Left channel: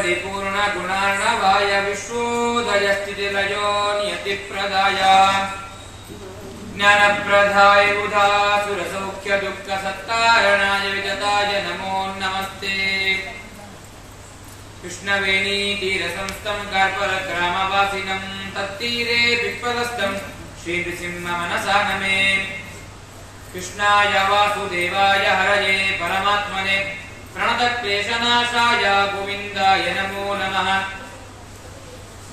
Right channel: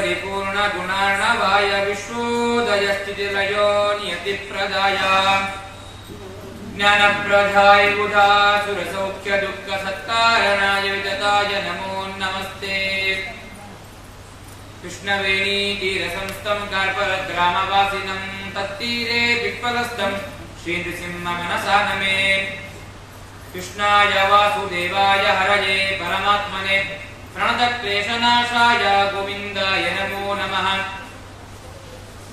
ಪರಿಪೂರ್ಣ ಗುಣಾರ್ಣವಾಯ ವಿಶ್ವೋದಯ ಸ್ಥಿತಿಲಯೋ ನಿಯತಿಪ್ರದಾಯ ಜ್ಞಾನಪ್ರದಾಯ ಬುಧಾಸುರಸೌಖ್ಯ ದುಃಖ ಸತ್ತಾರಣಾಯ ವಿದತಾಯ ನಮೋ ನಮಸ್ತೆ. ಕೃಷ್ಣವೇಣಿ ತೀರ ಸಂಸ್ಥಂ ಕಾರ್ಪರ ಗ್ರಾಮವಾಸಿನಂ ತತ್ತೀರೆ ವಿಪ್ರದಸ್ಥಂ ಶ್ರೀ ನೃಸಿಂಹ ಮನಸಾ ನಮೇ. ಕೃಷ್ಣಾಯ ವಾಸುದೇವಾಯ ಹರಯೇ ಪರಮಾತ್ಮನೆ ಪ್ರಣತ ಕ್ಲೇಶನಾಶಾಯ ಗೋವಿಂದಾಯ ನಮೋ ನಮಃ.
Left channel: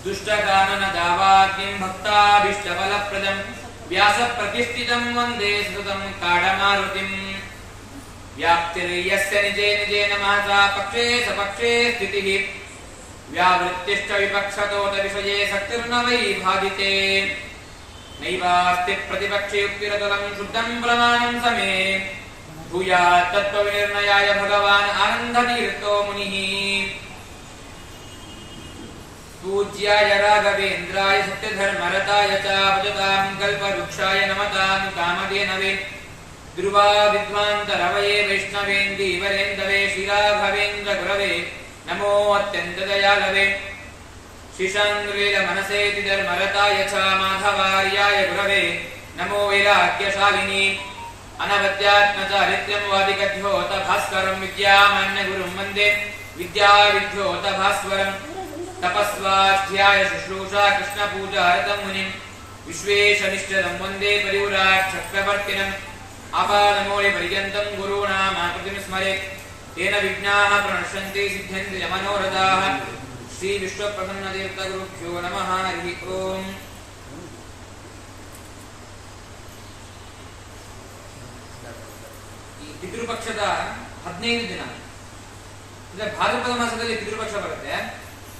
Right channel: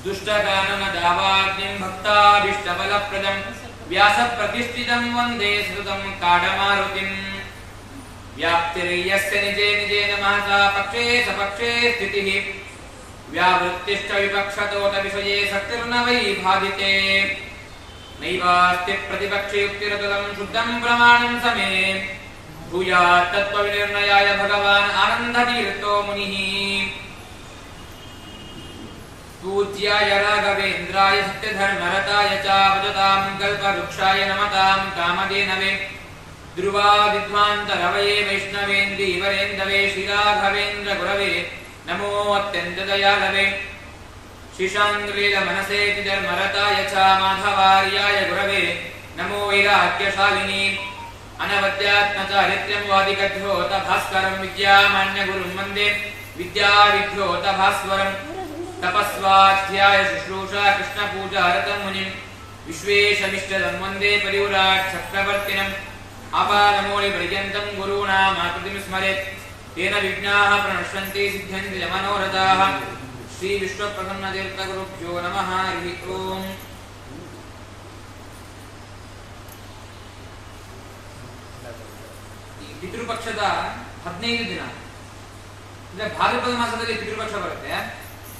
ದುಷ್ಟಗಾನನ ದಾವಾಗ್ನಿಂ ಭಕ್ತಾಭೀಷ್ಟಫಲಪ್ರದಂ ವ್ಯಾಸ ಪ್ರತಿಷ್ಠಿತಂ ವಂದೇ ಸತತಂ ಕಾಡಮಾರುತಿಂ. ವ್ಯಾಪ್ತಿರ್ಯಸ್ಯ ನಿಜೇ ನಿಜೇನ ಮಹಸಾ ಪಕ್ಷೇ ಸಪಕ್ಷೇ ಸ್ಥಿತಿಃ ವ್ಯಾವೃತ್ತಿಶ್ಚ ವಿಪಕ್ಷತೋತ ವಿಷಯೇ ಸಕ್ತಿರ್ನ ವೈ ಭಾವಿತೆ. ನೈವಾಸ್ತಿ ಪ್ರತಿಪಕ್ಷೇ ಯುಕ್ತಿರತಂ ಶುದ್ಧಂ ಪ್ರಮಾಣಂ ಸಮೇ ಭೂಯಾತ್ ತತ್ವವಿನಿರ್ಣಯಾಯ ಭಗವಾನ್ ಆನಂದತೀರ್ಥೋ ಮುನಿಃ. ಪೂಜ್ಯಾಯ ರಾಘವೇಂದ್ರಾಯ ಸತ್ಯಧರ್ಮರತಾಯ ಚ ಭಜತಾಂ ಕಲ್ಪವೃಕ್ಷಾಯ ನಮತಾಂ ಕಾಮಧೇನವೇ. ಧ್ರುವ ವಿದ್ವಾಂತರವಯೇ ವೈಷ್ಣವೇಂದೀವರೇಂದವೇ ಶ್ರೀರಾಘವೇಂದ್ರ ಗುರವೇ ನಮೋ ಅತ್ಯಂತ ದಯಾಳವೇ. ಶಿಶಾಂಗ್ಲೀಲ ಮನಸೇತಿ ಧರ್ಮರತಾಯ ಚ ಮಾಧವಾರ್ಯಾಯ ಗುರವೇ ನಮೋ ವೈರಾಗ್ಯಶಾಲಿನಿ. ಅನವದ್ಯಾತ್ಮಚಾರಿತ್ರ್ಯಂ ವಾದಿಗಧ್ಯೋತ ಭಾಸ್ಕರಂ ವಿದ್ಯಾಮಾನ್ಯ ಗುರುಂ ವಂದೇ ವಿದ್ಯಾವಿಧ್ಯೋತ ಭಾಸ್ವರಂ. ತಪಸ್ವಾಧ್ಯಾಯ ಶುಶ್ರೂಷಾ ಕೃಷ್ಣ ಪೂಜಾ ರತಂ ಮುನಿಂ ವಿಶ್ವೇಶಮಿಷ್ಟದಂ ವಂದೇ ಪರಿವ್ರಾಟ್ ಚಕ್ರವರ್ತಿನಂ. ಆಪಾದಮೂಲಿ ಪರ್ಯಂತಂ ಗುರುಣಾಮಾಕೃತಿಂ ಸ್ಮರೇತ್ ತೇನ ವಿಘ್ನಾಃ ಪ್ರಣಶ್ಯಂತಿ ಸಿದ್ಧ್ಯಂತಿ ಮನೋರಥಾಃ. ಶ್ರೀ ವಿಶ್ವಪ್ರಸನ್ನತೀರ್ಥ ಗುರುಭ್ಯೋ ನಮಃ. ಹರಿ ಓಂ. ಪಿತೃಪಕ್ಷದ 15 ದಿನ ಅಂದ್ರೆ ಭಾದ್ರಪದ ಮಾಸದಲ್ಲಿ ಪಿತೃಪಕ್ಷ ಬರುತ್ತೆ.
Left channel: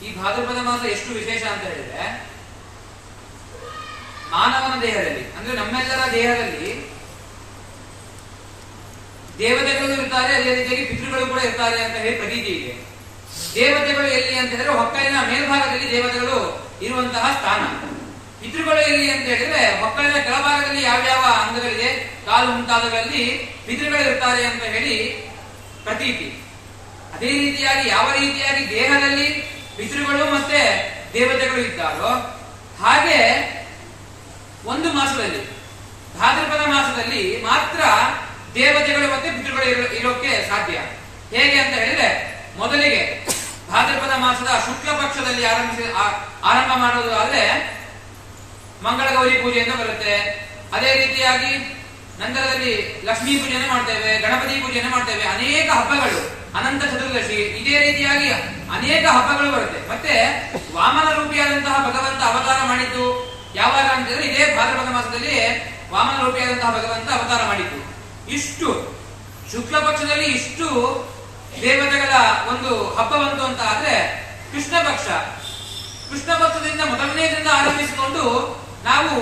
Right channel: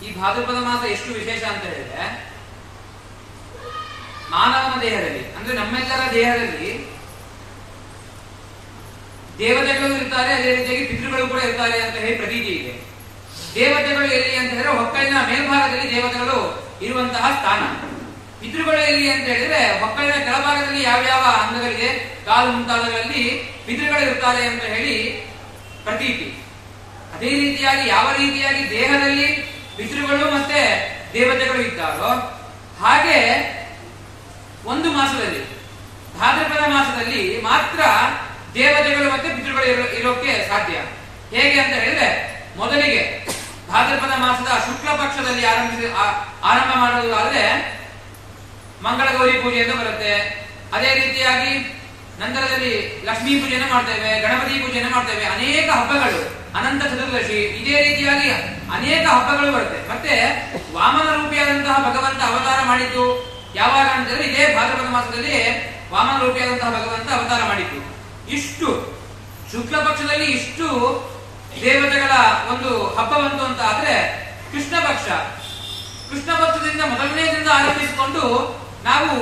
ಈ ಭಾದ್ರಪದ ಮಾಸ ಎಷ್ಟು ವಿಶೇಷ ಅಂತ ಹೇಳಿದ್ರೆ, ಮಾನವನ ದೇಹದಲ್ಲಿ ಅಂದ್ರೆ ನಮ್ಮೆಲ್ಲರ ದೇಹದಲ್ಲಿ ದೇವತೆಗಳು ಇರ್ತಾರೆ, ಅದೇ ರೀತಿಯಾಗಿ ಪಿತೃಗಳು ಕೂಡ ಇರ್ತಾರೆ ಅಂತ ಹೇಳಿ ಪ್ರತೀತಿ ಇದೆ. ದೇವತೆಗಳು ಎಲ್ಲಿ ಅಂತ ಹೇಳಿದ್ರೆ ಹೊಕ್ಕಳಿನ ಮೇಲ್ಭಾಗದಲ್ಲಿ ದೇವತೆಗಳು ಇರುವಂತಹ ಸ್ಥಾನ. ಪಿತೃಗಳು ಎಲ್ಲಿ ಅಂತ ಹೇಳಿದ್ರೆ ಹೊಕ್ಕಳಿನ ಕೆಳಭಾಗದಲ್ಲಿ ಯಾವ್ಯಾವ ಅಂಗಗಳಿಗೆ ಕಾಲು ಮುಂತಾದಗಳಲ್ಲಿ ಪಿತೃಗಳು ಇರ್ತಾರೆ ಅಂತ ಹೇಳಿ ಪ್ರತೀತಿ. ಅದೇ ರೀತಿಯಾಗಿ ಯಾವ ರೀತಿಯಾಗಿ ದೇಹದಲ್ಲಿ ಪಿತೃಗಳು ಮತ್ತೆ ದೇವತೆಗಳು ಇದ್ದಾರೋ ಹಾಗೆ ಒಂದು ಮಾಸದಲ್ಲಿ ಭಾದ್ರಪದ ಮಾಸದಲ್ಲಿ ಮಾತ್ರ ದೇವತೆಗಳು ಮತ್ತೆ ಪಿತೃಗಳು ಇರೋಕೆ ಸಾಧ್ಯ. ಹೇಗೆ ಅಂತ ಹೇಳಿದ್ರೆ, ಮೊದಲಿಗೆ ಭಾದ್ರಪದ ಮಾಸದ ಶುಕ್ಲ ಪಕ್ಷದಲ್ಲಿ ಆರಂಭ ಮಾಡೋದಾದ್ರೆ ಮಂಗಳ ಗೌರಿ ಪೂಜೆ ಎಂದು ಬರುತ್ತೆ. ಅದೇ ರೀತಿಯಾಗಿ ನಂತರದಲ್ಲಿ ಲಕ್ಷ್ಮೀ ಪೂಜೆಯನ್ನು ಮಾಡ್ತೇವೆ, ಗಣಪತಿ ಪೂಜೆಯನ್ನು ಮಾಡ್ತೇವೆ, ಅನೇಕ ಹಬ್ಬಗಳು, ಅನಂತ ಚತುರ್ದಶಿ, ಇದೇ ರೀತಿಯಾಗಿ ಅನೇಕ ಹಬ್ಬಗಳು ಬರುತ್ತೆ. ಮತ್ತೆ ವಾಮನ ರೂಪಿಯಾದಂತಹ ಭಗವಂತ ಅವತಾರ ಮಾಡಿದ್ದು ಯಾವಾಗ ಅಂತ ಹೇಳಿದ್ರೆ ಇದೇ ಭಾದ್ರಪದ ಮಾಸದಲ್ಲಿ ವಾಮನ ರೂಪಿಯಾದಂತಹ ಭಗವಂತ ಅವತಾರ ಮಾಡಿದ್ದು. ಇಷ್ಟು ಶುಕ್ಲ ಪಕ್ಷದಲ್ಲಿ ಇಷ್ಟು ದೇವತೆಗಳ ಒಂದು ಹಬ್ಬ ಬಂತು ಅಂತ ಆದ್ರೆ ಕೃಷ್ಣ ಪಕ್ಷ, ಕೃಷ್ಣ ಪಕ್ಷದಿಂದ ಮೊದಲನೇ ದಿನ ಆರಂಭಿಸಿಕೊಂಡು ನಾವು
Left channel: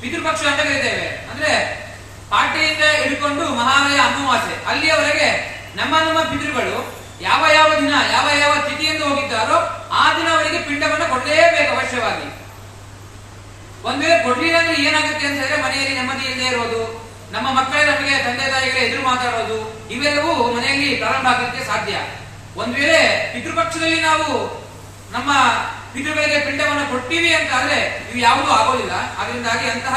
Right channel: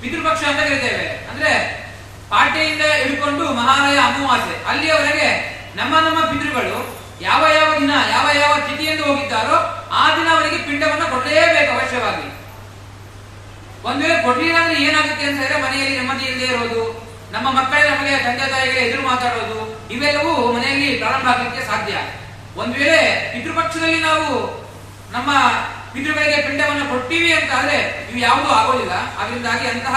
ಪಿತೃಪಕ್ಷ ಅಂತ ಕರೀತೇವೆ. ಅಂದ್ರೆ ಪಾಟೆಯಿಂದ ಹಿಡ್ಕೊಂಡು ಮಹಾಲಯ ಅಮಾವಾಸ್ಯೆ ಅಲ್ಲಿಯವರೆಗೆ ನಮ್ಮ ಪಿತೃಗಳು ಯಾವ ಯಾವ ದಿನ ಯಾವ ಯಾವ ತಿಥಿಯಿಂದ ಹೋಗಿದ್ದಾರೋ ಆ ದಿನ ಅವರಿಗೆ ಪಿಂಡವನ್ನ ಕೊಡಲೇಬೇಕು ಅವಶ್ಯವಾಗಿ. ಒಂದ್ ವೇಳೆ ಕೊಡ್ಲಿಲ್ಲ ಅಂದ್ರೆ ಏನಾಗುತ್ತೆ ಅಂತ ಹೇಳಿದ್ರೆ ಮನೆಯಲ್ಲಿ ನೆಮ್ಮದಿ ಇಲ್ಲದೆ ಇರೋದು, ನಮ್ಮ ಮಕ್ಕಳೇ ನಮಗೆ ತಂದೆ ತಾಯಿಗಳ ಎದುರು ಮಾತಾಡೋದು, ಇವೆಲ್ಲವೂ ಮನೆಯಲ್ಲಿ ಪ್ರಾರಂಭ ಆಗಲಿಕ್ಕೆ ಸಾಧ್ಯ. ಒಂದ್ ವೇಳೆ ಪಿತೃಪಕ್ಷದಲ್ಲಿ ನಾವು ನಮ್ಮ ಪಿತೃಗಳಿಗೆ ಪಿಂಡವನ್ನು ಕೊಡ್ತೀವಿ ಅಂತ ಆದ್ರೆ ಇವು ಯಾವುದೂ ಆಗೋದಿಲ್ಲ. ಅದರಿಂದಾಗಿ ಅಂತಹ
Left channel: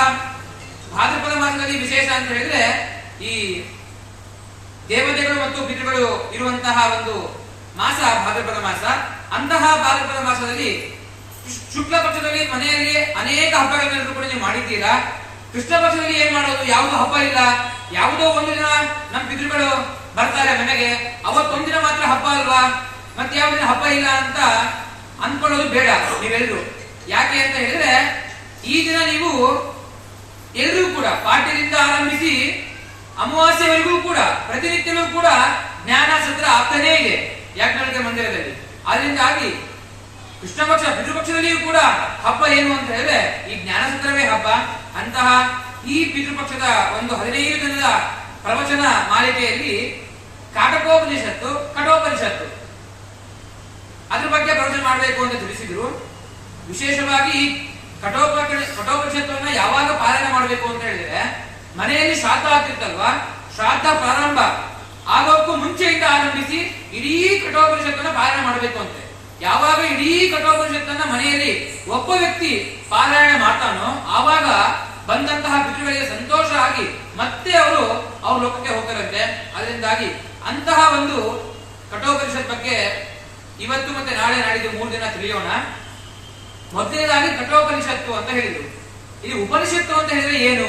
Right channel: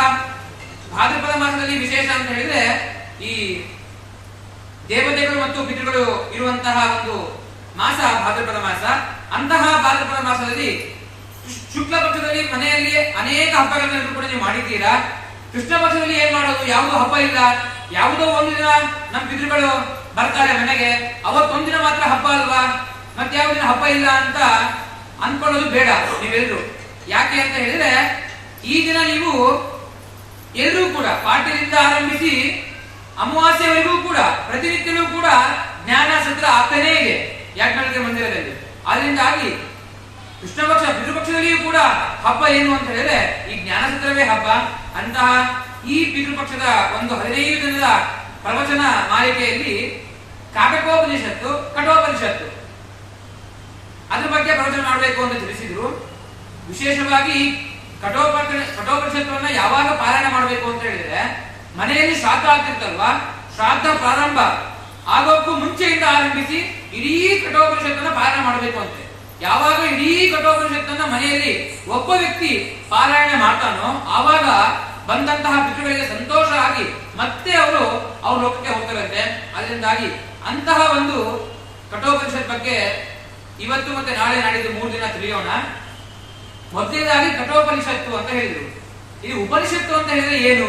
ಭಾದ್ರಪದ ಮಾಸದಲ್ಲಿ ವಿಶೇಷ ಅಂತ ಹೇಳಿದ್ರೆ ಈ ದೇವತೆಗಳು ಮತ್ತು ಪಿತೃಗಳು ಇರುವಂತಹ ಒಂದು ಮಾಸ ಭಾದ್ರಪದ ಮಾಸ. ಅಂತಹ ಭಾದ್ರಪದ ಮಾಸದಲ್ಲಿ ಶುಕ್ಲ ಪಕ್ಷದಲ್ಲಿ ಮನೆಯಲ್ಲಿ ಅನೇಕ ಹಬ್ಬಗಳನ್ನು ಕೂಡ ನೀವು ಮಾಡಿದ್ದೀರಾ. ಕೃಷ್ಣ ಪಕ್ಷದಲ್ಲಿ ಏನ್ ಮಾಡೋದು, ಯಾವುದೋ ಹಬ್ಬ ಇಲ್ಲ, ಯಾವುದೋ ಒಂದು ದಿನ ನಮ್ಮ ಪಿತೃಗಳು ಬರ್ತಾರೆ ಮನೆಗೆ, ಅವತ್ತೊಂದಿನ ಮಾತ್ರ ಹಬ್ಬ ಅಲ್ವಾ, ಮತ್ತೆ ಯಾವ ದಿನ ಹಬ್ಬ ಇಲ್ಲ ಅಂತ ಅನ್ಕೊಳ್ಳೋದು ಬೇಡ ನೀವೆಲ್ಲರೂ. ಯಾಕೆ ಅಂತ ಹೇಳಿದ್ರೆ ಈ ದಿನ ನೀವು ಎಲ್ಲರೂ ಕೂಡ ಪಾಠದಿಂದ ಆರಂಭಿಸಿ ಅಮಾವಾಸ್ಯವರೆಗೂ ಕೂಡ ಪ್ರತಿನಿತ್ಯವೂ ಕೂಡ ಜ್ಞಾನ ಸತ್ರ ಆಗ್ತಾನೇ ಇದೆ ಯಾಜ್ಞವಲ್ಕ್ಯ ಮಂದಿರದಲ್ಲಿ. ಆದ್ರಿಂದಾಗಿ ಕೃಷ್ಣ ಪಕ್ಷ ಪಿತೃಪಕ್ಷದಲ್ಲಿಯೂ ಕೂಡ ಹಬ್ಬ ಏನು ಅಂತ ಹೇಳಿದ್ರೆ ಈ ಜ್ಞಾನ ಸತ್ರವೇ ಹಬ್ಬ. ಅಂತಹ ಈ ಪಿತೃಪಕ್ಷದ ಒಂದು 15 ದಿನದ ಪ್ರವಚನ ಮಾಲಿಕೆಯಲ್ಲಿ ಕಾಟಕೋಪನಿಷತ್ತು, ಕಠೋಪನಿಷತ್ತು ಅದ್ರ ಬಗ್ಗೆ ಪ್ರವಚನ ಮಾಡಬೇಕು ಅಂತ ತಿಳಿಸಿದ್ರು. ವಿಶೇಷವಾಗಿ ಕಠೋಪನಿಷತ್ತನ್ನ ಯಾವಾಗ ಪಾರಾಯಣ ಮಾಡಬೇಕು ಅಂತ ಹೇಳಿದ್ರೆ ಮನೆಯಲ್ಲಿ ಶ್ರಾದ್ದ ಆಗ್ತಿರ್ತಲ್ವಾ, ಶ್ರಾದ್ದ ಪ್ರಾರಂಭ ಆಗೋಕ್ಕೂ ಮುಂಚೆಯಿಂದ ಆರಂಭಿಸಿ ಇಡೀ ಕಠೋಪನಿಷತ್ತನ್ನ ಪಾರಾಯಣ ಮಾಡಬೇಕು ಅಂತೆ. ಯಾವಾಗ ಇಡೀ ಕಠೋಪನಿಷತ್ತನ್ನ ಮನೆಯಲ್ಲಿ ಒಬ್ಬ ವ್ಯಕ್ತಿ ಪಾರಾಯಣ ಮಾಡ್ತಾನೋ ಆವಾಗ ಬಂದಂತಹ ಪಿತೃಗಳಿಗೆ ಸಂತೋಷ ಆಗಿ ಮತ್ತೆ ಅವರು ಅವ್ರ ಲೋಕಕ್ಕೆ ಹೋಗ್ತಾರಂತೆ. ಅದರಿಂದಾಗಿ ಅಂತಹ ಒಂದು ಕಠೋಪನಿಷತ್ ಬಗ್ಗೆ ಇವತ್ತು ಮತ್ತೆ ನಾಳೆ ನಾಡಿದ್ದು 3 ದಿನ ತಿಳಿಯೋಣ. ಮೊದಲನೇದಾಗಿ ಕಠೋಪನಿಷತ್ತು ಅಂತ ಹೇಳಿದ್ರು. ಇದು ಉಪನಿಷತ್ತು ಅಂತ ಹೇಳಿದ್ರೆ ಏನು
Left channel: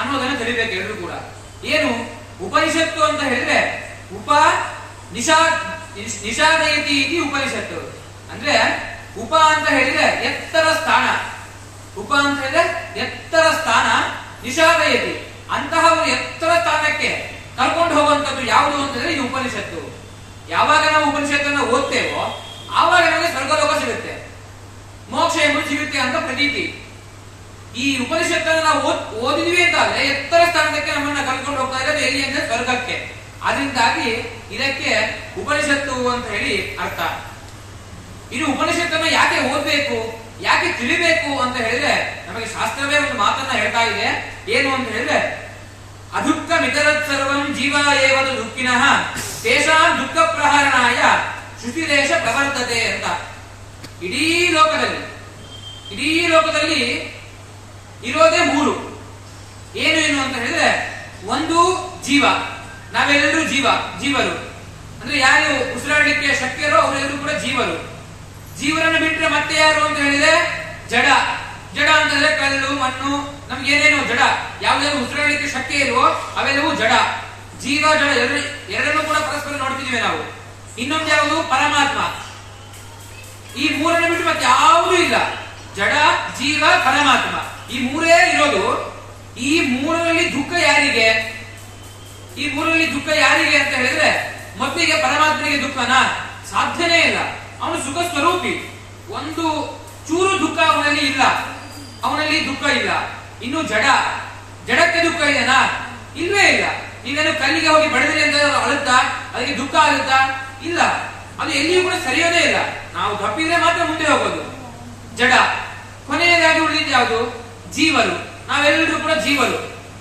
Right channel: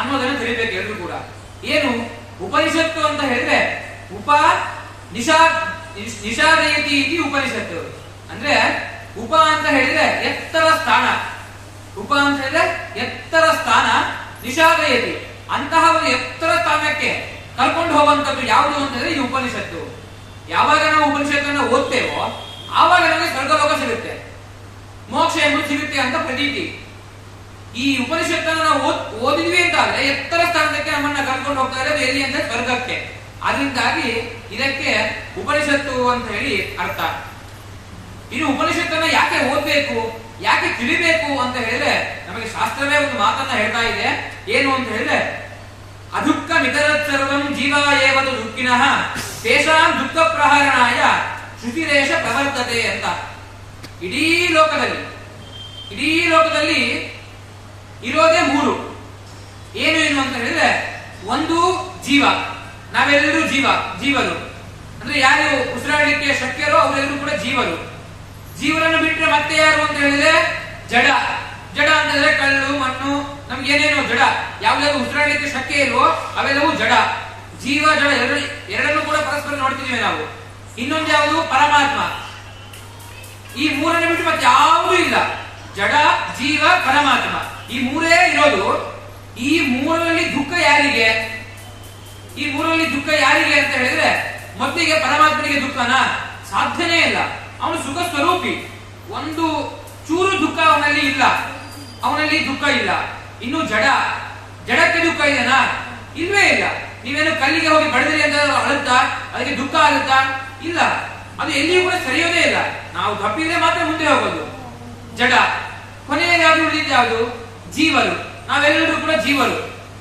ಅನ್ನೋದನ್ನು ತಿಳಿಬೇಕು ಎಲ್ಲರೂ ಕೂಡ. ಏನು ಉಪನಿಷತ್ತು ಅಂತ ಹೇಳಿದ್ರೆ ನಿಷಾದಯತಿ ಇತಿ ಉಪನಿಷತ್ತು ಅಂದ್ರೆ ಉಪ ಅಂತ ಹೇಳಿದ್ರೆ ಎತ್ತರ ಸ್ಥಾನ, ಉಪ ಅಂತ ಹೇಳಿದ್ರೆ ಎತ್ತರ ಸ್ಥಾನ, ನಿಷಾದಯತಿ ಅಂತಹ ಒಂದು ಎತ್ತರ ಸ್ಥಾನಕ್ಕೆ ಕರ್ಕೊಂಡು ಹೋಗುವಂತದ್ದು ಯಾವುದು ಅಂತ ಹೇಳಿದ್ರೆ ಇದು ಉಪನಿಷತ್ತು. ಯಾವಾಗ ನಾವು ಉಪನಿಷತ್ತನ್ನು ಓದ್ತೇವೋ ಆವಾಗ ನಮಗೆ ಸ್ವರ್ಗಲೋಕ ಸಿಗುತ್ತೆ, ಮೋಕ್ಷ ಎಂಬುದು ಸಿಗುತ್ತೆ ಅಂತ ಪ್ರತೀತಿ. ಈ ಉಪನಿಷತ್ತನ್ನು ನಾವು ಓದಿದ್ವಿ ಅಂತ ಆದ್ರೆ ಎತ್ತರ ಸ್ಥಾನಕ್ಕೆ ನಮ್ಮನ್ನ ಕರ್ಕೊಂಡು ಹೋಗ್ತಾ ಇರೋದು ಎಲ್ಲಿ ಅಂದ್ರೆ ಸ್ವರ್ಗಕ್ಕೆ. ಅದರಿಂದಾಗಿ ಇದಕ್ಕೆ ಉಪನಿಷತ್ತು ಅಂತ ಹೇಳಿ ಅರ್ಥ. ಇನ್ನು ಉಪನಿಷತ್ತನ್ನು ಯಾಕೆ ಓದ್ಬೇಕು, ಯಾಕೆ ತಿಳಿಬೇಕು ಅಂತ ಹೇಳಿದ್ರೆ ನಮಗೆ ಶಾಸ್ತ್ರವೇ ಒಂದು ಮಾತನ್ನ ಹೇಳ್ತಾ ಇದೆ. ಏನು ಅಂತ ಹೇಳಿದ್ರೆ ಅದುಃಖ ಮಿತರತ್ ಸರ್ವಂ ಜೀವ ಏವದು ದುಃಖಿನಃ ತೇಷಾಂ ದುಃಖ ಪ್ರಹರಣಾಯ ಶ್ರುತಿದೇಶ ಪ್ರವರ್ತತೆ ಅಂತ. ಇಡೀ ಲೋಕದಲ್ಲಿ ಇರೋದೇ 3. ಏನು ಅಂತ ಹೇಳಿದ್ರೆ ಒಂದು ಜೀವ, ನಾವೆಲ್ಲರೂ ಜೀವರು ಅಂದ್ರೆ ಯಾರು ಉಸಿರಾಡಲಿಕ್ಕೆ ಶಕ್ಯರೋ ಅವರೆಲ್ಲರೂ ಕೂಡ ಜೀವರು. ಜೀವರನ್ನು ಬಿಟ್ಟರೆ ಮತ್ತೆ ಯಾರು ಅಂತ ಹೇಳಿದ್ರೆ ಜಡ ಅಂತ ಹೇಳಿದ್ರೆ ಕಲ್ಲು ಮಣ್ಣು ನಮ್ಗೆ ಏನೇನು ಜಡ, ಯಾವ್ದಾದ್ರು ಉಸಿರಾಡಲಿಕ್ಕೆ ಶಕ್ಯ ಇಲ್ವೋ ಅವೆಲ್ಲವೂ ಜಡ. ಜೀವ ಜಡ ಎರಡನ್ನೂ ಕೂಡ ಪರಸ್ಪರ ನೋಡ್ತಿದ್ದೀವಿ ನಾವು. ಇನ್ನೊಂದು ಯಾವುದು ಪರಮಾತ್ಮ. ಈ 3 ಬಿಟ್ಟು ಮತ್ತೆ ಯಾವುದೂ ಇಲ್ಲ. ಜಡ, ಜೀವ, ಪರಮಾತ್ಮ ಈ 3 ಇರೋದು. ಈ 3ರಲ್ಲಿ ದುಃಖ ಯಾರಿಗೆ? ಈ 3ರಲ್ಲಿ ದುಃಖ ಯಾರಿಗೆ ಅಂತ ಹೇಳಿದ್ರೆ ಮೊದಲಿಗೆ ಪರಮಾತ್ಮನಿಗೆ ದುಃಖನ ಸಾಧ್ಯನೇ ಇಲ್ಲ. ಅವನು ಸುಖ ಸ್ವರೂಪಿ, ಒಂದು ಚೂರು ದುಃಖ ಅವನಲ್ಲಿ ಇಲ್ಲ, ಅವನಲ್ಲಿ ದುಃಖ ಇಲ್ಲ. ಇನ್ನು ಜಡಕ್ಕೆ ದುಃಖ ಇದೆನಾ? ಇಲ್ವೇ ಇಲ್ಲ. ನೀವೇನು ಕಲ್ಲಿಗೆ ಹೋಗಿ ಬಡಿದ್ರಿ ಅಂತ ಅಳುತ್ತಾ ಅದಕ್ಕೆ ದುಃಖ ಆಗುತ್ತಾ? ಇಲ್ಲ. ಅದು ಎಲ್ಲಿಯೂ ಕೂಡ ಸರಿಯೋದೇ ಇಲ್ಲ. ನಾವು ತಪ್ಪಿದ್ರೆ ಮಾತ್ರ ಮುಂದೆ ಹೋಗೋದು. ಜಡ. ಕೊನೆಯದಾಗಿ ಉಳಿದಿದ್ದು ಯಾವುದು? ಜೀವರು. ನಾವೆಲ್ಲರೂ ಕೂಡ ಜೀವರು.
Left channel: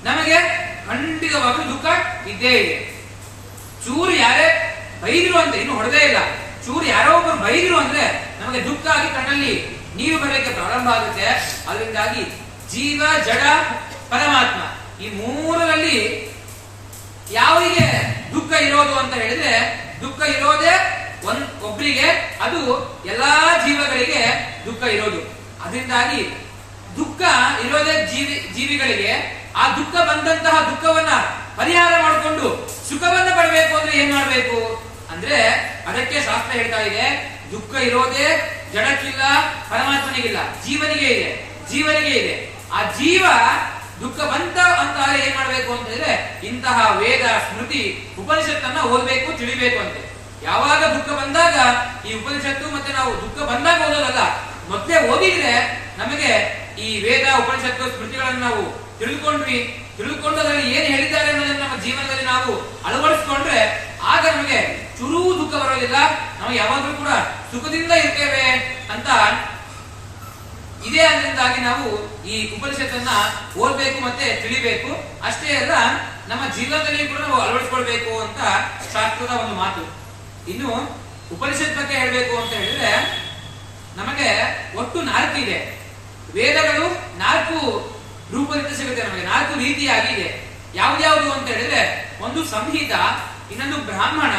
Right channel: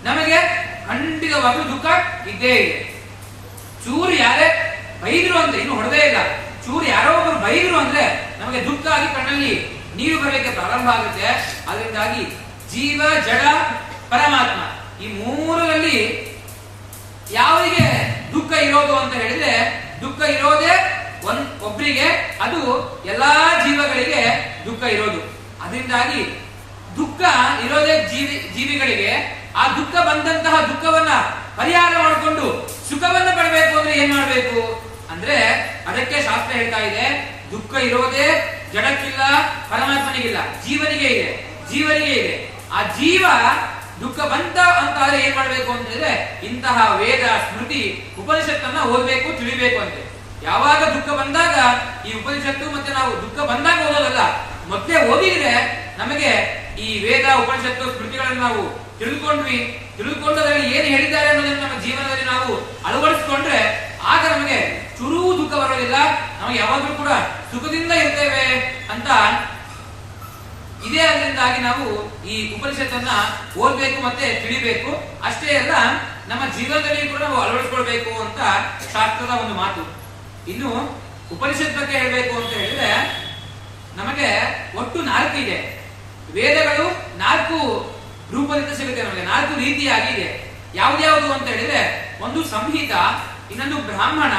ನಮಗೆ ಖಂಡಿತವಾಗ್ಲೂ ದುಃಖ ಇದ್ದೇ ಇದೆ. ಚೂರು ಯಾರೇ ಬೈದ್ರು ಅಂತ ಇನ್ನು ಹೊಡೆದೇ ಇಲ್ಲ, ಚೂರು ಯಾರೋ ಒಬ್ಬರು ಬೈದ್ರು ಅಂದ್ರೆ ನಮಗೆ ದುಃಖ ಆಗಿ ಕಣ್ಣಲ್ಲಿ ನೀರು ಬರಲಿಕ್ಕೆ ಪ್ರಾರಂಭ ಆಗುತ್ತೆ. ಅದರಿಂದಾಗಿ ಜೀವ, ಜಡ, ಪರಮಾತ್ಮ ಈ 3ರಲ್ಲಿ ಯಾವರಿಗೆ ದುಃಖ ಇರೋದು ಅಂತ ಹೇಳಿದ್ರೆ ದುಃಖ ಇರೋದೇ ಒಬ್ಬರಿಗೆ, ಅದು ಎಲ್ಲಾ ಜೀವಗಳಿಗೆ ದುಃಖ ಇರೋದು. ಅದರಿಂದಾಗಿ ದುಃಖ ಇರೋದೇ ಜೀವಿಗಳಿಗೆ. ಆ ದುಃಖ ಬಂದಂತಹ ದುಃಖವನ್ನ ಪರಿಹಾರ ಮಾಡಿಕೊಂಡು ಸುಖವನ್ನ ಪಡಬೇಕು ಅಂದ್ರೆ ಏನ್ ಮಾಡ್ಬೇಕು ಅಂದ್ರೆ ಅದಕ್ಕೆ ಶಾಸ್ತ್ರ ಹೇಳ್ತಾ ಇದೆ, ದುಃಖ ಇರೋದೇ ಜಡಕ್ಕಿಲ್ಲ, ಪರಮಾತ್ಮನಿಗಿಲ್ಲ, ಜೀವನಿಗೆ ಇದೆ. ಆ ಜೀವ ದುಃಖ ಬಂತ ಅಂತ ಏನ್ ಮಾಡ್ಬೇಕು ಅಂತ ಹೇಳಿದ್ರೆ ಇಂತಹ ವೇದ, ಸ್ಮೃತಿ, ಉಪನಿಷತ್ತನ್ನ ಓದ್ಬೇಕು, ತಿಳಿಬೇಕು ಅಂತೆ. ಯಾವಾಗ ದುಃಖ ಬಂದಾಗ ಈ ಉಪನಿಷತ್ತು ಮತ್ತೆ ನಾವು ದುಃಖ ಬಂದಾಗ ಓದೋದಲ್ಲ, ಮೊದಲೇ ಓದಿದ್ರೆ ನಮಗೆ ಈ ವೇದ, ಉಪನಿಷತ್ತು, ಸ್ಮೃತಿಗಳನ್ನು ನಾವು ತಿಳಿದುಕೊಂಡದಲ್ಲಿ ಏನು ಹೇಳಿದ್ದಾರೆ ಅನ್ನೋದನ್ನು ನಮ್ಮ ಜೀವನದಲ್ಲಿ ನಾವು ಅಳವಡಿಸಿಕೊಂಡ್ರೆ ಆಗ ನಮಗೆ ಚೂರೂ ದುಃಖ ಬರೋದಿಲ್ಲ. ನಾವು ಯಾವಾಗಲೂ ಕೂಡ ಸುಖದಿಂದ ಇರ್ತೇವೆ ಅಂತ ಇದೇ. ಅದರಿಂದಾಗಿ ನಾವು ಈ ಉಪನಿಷತ್ತನ್ನ ಓದ್ಬೇಕು ಮತ್ತೆ ತಿಳಿಬೇಕು. ಅಷ್ಟೇ ಅಲ್ಲ, ನಮ್ಮ ಜೀವನದಲ್ಲಿ ಕೂಡ ನಾವು ಅಳವಡಿಸಿಕೊಳ್ಬೇಕು ಅಂತ ಶಾಸ್ತ್ರದ ಒಂದು ಮಾತು. ಇನ್ನು ಉಪನಿಷತ್ ಬಗ್ಗೆ ಹೇಳಬೇಕು ಅಂತ ಹೇಳಿದ್ರೆ ನಮಗೆ ಒಟ್ಟು 4 ಇದೆ. ವೇದಗಳು 4 ರೂಪದಿಂದ ಸಿಗುತ್ತೆ ನಮಗೆ, 4 ರೀತಿಯಾಗಿದೆ. ಯಾವ್ದ್ಯಾವುದು ಅಂತ ಹೇಳಿದ್ರೆ ಒಂದು ಸಂಹಿತ, ಇನ್ನೊಂದು ಬ್ರಾಹ್ಮಣ,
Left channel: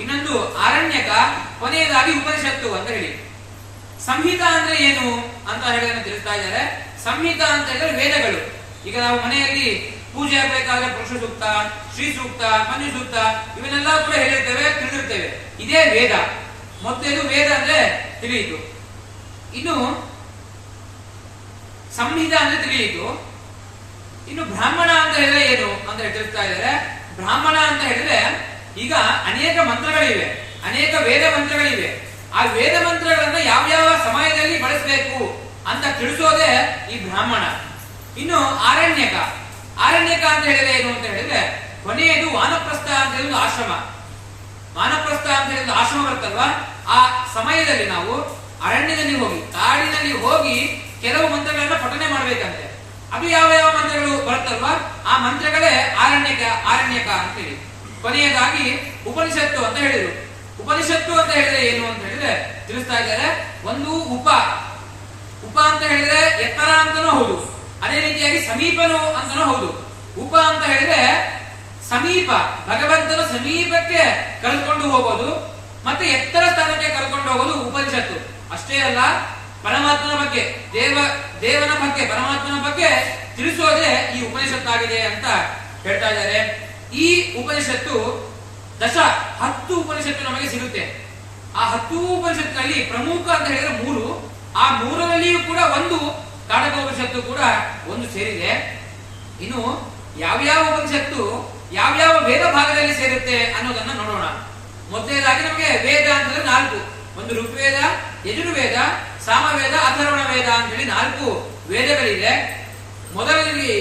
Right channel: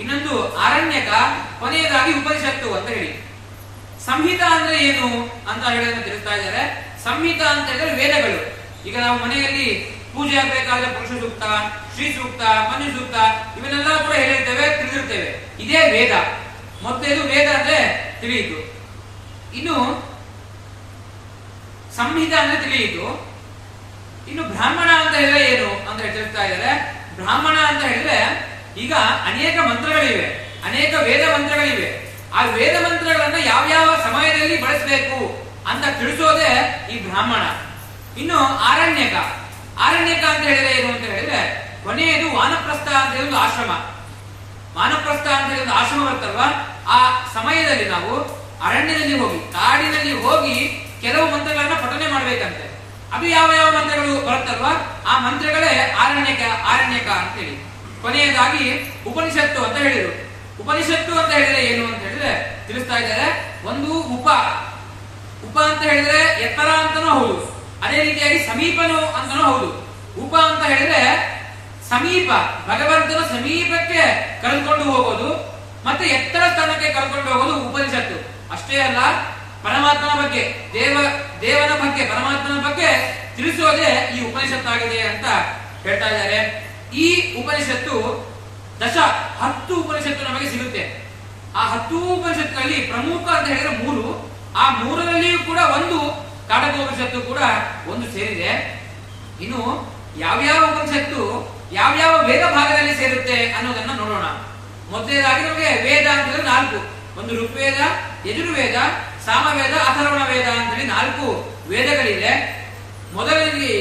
ಇನ್ನೊಂದು ಆರಣ್ಯಕ, ಕೊನೆಯದಾಗಿ ಉಪನಿಷತ್ತು ಅಂತ ಹೇಳಿ. ಸಂಹಿತ ಅಂದ್ರೆ ಏನು ಅಂತ ಹೇಳೋದನ್ನ ತಿಳಿಸ್ತಾ ಇದ್ದಾರೆ. ಸಂಹಿತ ಅಂತ ಹೇಳಿದ್ರೆ ವೇದಗಳು. ಈಗ ನಾವು ಮನೆಯಲ್ಲಿ ಪೂಜೆ ಆಗಬೇಕಾದ್ರೆ ಪುರುಷ ಸೂಕ್ತ, ಶ್ರೀ ಸೂಕ್ತ, ಮನು ಸೂಕ್ತ ಇವನ್ನೆಲ್ಲ ಕೂಡ ಹೇಳಿರ್ತೇವೆ, ತಿಳಿದಿರ್ತೇವೆ. ಇದೇ ವೇದ. ಮೊದಲೇದು ವೇದ ಅಂದ್ರೆ ತಿಳಿಯಿತು. ಇನ್ನು ಸಂಹಿತ ಅಂದ್ರೆ ತಿಳಿಯಿತು. ಇನ್ನು ಬ್ರಾಹ್ಮಣ ಅಂತ ಹೇಳಿದ್ರೆ ಏನು ಅಂತ ತಿಳಿಸ್ತಾ ಇದ್ದಾರೆ. ಬ್ರಾಹ್ಮಣ ಅಂತ ಹೇಳಿದ್ರೆ ಈಗ ಅನೇಕ ಮಂತ್ರಗಳಿವೆ, ಅನೇಕ ವೇದ ಮಂತ್ರಗಳಿವೆ. ಆ ವೇದ ಮಂತ್ರಗಳನ್ನ ಯಾವ್ಯಾವ ಸಮಯದಲ್ಲಿ ಬಳಸಬೇಕು ಅಂತ ತಿಳಿಸೋದೇ ಈ ಬ್ರಾಹ್ಮಣ. ಇನ್ನು ಆರಣ್ಯಕ ಅಂತ ಹೇಳಿದ್ರೆ ಏನು ಅಂತ ಹೇಳಿದ್ರೆ ಕೊನೆಯದು ವಾನಪ್ರಸ್ಥ ಅಂತ ಹೇಳಿದ ಆಶ್ರಮ. ವಾನಪ್ರಸ್ಥ ಅಂತ ಹೇಳಿದ ಆಶ್ರಮ ಬರ್ತಲ್ವಾ, ಆ ಸಮಯದಲ್ಲಿ ನಾವು ಅರಣ್ಯದಲ್ಲಿ ಹೋಗಿ, ಕಾಡಿನಲ್ಲಿ ಹೋಗಿ ಕೆಲವು ಮಂತ್ರಗಳನ್ನ ಪಠನೆ ಮಾಡ್ಬೇಕಂತೆ. ಅದು ಯಾವ ಯಾವ ಮಂತ್ರಗಳು ಬರುತ್ತಲ್ವಾ ಆ ಮಂತ್ರಗಳೇ ಆರಣ್ಯಕ ಅಂತೇಳಿ. ಕೊನೆಯದಾಗಿ ಉಪನಿಷತ್ತು ಅಂತ ಹೇಳಿದ್ರು. ಉಪನಿಷತ್ತು ಅಂತ ಹೇಳಿದ್ರೆ ಏನು ಅಂತ ಹೇಳಿದ್ರೆ ತಿಳಿಸ್ತಾ ಇದ್ದಾರೆ. ಒಂದು ಉಪ ಅಂತ ಹೇಳಿದ್ರೆ ಎತ್ತರ ಅಂತಾನೂ ಹೌದು, ಅದೇ ರೀತಿಯಾಗಿ ಸಮೀಪನು ಅಂತಾನೂ ಹೌದು. ಉಪ ಅಂತ ಹೇಳಿದ್ರೆ ಸಮೀಪ, ಭಗವಂತನ ಸಮೀಪಕ್ಕೆ ಕರೆದುಕೊಂಡು ಹೋಗೋದು, ಮತ್ತೆ ಎತ್ತರ ಸ್ಥಾನಕ್ಕೆ ಕರ್ಕೊಂಡು ಹೋಗೋದು ಉಪನಿಷತ್ತು. ಅಷ್ಟೇ ಅಲ್ಲ, ಪರಮಾತ್ಮನ ಬಗ್ಗೆ, ದೇವನ ಬಗ್ಗೆ, ಪರಮಾತ್ಮನ ಬಗ್ಗೆ ತಿಳಿಸೋದೇ ಈ ಉಪನಿಷತ್ತಾಗಿದೆ ಅಂತ ಹೇಳ್ತಾ ಇದ್ದಾರೆ. ಈ ಉಪನಿಷತ್ತು 10 ಉಪನಿಷತ್ತು ನಮಗೆ ಸಿಗುತ್ತೆ. ಆ 10 ಉಪನಿಷತ್ತಿನಲ್ಲಿ ಪ್ರಮುಖ ಅಂತ ಹೇಳಿದ್ರೆ 3. ಆ 3ರಲ್ಲಿಯೂ ಕೂಡ ಒಂದು ಕಾಡಕೋಪನಿಷತ್ತು ಕೂಡ ಒಂದು ಸೇರಿದೆ. ಇನ್ನು ಯಾವ್ಯಾವ ಉಪನಿಷತ್ತು ಯಾವ್ಯಾವ ವೇದ ಭಾಗದಲ್ಲಿ ಸೇರುತ್ತೆ ಅನ್ನೋದನ್ನ ನೋಡೋಣ. ಮೊದಲನೇದಾಗಿ ನಮಗೆ ವೇದ ಅಂತಂದ್ರೆ 4. ಒಂದು ಋಗ್ವೇದ, ಯಜುರ್ವೇದ, ಸಾಮವೇದ, ಅಥರ್ವಣ ವೇದ ಅಂತ ಹೇಳಿ 4 ವೇದಗಳಿದೆ. ಮೊದಲಲ್ಲಿ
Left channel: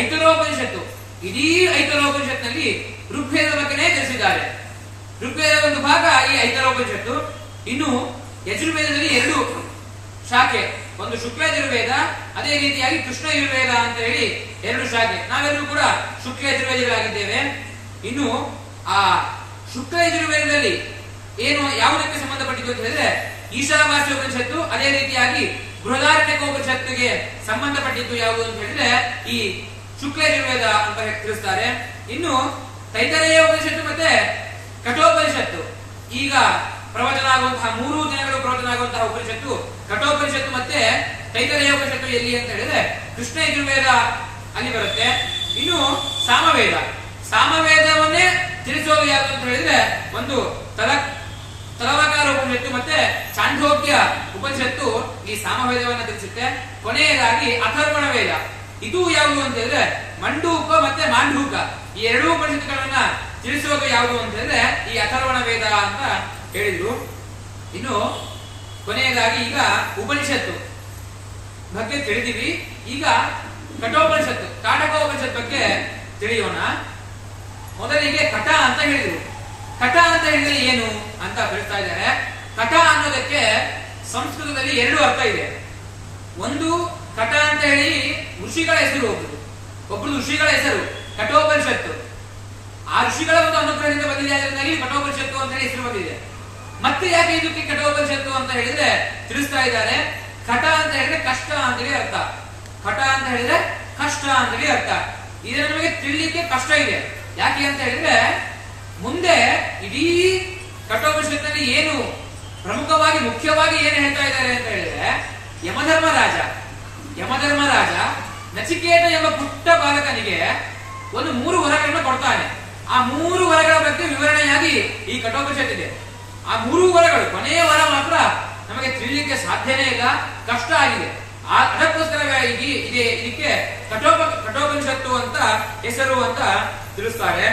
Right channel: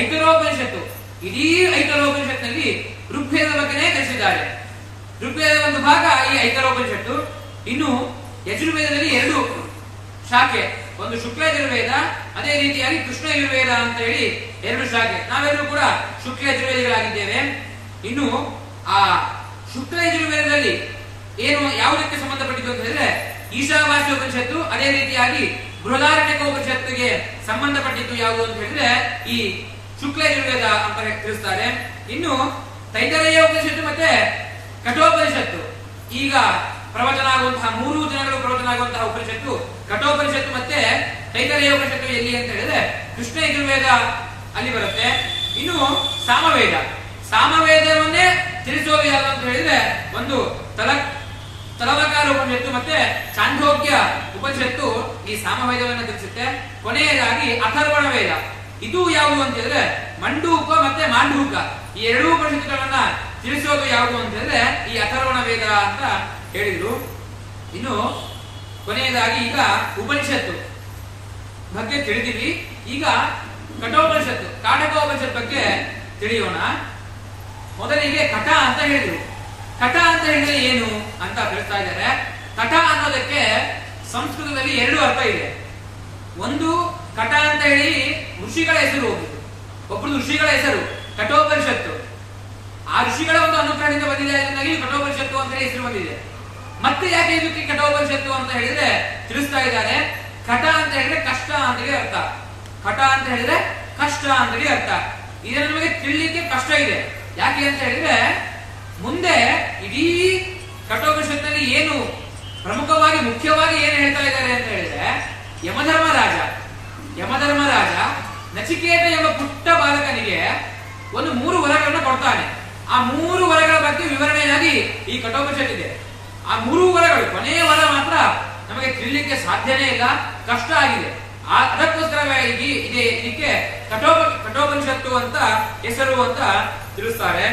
ಐತರೋಪನಿಷತ್ತು. ಇಡೀ ಐತರೋಪನಿಷತ್ನಲ್ಲಿ ಋಗ್ವೇದ ಬಗ್ಗೆನೇ ತಿಳಿಸಿದ್ದಾರೆ. ಋಗ್ವೇದ ಒಂದು ಭಾಗ ಈ ಐತರೋಪನಿಷತ್ತು. ಇನ್ನು ಯಜುರ್ವೇದದಲ್ಲಿ 2 ಶಾಖೆ, ಒಂದು ಶುಕ್ಲ ಯಜುರ್ವೇದ, ಅದೇ ರೀತಿಯಾಗಿ ಕೃಷ್ಣ ಯಜುರ್ವೇದ ಅಂತ ಹೇಳಿ 2 ಶಾಖೆ. ನಾವೆಲ್ಲರೂ ಕೂಡ ಶುಕ್ಲ ಯಜುರ್ವೇದಿಗಳಾಗಿದ್ದೇವೆ. ಇನ್ನು ಆ ಶುಕ್ಲ ಯಜುರ್ವೇದದಲ್ಲಿ ಏನು ಯಾವುದಕ್ಕೆ ಸಂಬಂಧಪಟ್ಟಿದ್ದು ಅಂತ ಹೇಳಿದ್ರೆ ಈಶಾವಾಸ್ಯ ಉಪನಿಷತ್ತು, ಅದೇ ರೀತಿಯಾಗಿ ಬೃಹದಾರಣ್ಯಕೋಪನಿಷತ್ತಿಗೆ ಸಂಬಂಧಪಟ್ಟಿದ್ದು ಯಾವುದು ಅಂತ ಹೇಳಿದ್ರೆ ಈ ಶುಕ್ಲ ಯಜುರ್ವೇದ ಅಂತ ತಿಳಿಸ್ತಾರೆ. ಇನ್ನು ತೈತರೇಯ ಉಪನಿಷತ್ತು ಮತ್ತೆ ಕಠೋಪನಿಷತ್ತು, ಈಗ ಪ್ರವಚನ ಆಗುವಂತಹ 3 ದಿನಗಳು ಪ್ರವಚನ ಆಗುವಂತಹ ಉಪನಿಷತ್ತು ಕಠೋಪನಿಷತ್ತು ಮತ್ತೆ ತೈತರೇಯ ಉಪನಿಷತ್ತು ಎಲ್ಲಿ ಅಂತ ಹೇಳಿದ್ರೆ ಕೃಷ್ಣ ಯಜುರ್ವೇದ ಅಲ್ಲಿ ಬರುತ್ತೆ. ಇನ್ನು ಸಾಮವೇದವನ್ನೇ ತಿಳಿಸೋದು ಯಾರು ಅಂತ ಹೇಳಿದ್ರೆ ಒಂದು ತಲವಕಾರ ಉಪನಿಷತ್ತು ಮತ್ತೆ ಚಾಂದ್ರೋಗ್ಯ ಉಪನಿಷತ್ತು ಈ ಸಾಮವೇದವನ್ನ ತಿಳಿಸುತ್ತೆ. ಕೊನೆಯದಾಗಿ ಅಥರ್ವಣ ವೇದ, ಇದು ಯಾವುದು ಅಂತ ಹೇಳಿದ್ರೆ ಮಂಡೂಕ ಮತ್ತೆ ಮಾಂಡೂಕ, ಈ 2 ಉಪನಿಷತ್ತುಗಳನ್ನ ತಿಳಿಸೋದು ಯಾವುದು ಅಂತ ಹೇಳಿದ್ರೆ ಈ ಅಥರ್ವಣ ವೇದ ಅಂತ ಹೇಳಿದ್ರು. ಇನ್ನು ಕೊನೆಯದಾಗಿ ಈಗ ಉಪನಿಷತ್ತು ಬಗ್ಗೆ ತಿಳಿದಿವಿ. ಈಗ ಕಠೋಪನಿಷತ್ತು, ಕಾಡಕೋಪನಿಷತ್ ಬಗ್ಗೆ ತಿಳಿಯೋಣ. ಮೊದಲಿಗೆ ಕಟ ಅಂತ ಹೇಳಿದ್ರು. ಕಟ ಅಂತ ಹೇಳಿದ್ರೆ ಏನು ಅಂತ ತಿಳಿಸ್ತಾ ಇದ್ದಾರೆ. ಕಟ ಅನ್ನೋದಕ್ಕೆ ಸಂಸ್ಕೃತದಲ್ಲಿ 2 ಅರ್ಥ ಇದೆ. ಒಂದು ಕಟ ಅಂತ ಹೇಳಿ ಋಷಿಗಳ ಹೆಸರು ಹೋಗುದು, ಒಬ್ಬರು ಋಷಿಗಳ ಹೆಸರು ಕಠೋಪನಿಷತ್ತು. ಆ ಋಷಿಗಳ ಒಂದು ಅನುಗ್ರಹದಿಂದ ಬಂದಿದೆ, ಅದರಿಂದಾಗಿ ಕಠೋಪನಿಷತ್ತು ಅಂತ ಹೇಳಿ ಹೆಸರು ಬಂದಿದೆ. ಮತ್ತೆ ಯಾಕೆ ಇದಕ್ಕೆ ಕಠೋಪನಿಷತ್ತು ಅಂತ ಹೇಳಿದ್ರೆ ತಿಳಿಸ್ತಾ ಇದ್ದಾರೆ. ಕಟ ಅಂತ ಹೇಳಿದ್ರೆ ಕಷ್ಟ ಅಂತ ಹೇಳಿ ಅರ್ಥ, ಕಟ ಅಂತ ಹೇಳಿದ್ರೆ ಕಷ್ಟ ಅಂತ ಹೇಳಿ ಅರ್ಥ. ಇದನ್ನು ನಮಗೆ ತಿಳಿಲಿಕ್ಕೆ ಕಷ್ಟ ಇದೆ. ಯಾಕೆ ಅಂತ ಹೇಳಿದ್ರೆ ಮುಂದೆ ಇಡೀ ಕಠೋಪನಿಷತ್ನಲ್ಲಿ ಏನು ಪ್ರಮುಖವಾಗಿ ಮುಖ್ಯವಾಗಿ ಏನು ಹೇಳ್ತಾ ಇದ್ದಾರೆ ಅಂತ ಹೇಳಿದ್ರೆ ಯಮಧರ್ಮರಾಜ ನಚಿಕೇತ ಎಂಬ ಪುಟ್ಟ ಬಾಲಕನಿಗೆ ಒಂದು 3 ವರಗಳನ್ನು ಕೊಡ್ತಾನೆ. ಆ 3 ವರಗಳ ಬಗ್ಗೆ ವಿವರಣೆಯಾಗಿ ಈ ಕಠೋಪನಿಷತ್ ಇದೆ. ಆ 3 ವರಗಳು, ಕೊನೆಯ ವರ ಮಾತ್ರ ನಮಗೆ ತಿಳಿಲಿಕ್ಕೆ ಸಾಧ್ಯನೇ ಇಲ್ಲ, ಕಷ್ಟ ಆಗಿದೆ. ಅದಕ್ಕೋಸ್ಕರ ಇದಕ್ಕೆ ಕಠೋಪನಿಷತ್ತು ಅಂತ ಹೆಸರು ಅಂತ ತಿಳಿಸ್ತಾರೆ.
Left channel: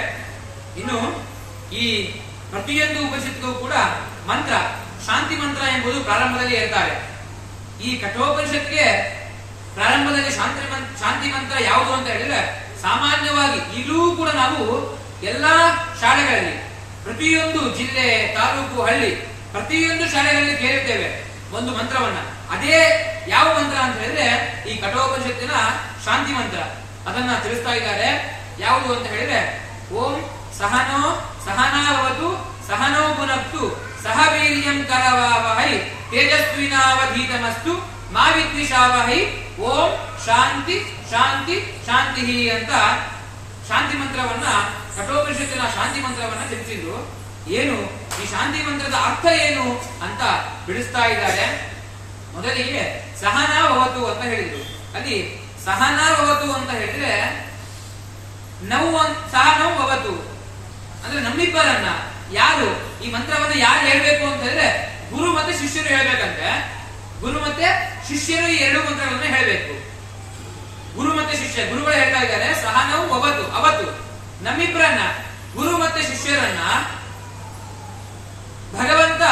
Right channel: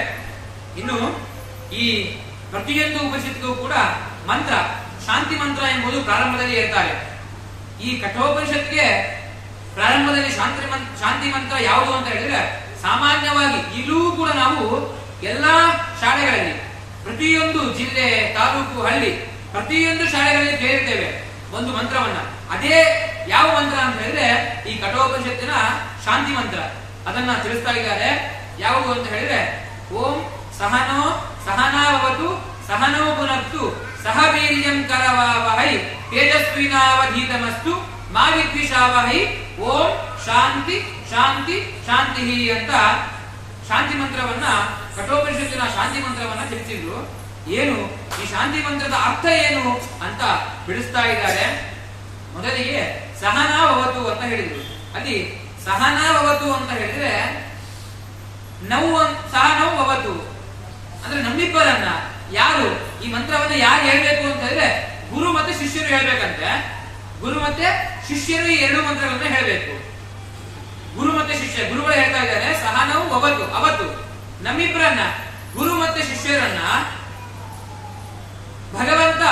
ಇನ್ನು ಈ ಪ್ರತಿಯೊಂದು ಉಪನಿಷತ್ತಿಗೂ ಕೂಡ ಮಂತ್ರ, ಶಾಂತಿ ಮಂತ್ರ ಎಂಬುದು ಪ್ರಾರಂಭದಲ್ಲಿ ಹೇಳ್ತಾರೆ. ಈ ಕಠೋಪನಿಷತ್ಗೆ ಪ್ರಾರಂಭದಲ್ಲಿ ಶಾಂತಿ ಮಂತ್ರ ಯಾವುದು ಅಂತ ಹೇಳಿದ್ರೆ ಸಾಮಾನ್ಯವಾಗಿ ಇಲ್ಲೂ ಕೂಡ ನಾವು ಎಲ್ಲಾ ಶಾಲೆಗಳಲ್ಲಿ, ಪ್ರತಿಯೊಂದು ಜಿಲ್ಲೆ, ತಾಲೂಕು, ಹಳ್ಳಿ, ಪ್ರತಿಯೊಂದು ಶಾಲೆಗಳಲ್ಲಿ ಕೇಳಿರ್ತೇವೆ ಒಂದು ಮಂತ್ರವನ್ನ. ಅದೇ ಯಾವ ಮಂತ್ರ ಅಂತ ಹೇಳಿದ್ರೆ ಈ ಕಠೋಪನಿಷತ್ತಿನ ಶಾಂತಿ ಮಂತ್ರ. ಅದನ್ನ ತಿಳಿಸ್ತಾ ಇದ್ದಾರೆ. ಯಾವುದು ಅಂತ ಹೇಳಿದ್ರೆ ಓಂ ಸಹನಾವತು ಸಹನೋ ಪುನಕ್ತು ಸಹ ವೀರ್ಯಂ ಕರವಾವಹೈ ತೇಜಸ್ವಿನಾವಧೀತಮಸ್ತು ಮಾ ವಿದ್ವಿಷಾವಹೈ ಓಂ ಶಾಂತಿ ಶಾಂತಿ ಶಾಂತಿ ಅಂತ ಶಾಂತಿ ಮಂತ್ರವನ್ನ, ಕಠೋಪನಿಷತ್ತಿನ ಶಾಂತಿ ಮಂತ್ರವನ್ನ ತಿಳಿಸಿದ್ರು. ಏನು ಈ ಶಾಂತಿ ಮಂತ್ರದ ಅರ್ಥ ಏನು ಅಂತ ಬಿಡಿಸ್ತಾ ಇದ್ದಾರೆ. ಮೊದಲಿಗೆ ಸಹನಾವತು ಅಂತ ಹೇಳಿದ್ರು. ಅಲ್ಲಿ ಸಹನಾವತು ಅಂತ ಹೇಳಿದ್ರೆ ಸಹನೌವತು ಅಂದ್ರೆ ನಮ್ಮಿಬ್ಬರನ್ನ ಯಾರು ಈ ಮಂತ್ರವನ್ನ ಯಾರು ಹೇಳ್ಬೇಕು ಅಂತ ಹೇಳಿದ್ರೆ ಗುರು ಮತ್ತೆ ಶಿಷ್ಯರು ಹೇಳ್ಬೇಕಂತೆ. ಗುರು ಮತ್ತೆ ಶಿಷ್ಯರು ಈ 2 ಮಂತ್ರಗಳನ್ನ ಹೇಳ್ಬೇಕು. ಗುರು ಮತ್ತೆ ಶಿಷ್ಯ, ಗುರುಗಳು ಹೇಳ್ತಾ ಇದ್ದಾರೆ ಅವತ್ತು ನಮ್ಮಿಬ್ಬರನ್ನ, ಗುರು ಮತ್ತೆ ಶಿಷ್ಯರನ್ನ ಭಗವಂತ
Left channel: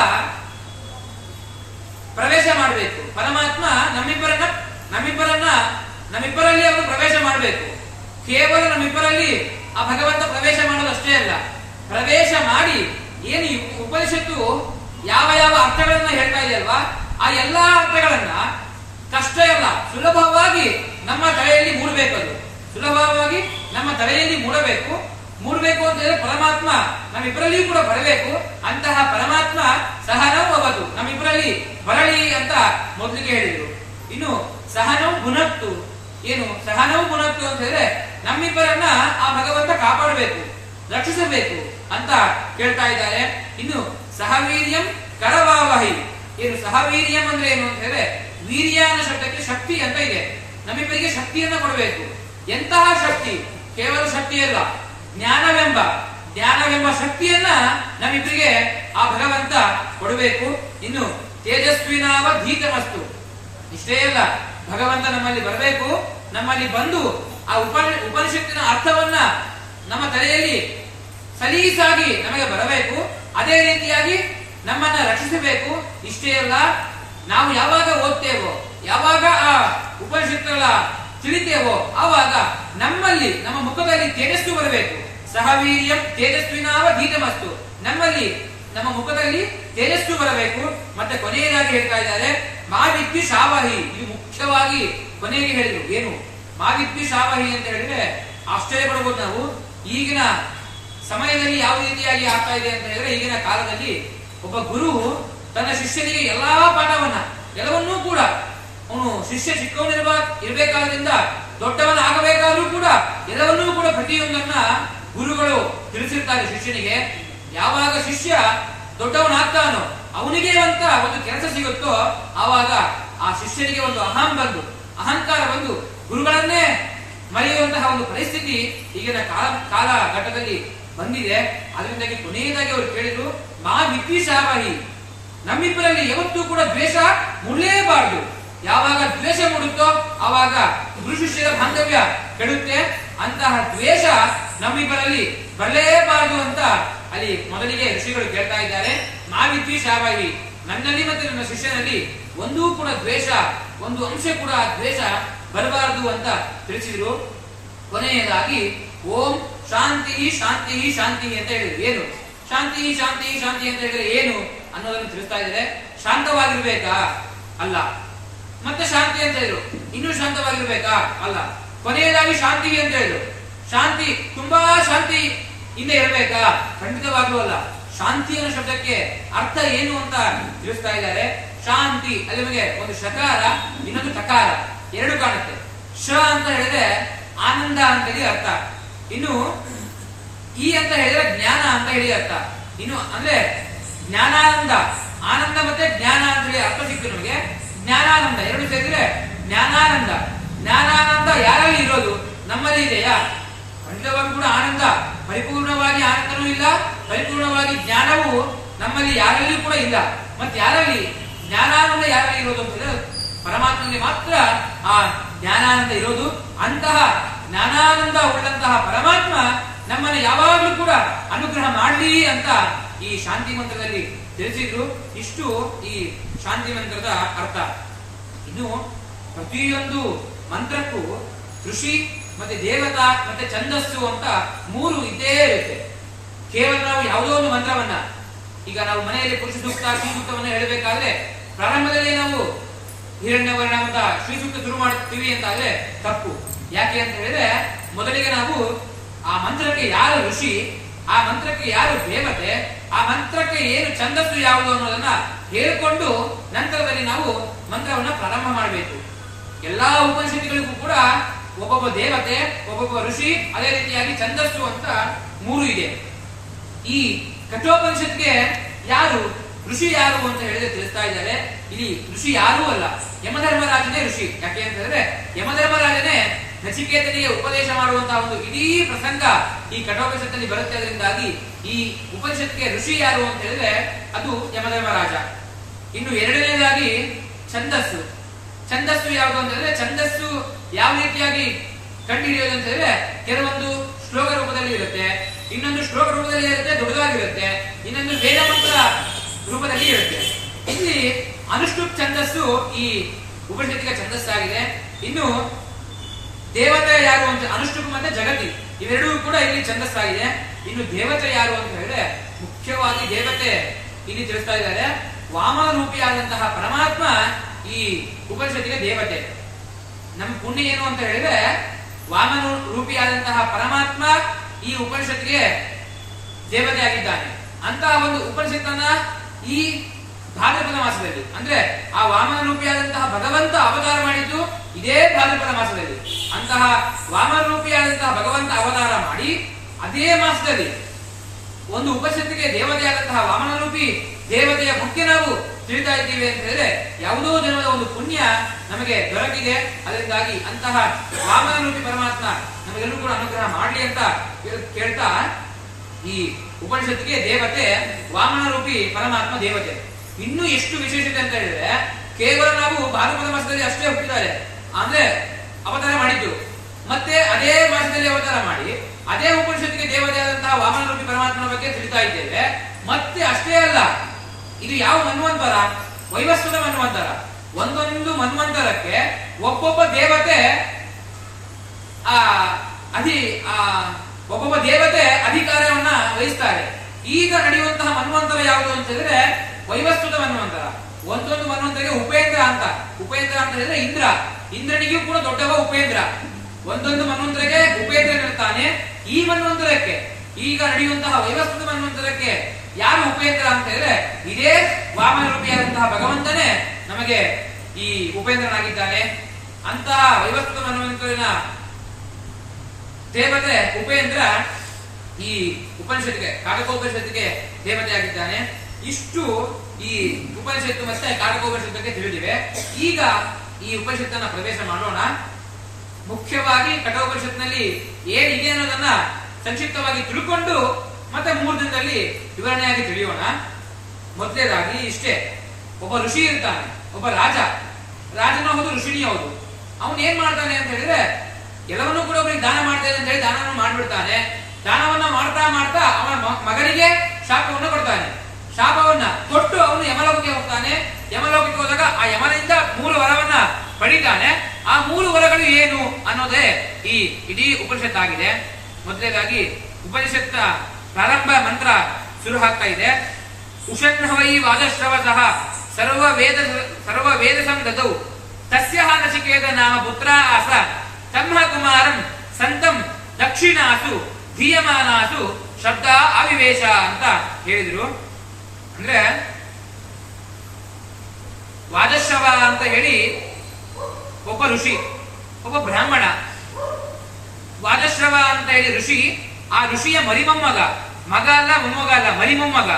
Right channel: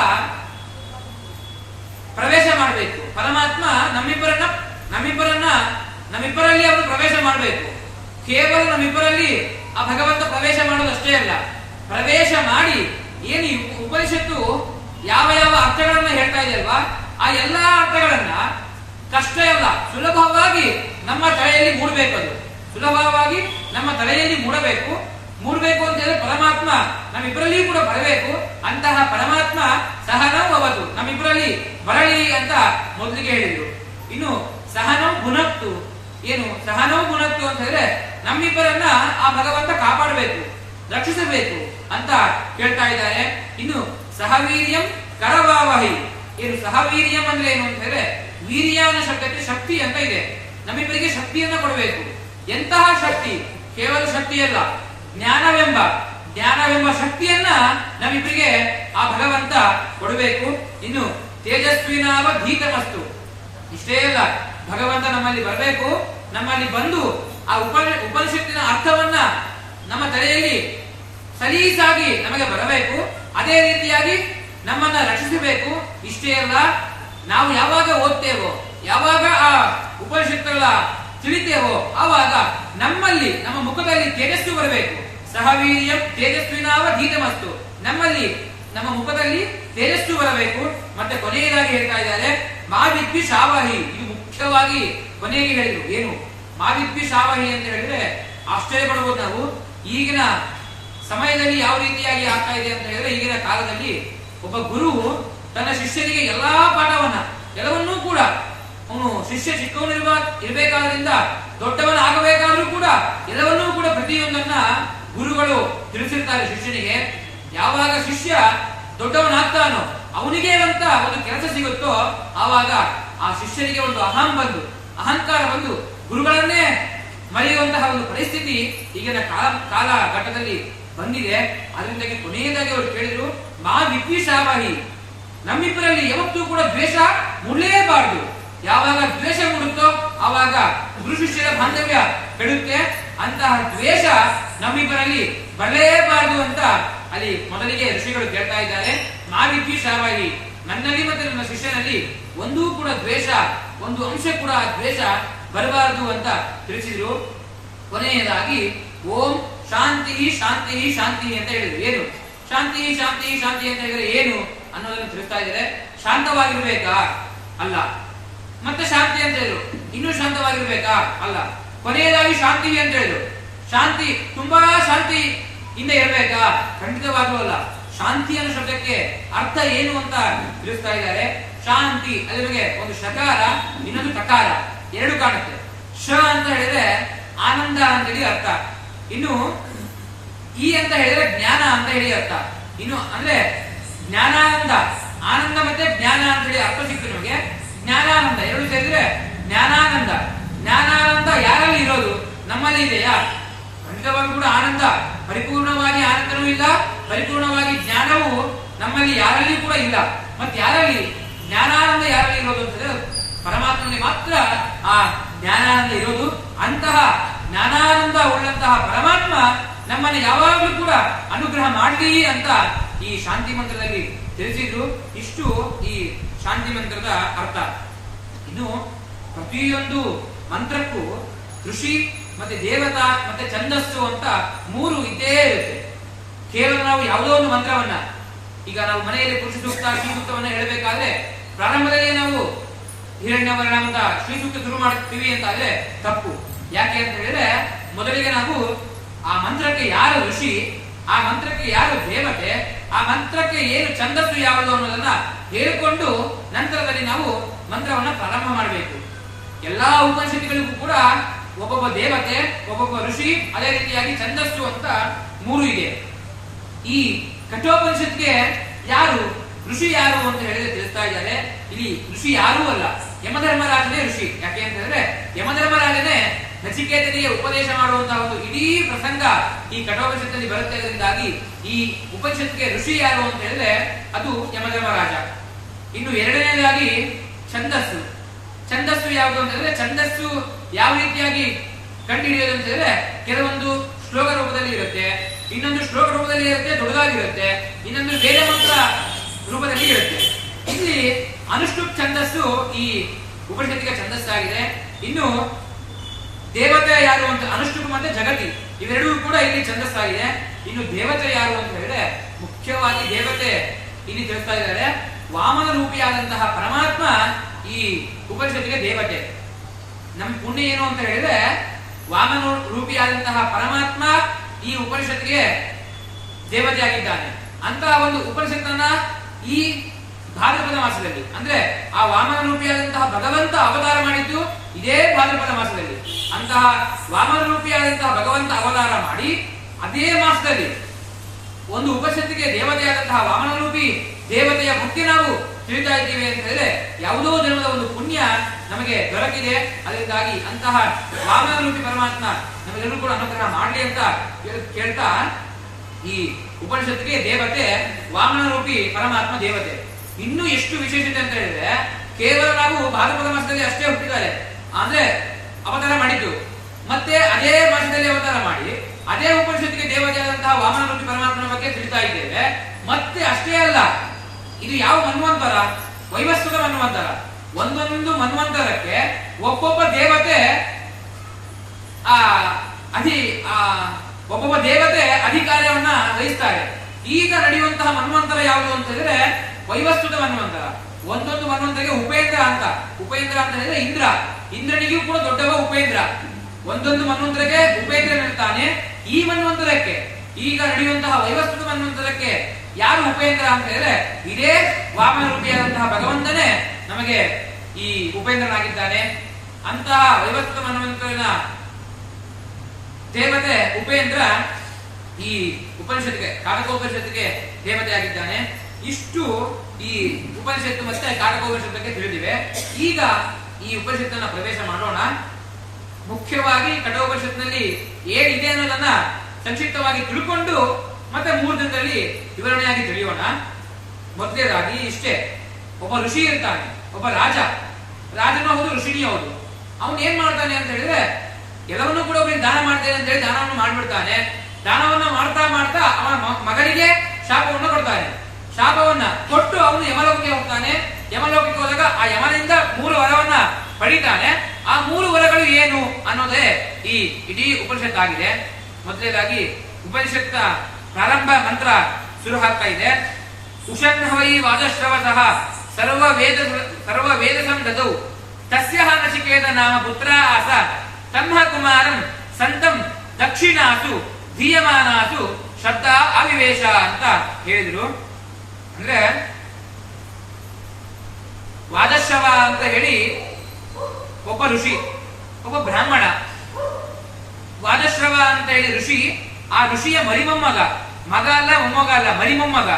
ಪ್ರವೇಶ ಮಾಡಬೇಕು. ಪರಮಾತ್ಮ ನಮ್ಮಿಬ್ಬರಲ್ಲಿ ಅವನು ಪ್ರವೇಶ ಮಾಡಬೇಕು. ಕೇವಲ ನಮ್ಮಿಬ್ಬರಲ್ಲಿ ಆ ಭಗವಂತ ಪ್ರವೇಶ ಮಾಡೋದಷ್ಟೇ ಅಲ್ಲ, ಪ್ರವೇಶ ಮಾಡಿ ಏನು ಉಪನಿಷತ್ತು ಯಾವ ಯಾವ ಅರ್ಥಗಳನ್ನ ಹೇಳ್ತಾ ಇದೆ ಅಲ್ವಾ, ಆ ಎಲ್ಲಾ ಅರ್ಥಗಳನ್ನ ಕಷ್ಟ ಇಲ್ಲ, ಸುಲಭವಾಗಿ ನಮ್ಮ ತಲೆಯಲ್ಲಿ ಮೂಡಬೇಕು. ಅದು ಸುಲಭವಾಗಿ ನಮ್ಮ ತಲೆಯಲ್ಲಿ ಮೂಡಬೇಕು. ಮೂಡಬೇಕು ಅಂತ ಹೇಳಿದ್ರೆ ಪರಮಾತ್ಮ ನಮ್ಮಿಬ್ಬರಲ್ಲಿಯೂ ಕೂಡ ಬರಬೇಕು. ಅಂತಹ ಪರಮಾತ್ಮ ಸಹನೌ ಅವತು, ನಮ್ಮಿಬ್ಬರಲ್ಲಿ ಬರಲಿ ಅಂತ ಮೊದಲಿಗೆ ಹೇಳಿದ್ರು. ಇನ್ನು ಸಹನೌ ಭುನಕ್ತು, ಏನು ಸಹನೌ ಭುನಕ್ತು ಅಂತ ಹೇಳಿದ್ರೆ ನಮ್ಮಿಬ್ಬರನ್ನ ಆ ಭಗವಂತ ಕಾಪಾಡಬೇಕು, ರಕ್ಷಿಸಬೇಕು ಅಂತ ಕೇಳ್ತಾ ಇದ್ದಾರೆ. ಇನ್ನು ಸಹವೀರ್ಯಂ ಕರವಾವಹಿ, ಏನು ಸಹವೀರ್ಯಂ ಅಂದ್ರೆ ಏನು ಅಂತ ಹೇಳಿದ್ರೆ ವೀರ್ಯ ಅನ್ನೋ ಶಬ್ದಕ್ಕೆ ಶಕ್ತಿ ಅಂತ ಇದೆ. ನಮ್ಮಿಬ್ಬರಿಗೆ ಶಕ್ತಿಯನ್ನ ಕೊಡಬೇಕು. ಎಂತಹ ಶಕ್ತಿ? ಕೇವಲ ಶಕ್ತಿ ಅಲ್ಲ, ಜ್ಞಾನವೆಂಬ ಶಕ್ತಿಯನ್ನ ನಮ್ಮಿಬ್ಬರಿಗೆ ಆ ಭಗವಂತ ಕೊಡಬೇಕು. ಇನ್ನು ತೇಜಸ್ವಿನಾವ ಭೀತಮಸ್ತು, ಇಷ್ಟೇ ಅಲ್ಲ, ಭಗವಂತ ನಮ್ಮಲ್ಲಿ ಬರಬೇಕು, ನಮ್ಮಲ್ಲಿ ಬಂದು ಆ ಉಪನಿಷತ್ತಿನ ಅರ್ಥವನ್ನ ನಮ್ಮ ತಲೆಯಲ್ಲಿ ಸಲೀಸಾಗಿ ನಮಗೆ ಬರಬೇಕು. ಅದೇ ರೀತಿಯಾಗಿ ನಮ್ಮನ್ನ ರಕ್ಷಿಸಬೇಕು. ಇಷ್ಟೇ ಅಲ್ಲ, ನಾವು ಯಾವಾಗ ಓದ್ತೇವೋ, ಯಾವಾಗ ಆ ಉಪನಿಷತ್ತುಗಳ ತಿಳಿತೇವೋ, ಆವಾಗ ನಮ್ಮಲ್ಲಿ ನಮ್ಮ ಮುಖದಲ್ಲಿ ತೇಜಸ್ಸು ಬರಬೇಕು. ಸಹವೀರ್ಯಂ ತೇಜಸ್ವಿನಾವ ಧೀತಮಸ್ತು, ನಮ್ಮಲ್ಲಿ ನಮ್ಮ ಮುಖದಲ್ಲಿ ತೇಜಸ್ಸು ಬರಬೇಕು. ಮತ್ತೆ ಕೊನೆಯದಾಗಿ ಹೇಳ್ತಾ ಇದ್ದಾರೆ ಮಾವಿದ್ವಿ ಶಾವಹಿ, ಇದು ಮುಖ್ಯವಾಗಿ ಕೊನೆಗೆ ಹೇಳಿದ್ರು. ಏನು ಮಾವಿದ್ವಿ ಶಾವಹಿ ಅಂತ ಹೇಳಿದ್ರೆ ಆಶ್ಚರ್ಯ ಪಡಬಹುದು ನಾವು. ಈಗಿನ ಸಮಯದಲ್ಲಿ ಯಾವ ರೀತಿಯಾಗಿ ಆಗ್ತಾ ಇದೆ ಅಂತ ಹೇಳಿದ್ರೆ, ಈಗಿನ ಕಾಲದಲ್ಲಿ ಒಬ್ಬ ಗುರು ತನ್ನ ಶಿಷ್ಯನಿಗೆ ಎಲ್ಲಾ ಪಾಠವನ್ನ ಎಲ್ಲವನ್ನೂ ಕೂಡ ಅವನು ಶಿಷ್ಯ ಇರಬೇಕಾದ್ರಿಂದ ದೊಡ್ಡವನಾಗಬೇಕಾದ್ರೂ ಕೂಡ ಎಲ್ಲವನ್ನೂ ಕೂಡ ಪ್ರತಿಯೊಂದನ್ನ ಗುರುಗಳು ತಿಳಿಸಿರ್ತಾರೆ ಶಿಷ್ಯನಿಗೆ. ಯಾವಾಗ ಶಿಷ್ಯ ದೊಡ್ಡವನಾಗ್ತಾನೋ, ಅವನಿಗೆ ಅಂತ ಒಂದು ಕೆಲಸ ಸಿಗುತ್ತೋ, ಆವಾಗ ಆ ಶಿಷ್ಯನಿಗೆ ಒಂದು ಅಹಂಕಾರ ಬಂದು ಗುರುಗಳನ್ನೇ ಮರೆಯುವಂತಹ ಒಂದು ಪರಿಸ್ಥಿತಿ ಈಗಿನ ಕಾಲ ಘಟ್ಟದಲ್ಲಿ ಬಂದಿದೆ. ಅದರಿಂದಾಗಿ ಕೊನೆಯದಾಗಿ ಅವರು ಕೇಳಿದ್ರು ಮಾ ವಿದ್ವಿಷಾವಹಿ, ನಮ್ಮಿಬ್ಬರಲ್ಲಿ ಯಾವತ್ತೂ ಕೂಡ ದ್ವೇಷ ಮೂಡಲೇಬಾರದು. ಯಾವಾಗ ದ್ವೇಷ ಮೂಡುತ್ತೋ ಆವಾಗ ಗುರು ಶಿಷ್ಯರ ಬಾಂಧವ್ಯ ಕೆಡುತ್ತೆ. ಅಂತಹ ದ್ವೇಷ ನಮ್ಮಿಬ್ಬರಲ್ಲಿ ಬರಲೇಬಾರದು ಅಂತ ಅಲ್ಲಿ ಮೊದಲಿಗೆ ಋಷಿಗಳು ಕೇಳ್ತಾ ಇದ್ದಾರೆ. ಮಾ ವಿದ್ವಿಷಾವಹಿ, ನನ್ನಲ್ಲಿ ಮತ್ತೆ ನನ್ನ ಶಿಷ್ಯನಲ್ಲಿ ಒಂದೂ ಕೂಡ ದ್ವೇಷ, ಒಂದು ಅಂಶ ಕೂಡ ದ್ವೇಷ ಬರಬಾರದು ಅಂತ ತಿಳಿಸಿದ್ರು. ಕೊನೆಯದಾಗಿ ಓಂ ಶಾಂತಿ ಶಾಂತಿ ಶಾಂತಿ ಅಂತ ಹೇಳಿದ್ರು. ಏನು ಶಾಂತಿ ಶಾಂತಿ ಶಾಂತಿ ಅಂತ ಹೇಳಿದ್ರೆ ಏನು ಅನ್ನೋದನ್ನು ತಿಳಿಸ್ತಾ ಇದ್ದಾರೆ. ಶಾಂತವಾಗಿರ್ಬೇಕಾ? ಅಲ್ಲ. ಮತ್ತೆ ಶಾಂತಿ ಅಂತ ಹೇಳಿದ್ರು, ಇನ್ನೂ ಶಾಂತವಾಗಿರ್ಬೇಕಾ? ಅಲ್ಲ. ಕೊನೆಯದಾಗಿ ಶಾಂತಿ ಅಂತ ಹೇಳಿದ್ರು. ಶಾಂತಿ ತುಂಬಾ ಶಾಂತಿ ಇಂದ ಇರಬೇಕಾ? ಖಂಡಿತವಾಗ್ಲೂ ಅಲ್ಲ. ಶಾಂತಿ ಅನ್ನೋ ಶಬ್ದಕ್ಕೆ ಅರ್ಥ ಏನು ಅಂತ ತಿಳಿಸ್ತಾ ಇದ್ದಾರೆ. ಶಾಂತಿ ಅಲ್ಲಿ ನಮಗೆ ಒಂದು ಶಕಾರ, ಇನ್ನೊಂದು ತಕಾರ, ಎರಡು ಕಾಣುತ್ತೆ. ಶ ಅಂತ ಹೇಳಿದ್ರೆ ಆನಂದ ಅಂತ ಹೇಳಿ ಅರ್ಥ, ಇನ್ನು ಈ ಅಂತ ಹೇಳಿದ್ರೆ ಜ್ಞಾನ ಅಂತ ಹೇಳಿ ಅರ್ಥ. ಇನ್ನು ಅಂದ್ರೆ ಜ್ಞಾನಾನಂದ, ಆನಂದ ಮತ್ತೆ ಜ್ಞಾನ ಅಂತ ಹೇಳಿ ಅರ್ಥ ಸಿಕ್ತು ನಮಗೆ. ಜ್ಞಾನಾನಂದ ಎರಡು ಸೇರಿದ್ರೆ ಜ್ಞಾನಾನಂದ. ಜ್ಞಾನಾನಂದ ಯಾರಲ್ಲಿ ಇರೋದು? ನಮ್ಮಲ್ಲಿ ಇದೆಯಾ? ಖಂಡಿತವಾಗಿ ಕೂಡ ಆನಂದ, ಪರಿಪೂರ್ಣವಾಗಿ ಆನಂದನೂ ಇಲ್ಲ, ಪರಿಪೂರ್ಣವಾಗಿ ಜ್ಞಾನವು ನಮ್ಮಲ್ಲಿ ಯಾರಲ್ಲಿ ಕೂಡ ಇಲ್ಲ. ಮತ್ತೆ ಯಾರಲ್ಲಿ ಜ್ಞಾನಾನಂದ ಯಾರಲ್ಲಿ ಇರೋದು ಅಂತ ಹೇಳಿದ್ರೆ ಪರಮಾತ್ಮನಿಗೆ ಮಾತ್ರ ಆ ಜ್ಞಾನಾನಂದ ಇರೋದು. ಅಂತಹ ಜ್ಞಾನಾನಂದ ಉಳ್ಳಂತಹ ಪರಮಾತ್ಮ ನಮ್ಮನ್ನು ಯಾವಾಗಲೂ ಕೂಡ ಅನುಗ್ರಹ ಮಾಡಲಿ ಅಂತ ಈ ಶಾಂತಿ ಮಂತ್ರದಲ್ಲಿ ತಿಳಿಸಿದ್ರು. ಇಷ್ಟು ಈ ಶಾಂತಿ ಮಂತ್ರದ ಅರ್ಥ. ಇನ್ನು ಪ್ರತಿಯೊಂದು ಮಂತ್ರಕ್ಕೂ ಋಷಿ ಮತ್ತೆ ದೇವತಾ ಮತ್ತೆ ಛಂದಸ್ಸು ಅಂತ ಮೂರು ಇದ್ದೇ ಇರುತ್ತೆ. ಕೇವಲ ನಾವು ಯಾವುದೋ ಒಂದು ಮಂತ್ರವನ್ನ, ಈಗ ನಾವು ಮನೆಯಲ್ಲಿ ಪುರುಷ ಸೂಕ್ತ ಶ್ರೀ ಸೂಕ್ತವನ್ನ ಹೇಳಬೇಕಾದ್ರೆ ಪ್ರಾರಂಭದಲ್ಲಿ ನಾವು ಹಿರಣ್ಯವರ್ಣದ ಶ್ರೀ ಸೂಕ್ತ ಶುರು ಮಾಡ್ತೀವಿ ಅಂತ ಆದ್ರೆ ತಪ್ಪು. ಯಾಕೆ ಅಂತ ಹೇಳಿದ್ರೆ ಮೊದಲಿಗೆ ನಾವು ಆ ಮಂತ್ರಕ್ಕೆ ಯಾರು ಋಷಿ, ಆ ಮಂತ್ರಕ್ಕೆ ಯಾರು ದೇವತೆ, ಆ ಮಂತ್ರಕ್ಕೆ ಏನು ಛಂದಸ್ಸು ಯಾವುದು ಅನ್ನೋದನ್ನ ಹೇಳಿಕೊಂಡು ನಂತರದಲ್ಲಿ ನಾವು ಮಂತ್ರವನ್ನ ಪ್ರಾರಂಭ ಮಾಡಬೇಕು. ಎಲ್ಲಾ ಉಪನಿಷತ್ತುಗಳಿಗೂ ಕೂಡ ಒಬ್ಬೊಬ್ಬ ದೇವತೆ, ಒಬ್ಬೊಬ್ಬ ಋಷಿ, ಅದೇ ರೀತಿಯಾಗಿ ಛಂದಸ್ಸು ಅಂತ ಮೂರು ಇದೆ. ಈ ಕಠೋಪನಿಷತ್ಗೆ ಯಾರು ಋಷಿ ಯಾರು ಅಂತ ಹೇಳಿದ್ರೆ ತಿಳಿಸ್ತಾ ಇದ್ದಾರೆ. ಇಲ್ಲಿ ಋಷಿ ಯಾರೂ ಅಲ್ಲ, ಯಮಧರ್ಮರಾಜನೇ ಋಷಿ. ಯಾಕೆ ಅಂತ ಹೇಳಿದ್ರೆ ಯಮಧರ್ಮರಾಜನೇ ನಚಿಕೇತನಿಗೆ ಉಪದೇಶ ಮಾಡುವಂತಹ ಒಂದು ಇಡೀ ಪ್ರಸಂಗ ಈ ಕಠೋಪನಿಷತ್ತಲ್ಲಿ ಬರುತ್ತೆ. ಅದರಿಂದಾಗಿ ಈ ಉಪನಿಷತ್ಗೆ ಋಷಿ ಯಾರು ಅಂತ ಹೇಳಿದ್ರೆ ಅದು ಯಮಧರ್ಮರಾಜ. ಇನ್ನು ಎರಡನೇದಾಗಿ ಛಂದಸ್ಸು. ಛಂದಸ್ಸು ಯಾವುದು ಅಂತ ಹೇಳಿದ್ರೆ ಛಂದಸ್ಸು ಯಾವ ರೀತಿಯಾಗಿ ಕಂಡು ಹಿಡಿಯೋದು ಅಂತ ಹೇಳಿದ್ರೆ ಕೆಲವೊಂದು ಶ್ಲೋಕ ರೂಪದಲ್ಲಿ ಇರುತ್ತೆ, ಇನ್ನೊಂದು ಶ್ಲೋಕ ರೂಪದಲ್ಲಿ ಇರುತ್ತೆ, ದೊಡ್ಡದಾಗಿರುತ್ತೆ, ಇನ್ನೊಂದು ವೇದ ಮಂತ್ರ ರೂಪದಲ್ಲಿ ಇರುತ್ತೆ. ಇಲ್ಲಿ ಅನುಷ್ಠುಪ್ ಛಂದಸ್ಸು ಈ ಉಪನಿಷತ್ತಿಗೆ ಛಂದಸ್ಸಾಗಿದೆ. ಇನ್ನು ದೇವತೆ ಯಾರು ಅಂತ ಅನುಷ್ಠುಪ್ ಮತ್ತೆ ಜಗತಿ ಇವೆರಡೂ ಕೂಡ ಇಲ್ಲಿ ಛಂದಸ್ಸಾಗಿದೆ. ಇನ್ನು ದೇವತೆ ಯಾರು ಅಂತ ಹೇಳಿದ್ರೆ ಮುಖ್ಯವಾಗಿ ದೇವತೆ ಇಲ್ಲಿ ತಿಳಿಸ್ತಾ ಇದ್ದಾರೆ. ವಾಮನ ರೂಪಿಯಾದಂತಹ ಪರಮಾತ್ಮ ಈ ಉಪನಿಷತ್ತಿಗೆ ದೇವತೆ. ನಮ್ಮ ಪುಣ್ಯ ಏನು ಅಂತ ಹೇಳಿದ್ರೆ ವಾಮನ ರೂಪಿಯಾದಂತಹ ಪರಮಾತ್ಮ ಈ ಉಪನಿಷತ್ತಿಗೆ ದೇವತೆ ಆಗಿದ್ದಾನೆ. ಅಂತಹ ಒಂದು ಉಪನಿಷತ್ತನ್ನ ಈ ಭಾದ್ರಪದ ಮಾಸದಲ್ಲಿ, ಅಂದ್ರೆ ಆ ವಾಮನ ರೂಪಿಯಾದಂತಹ ಭಗವಂತ ಅವತಾರ ಮಾಡಿದ್ದು ಇದೇ ಭಾದ್ರಪದ ಮಾಸದಲ್ಲಿ. ಅಂತಹ ವಾಮನ ರೂಪಿಯಾದಂತಹ ಭಗವಂತ ಅವತಾರ ಮಾಡಿ ಅದೇ ಮಾಸದಲ್ಲಿ ಒಂದು ಉಪನಿಷತ್ತಿಗೆ ದೇವತೆಯಾದಂತಹ ವಾಮನ ರೂಪಿ ದೇವತೆಯ ಭಕ್ತಿ ನಾವು ತಿಳಿತಾ ಇದ್ದೀವಿ ಅಂತ ಹೇಳಿದ್ರೆ ಯಾವುದೋ ಜನ್ಮದ ಒಂದು ಪುಣ್ಯ ನಮಗೆ ದೊರಕಿದೆ. ಅದರಿಂದಾಗಿ ಅಂತಹ ವಾಮನ ರೂಪಿ ಪರಮಾತ್ಮ ನಮಗೆಲ್ಲರೂ ಕೂಡ ಅನುಗ್ರಹ ಮಾಡಲಿ ಅಂತ ಕೇಳ್ತಾ, ಈ ಉಪನಿಷತ್ತಿಗೆ ದೇವತೆ ವಾಮನ ರೂಪಿ ಪರಮಾತ್ಮ ದೇವತೆ. ಇನ್ನೂ ಎಷ್ಟು ವಿಶೇಷತೆ ಅಂತ ಹೇಳಿದ್ರೆ, ಕೇವಲ ನಾವು ಭಾಗವತ ಮಾಸದಲ್ಲಿ ಅಷ್ಟೇ ಹುಟ್ಟಿದ್ದಾರೆ ಅಂದ್ರೆ ಅವತಾರ ಮಾಡಿದ್ದು, ಮತ್ತೆ ಅದೇ ಮಾಸದಲ್ಲಿ ಅವತಾರ ಮಾಡಿ ಅದೇ ಉಪನಿಷತ್ತಿಗೆ ದೇವತೆಯಾದಂತಹ ವಾಮನ ರೂಪಿ ಪರಮಾತ್ಮನ ಬಗ್ಗೆ ತಿಳಿತಾ ಇದ್ದೇವೆ. ಮತ್ತೆ ಅಷ್ಟೇ ಅಲ್ಲ, ಇದು ಯಾವ ಮನ್ವಂತರ? ವೈವಸ್ವತ ಮನ್ವಂತರ. ಒಂದೊಂದು ಮನ್ವಂತರಕ್ಕೆ ಒಬ್ಬೊಬ್ಬ ದೇವತೆ ಒಬ್ಬೊಬ್ಬ ದೇವತೆ ಅಧಿಕಾರವನ್ನ ವಹಿಸ್ತಾರೆ. ಈಗ ನಡೆಯುವಂತಹ ಮನ್ವಂತರ ಯಾವುದು ಅಂತ ಹೇಳಿದ್ರೆ ವೈವಸ್ವತ ಮನ್ವಂತರ. ಒಂದೊಂದು ಮನ್ವಂತರಿಗೆ ಉಪೇಂದ್ರ ಅಂತ ಹೇಳಿದ್ರೆ ಇಂದ್ರ, ಇಂದ್ರನಿಗೂ ಕೂಡ ದೊಡ್ಡವ ಉಪೇಂದ್ರ. ಒಂದೊಂದು ಮನ್ವಂತರಕ್ಕೆ ಉಪೇಂದ್ರ ಇರ್ತಾನೆ. ಈ ಮನ್ವಂತರಕ್ಕೆ, ಈಗ ನಡೆಯುವಂತಹ ವೈವಸ್ವತ ಮನ್ವಂತರಕ್ಕೆ ಯಾರು ಉಪೇಂದ್ರ ಅಂತ ಹೇಳಿದ್ರೆ ಇದೇ ವಾಮನ ರೂಪಿಯಾದಂತಹ ಭಗವಂತನೇ ನಮಗೆ ಈ ಉಪೇಂದ್ರನಾಗಿದ್ದಾನೆ. ಅಂತಹ ವೈವಸ್ವತ ಮನ್ವಂತರಿನ ದೇವತೆ ಉಪೇಂದ್ರ ಈ ಉಪನಿಷತ್ತಿಗೆ, ಕಾಟಕೋಪನಿಷತ್ತಿಗೆ ದೇವತೆಯಾಗಿದ್ದಾನೆ. ಇಷ್ಟು ಈ ಉಪನಿಷತ್ತು ಮತ್ತೆ ಕಾಟಕೋಪನಿಷತ್ತು ಬಗ್ಗೆ ತಿಳಿದಿವೆ. ಈಗ ಈ ಉಪನಿಷತ್ತನ್ನ ಪ್ರವೇಶ ಮಾಡೋಣ. ಮುಖ್ಯವಾಗಿ ಕಠೋಪನಿಷತ್ನಲ್ಲಿ ಏನಿದೆ ಅನ್ನೋದನ್ನ ಸಂಕ್ಷಿಪ್ತವಾಗಿ ತಿಳ್ಕೊಂಡು ಮತ್ತೆ 3 ದಿನದಲ್ಲಿ ವಿವರಣೆಯಾಗಿ ತಿಳಿಯೋಣ. ಮೊದಲನೇದಾಗಿ ಇಷ್ಟೇ, ಒಬ್ಬ ಋಷಿ ಇರ್ತಾನೆ, ಒಬ್ಬ ರಾಜನೂ ಹೌದು ಋಷಿನಿ ಹೌದು. ಅವನು ಏನ್ ಮಾಡ್ತಾನೆ ಅಂತ ಹೇಳಿದ್ರೆ ಎಲ್ಲವನ್ನೂ ಕೂಡ ಒಬ್ಬರಿಗೆ ದಾನ ಮಾಡ್ತೇನೆ ಅಂತ ಹೇಳಿ ದಾನವನ್ನು ಮಾಡ್ಬಿಡ್ತಾನೆ. ದಾನವನ್ನ ಮಾಡ್ತಾ ಮಾಡ್ತಾ ಅವನ ಮಗನಿಗೆ ಶಾಪವನ್ನು ಕೊಡ್ತಾನೆ. ಶಾಪವನ್ನ ಕೊಟ್ಟು ಅವನು ಯಮಲೋಕಕ್ಕೆ ಹೋಗ್ತಾನೆ. ಯಮಲೋಕಕ್ಕೆ ಹೋದಾಗ ಆ ಯಮನಿಂದ 3 ವರವನ್ನ ಪಡಿತಾನೆ. ಆ 3 ವರಗಳು ಏನು ಅನ್ನೋದೇ ಈ ಇಡೀ ಉಪನಿಷತ್ತಾಗಿದೆ. ಮೊದಲನೇದಾಗಿ ಉಪನಿಷತ್ತ ಪ್ರಾರಂಭ ಮಂತ್ರ ಶುರು ಆಗ್ತಾ ಇದೆ. ಉಷನ್ಹವೈ ವಾದಶ್ರವಸಃ ಸರ್ವ ವೇದ ಸಂದದೌ ತಸ್ಯ ನಚಿಕೇತ ನಾಮ ಪುತ್ರ ಆಸ ತಮ್ಮ ಕುಮಾರಂ ಸಂತಂ ದಕ್ಷಿಣಾಸು ಧೀಯಮಾನಾಸು ಶಬ್ದ ಅವಿವೇಶ ಅಂತ ಹೇಳಿದ್ರು. ಅಂದ್ರೆ ವಾದಶ್ರವ ಅಂತ ಹೇಳಿ ಒಬ್ಬ ಋಷಿ, ಒಬ್ಬ ಬ್ರಾಹ್ಮಣ. ವಾದಶ್ರವ ಅಂತ ಹೇಳಿ ಋಷಿ, ಆ ಋಷಿಯ ಮರಿಮೊಮ್ಮಗ, ಮಗ ಅಲ್ಲ ಮೊಮ್ಮಗ ಅಲ್ಲ, ಮರಿಮೊಮ್ಮಗ.